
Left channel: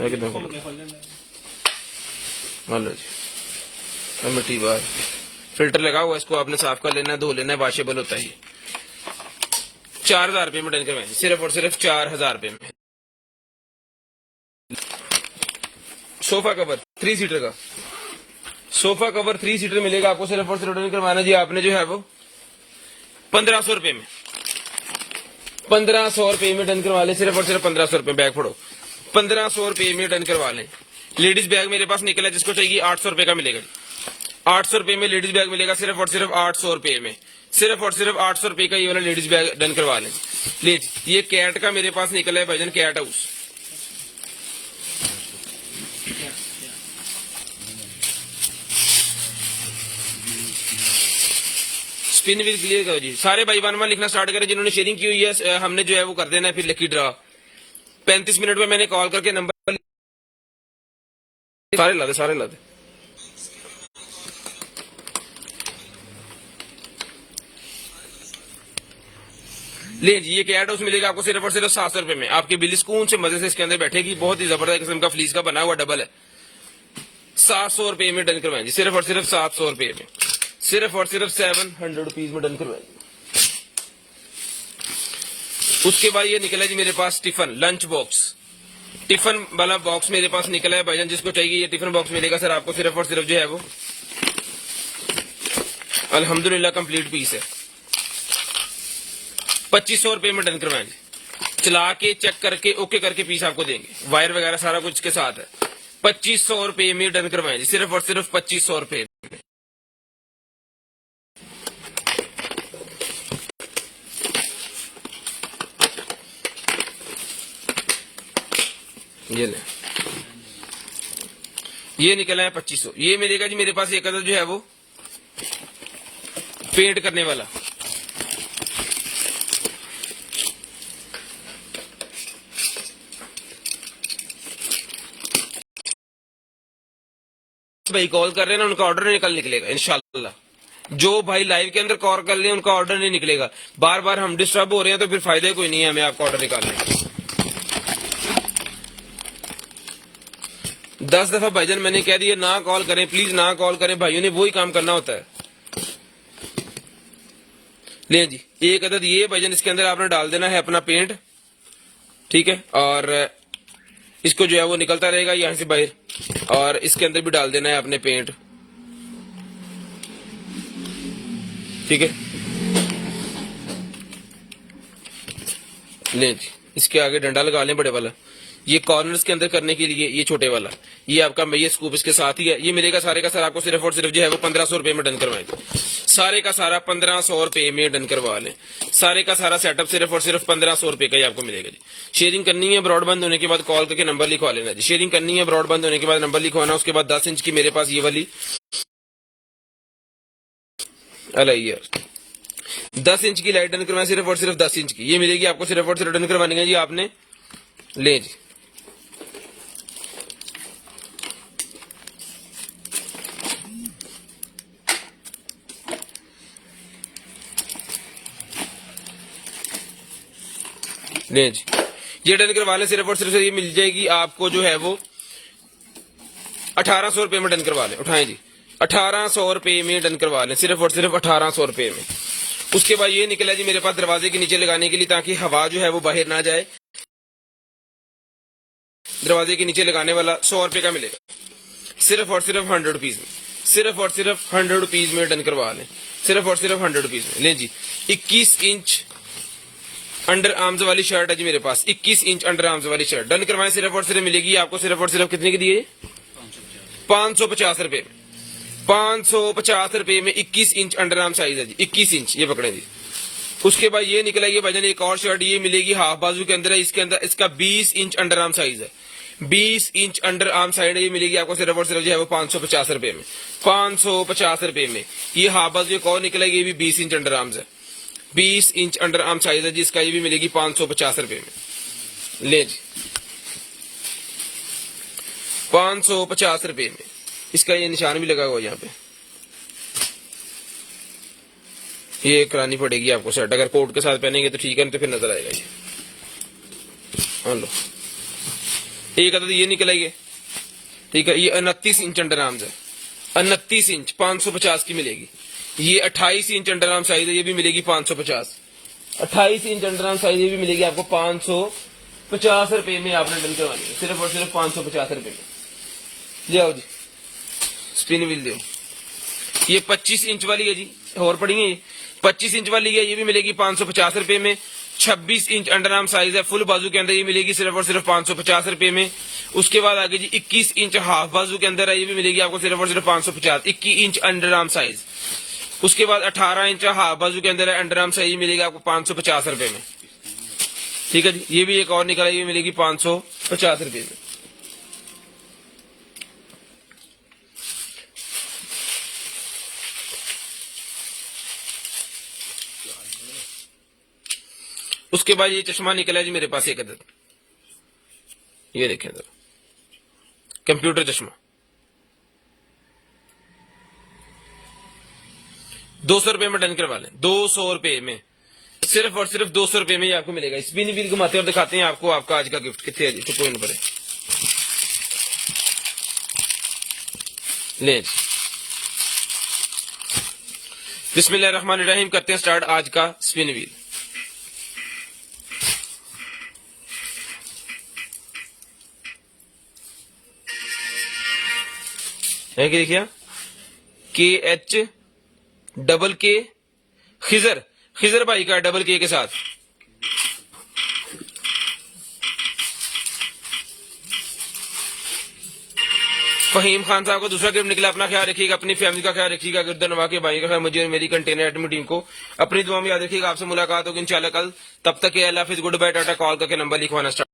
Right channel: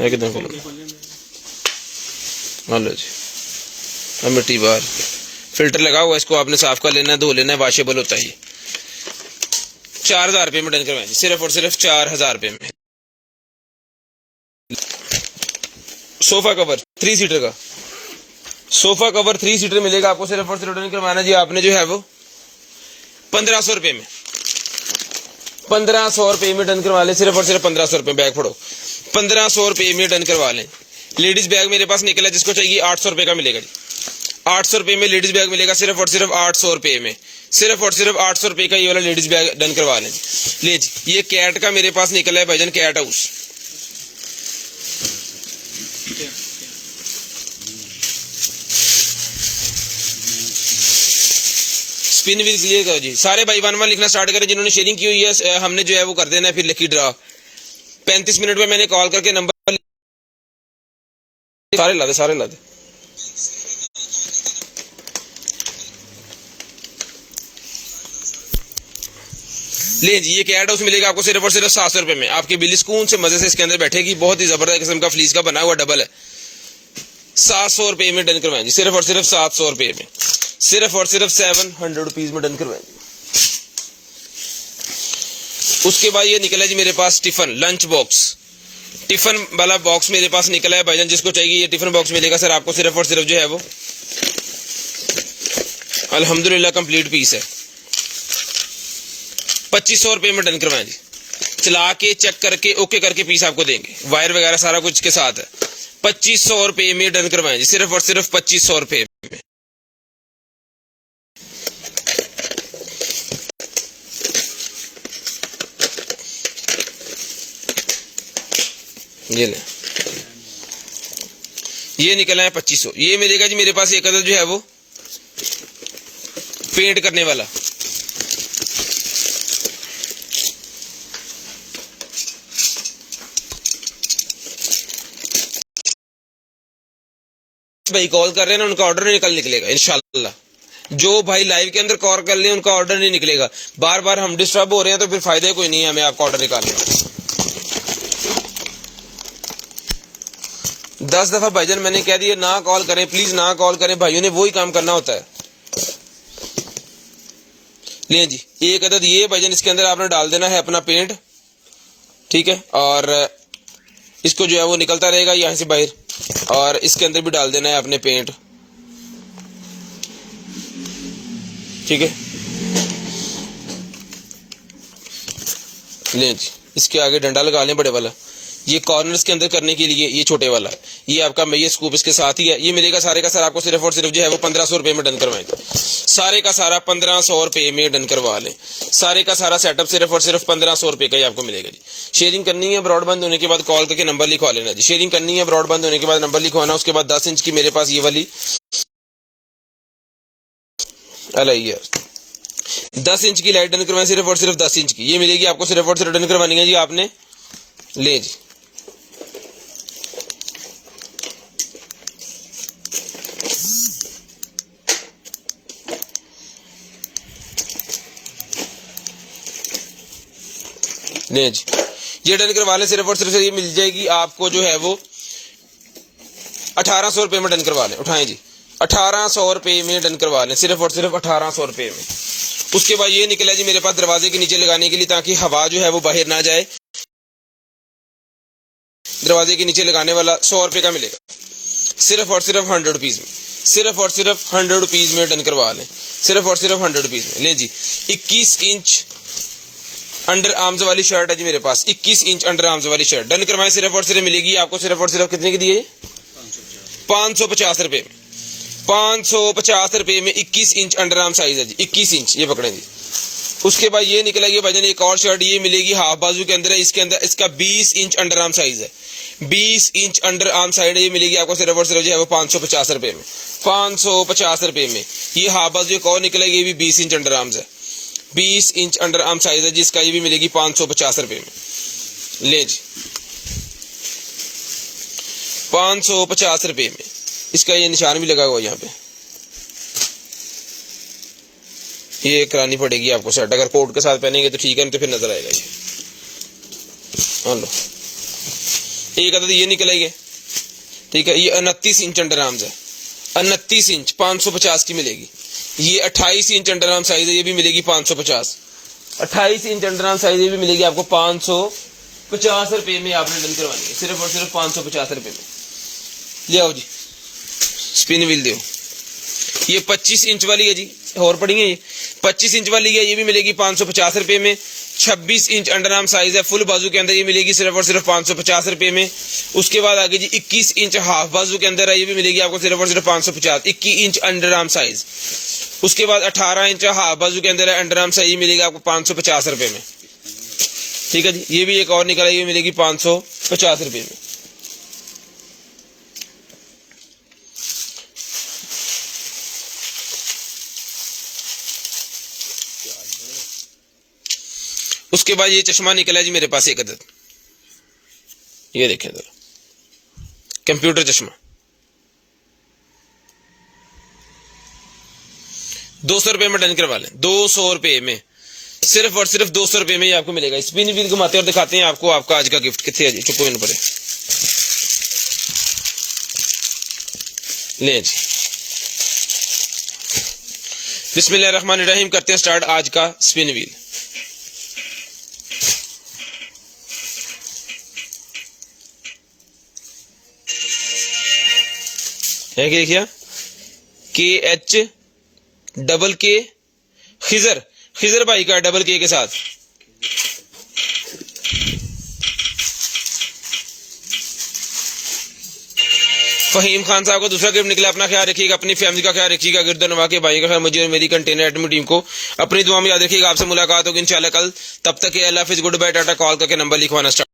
एकदम खुल गया। लो जी मिट्टी बाहर फिल्टर लगा हुआ इसको आपने साफ कर लेना धो लेना वॉशेबल होता है। 4,000 रुपये में डन करवाएंगे सिर्फ और सिर्फ 4,000 रुपये में। सोफा कवर 3 सीटर का सोफा कवर 3 सीटर मिलेगा आपको सिर्फ और सिर्फ डन करवाना जी आपने जो है वो 1500 रुपये में। 1500 रुपये में डन करवा लें सिर्फ और सिर्फ 1500 रुपये। बैग फोड़ो 1500 रुपये में डन करवा लें। लेडीज बैग मेरे पास निकला जिसको चाहिए 800 रुपये का मिलेगा। 800 रुपये में लेडीज बैग मिलेगा सिर्फ और सिर्फ 800 रुपये में। सिर्फ और सिर्फ 800 रुपए का ये वाला लेडीज बैग डन करवा लें। ले जी, ये कैट का मेरे पास निकला है भाईजान, कैट हाउस। क्या स्पिन व्हील्स लिए गए जी। सारे भाई 1 1 लिखना स्टार्ट करें जिन्होंने शेयरिंग की हुई है। हमने जो है वो कर देना है फिर लकी ड्रा। 35 मिनट में मैंने कॉल करके नंबर सारे ला दे। ले जी, ये कैट हाउस मिलेगा आपको सिर्फ और सिर्फ 700 रुपए में। आपकी बिल्ली सुकून से मजे से इसके अंदर बैठेगी। बहुत ही जबरदस्त किस्म का फ्लीस का बना हुआ डबल है। 700 रुपए में डन करवाएंगे, सिर्फ और सिर्फ 700 रुपए में, सिर्फ और सिर्फ 700 रुपीज में डन करवाएंगे। उसके बाद ये निकला जी मेरे पास टिफिन लंच बॉक्स। टिफिन वाला बॉक्स मेरे पास निकला है भाईजान, जिसको चाहिए ये टिफिन बॉक्स मिलेगा सर आपको सिर्फ और सिर्फ जो है वो अल्हम्दुलिल्लाह कंप्लीट पीस है। 2500 रुपए में डन करवाएंगे। चला के चेक करके ओके करके पीस आपको देंगे, वायर वगैरह सारा कुछ के साथ है। 2500 रुपए में डन करवाएंगे, सिर्फ और सिर्फ 2500 रुपए में। ये नहीं, ये निकला है 2500। ये मिलेगा जी मेरे पास एक अदद जो है वो पेंट करने वाला। भाई कॉल कर रहे हैं ना, उनका ऑर्डर नहीं निकलेगा इंशाल्लाह। जो भाई लाइव के अंदर कॉल कर ले उनका ऑर्डर नहीं निकलेगा। बार बार हम डिस्टर्ब हो रहे हैं तो फिर फायदा कोई नहीं है हमें आपका ऑर्डर निकालने का। 10 दफा भाईजान मैंने कह दिया ना कॉल करें, प्लीज ना कॉल करें। भाइयों ने वही काम करना होता है। ले जी, एक अदद ये भाईजान, इसके अंदर आपने डाल देना है अपना पेंट, ठीक है, और इसको जो है वो निकलता रहेगा यहाँ से बाहर, और इसके अंदर भी डाल देना है अपने पेंट, ठीक है। ले जी, इसके आगे डंडा लगा लें बड़े वाला। ये कॉर्नर्स के अंदर करने के लिए ये छोटे वाला, ये आपका मेजर स्कूप इसके साथ ही है। ये मिलेगा सारे का सारा आपको सिर्फ और सिर्फ जो है वो 1500 रुपए में डन करवाएंगे। सारे का सारा 1500 रुपए में डन करवा लें। सारे का सारा सेटअप सिर्फ और सिर्फ 1500 रुपए का ही आपको मिलेगा जी। शेयरिंग करनी है, ब्रॉडबैंड होने के बाद कॉल करके नंबर लिखवा लेना जी। शेयरिंग करनी है, ब्रॉडबैंड होने के बाद नंबर लिखवाना। उसके बाद 10 इंच की मेरे पास ये वाली यार 10 इंच की लाइट डन करवाएं, सिर्फ और सिर्फ 10 इंच की। ये मिलेगी आपको सिर्फ और सिर्फ डन करवानी है जी आपने। ले जी, ले जी, ये डन करवा लें। सिर्फ और सिर्फ ये मिल जाएगी आपको जो है वो 1800 रुपए में डन करवा लें। उठाएं जी, 1800 रुपए में डन करवा लें, सिर्फ और सिर्फ 1800 रुपए में। उसके बाद ये निकला जी मेरे पास दरवाजे के नीचे लगाने के लिए, ताकि हवा जो है वो बाहर ना जाए। दरवाजे के नीचे लगाने वाला 100 रुपए का मिलेगा, सिर्फ और सिर्फ 100 रुपीज में। सिर्फ और सिर्फ 100 रुपीज में डन करवा लें, सिर्फ और सिर्फ 100 रुपीज में। ले जी, 21 इंच अंडर आर्म्स वाली शर्ट है जी मेरे पास। 21 इंच अंडर आर्म्स वाली शर्ट डन करवाएं, सिर्फ और सिर्फ मिलेगी आपको सिर्फ और सिर्फ कितने की दिए? 550 रुपए में। 550 रुपए में 21 इंच अंडर आर्म साइज है जी। 21 इंच ये पकड़े जी। उसके बाद ये निकला ये भाईजान एक और शर्ट, ये मिलेगी हाफ बाजू के अंदर है। इसके अंदर इसका 20 इंच अंडर आर्म साइज है। 20 इंच अंडर आर्म साइड है, ये मिलेगी आपको सिर्फ और सिर्फ जो है वो 550 रुपए में। 550 रुपए में ये हाफ बाजू एक और निकला, ये भी 20 इंच अंडर आर्म्स है। 20 इंच अंडर आर्म साइज है जिसका, ये भी मिलेगी 550 रुपए में। ले जी, 550 रुपए में। इसका ये निशान भी लगा हुआ यहाँ पे, ये करानी पड़ेगी आपको सेट। अगर कोट के साथ पहनेंगे तो ठीक है, तो फिर नजर आएगा। हाँ लो, एक अदद ये निकला ये, ठीक है। ये 29 इंच अंडर आर्म्स है। 29 इंच 550 की मिलेगी। ये 28 इंच अंडर आर्म साइज है, ये भी मिलेगी 550। 28 इंच अंडर आर्म साइज ये भी मिलेगी आपको 550 रुपए में। आपने डन करवानी है, सिर्फ और सिर्फ 550 रुपए में। ले आओ जी, स्पिन व्हील दो। ये 25 इंच वाली है जी, और पड़ी है ये 25 इंच वाली है, ये भी मिलेगी 550 रुपए में। 26 इंच अंडर आर्म साइज है फुल बाजू के अंदर, ये मिलेगी सिर्फ और सिर्फ 550 रुपए में। उसके बाद आगे जी 21 इंच हाफ बाजू के अंदर है, ये भी मिलेगी आपको सिर्फ और सिर्फ 550। 21 इंच अंडर आर्म साइज उसके बाद 18 इंच हाफ बाजू के अंदर है, अंडर आर्म सही मिलेगा आपको 550 रुपए में। ठीक है जी, ये भी एक और निकला, ये मिलेगी 550 रुपए में। उसके बाद ये चश्मा निकला जी मेरे पास एक अदद, ये देखिए जरा, कंप्यूटर चश्मा 200 रुपए में डन करवा लें, 200 रुपए में, सिर्फ और सिर्फ 200 रुपए में ही आपको मिलेगा। स्पिन व्हील घुमाते और दिखाते हैं आपको आपका आज का गिफ्ट कितने है जी, चुप होने पड़े ले जी। बिस्मिल्लाहिर्रहमानिर्रहीम, करते हैं स्टार्ट आज का स्पिन व्हील। देखिए KH खिजर भाई का डबल के साथ फहीम खान साहब का दूसरा गिफ्ट निकला। अपना ख्याल रखिएगा, अपनी फैमिली का ख्याल रखिएगा, गिरदो नवा के भाई का ख्याल, मुझे और मेरी कंटेनर एडमिन टीम को अपनी दुआ में याद रखिएगा। आपसे मुलाकात होगी इंशाल्लाह कल, तब तक के अल्लाह हाफिज़, गुड बाय, टाटा। कॉल करके नंबर लिखवाना स्टार्ट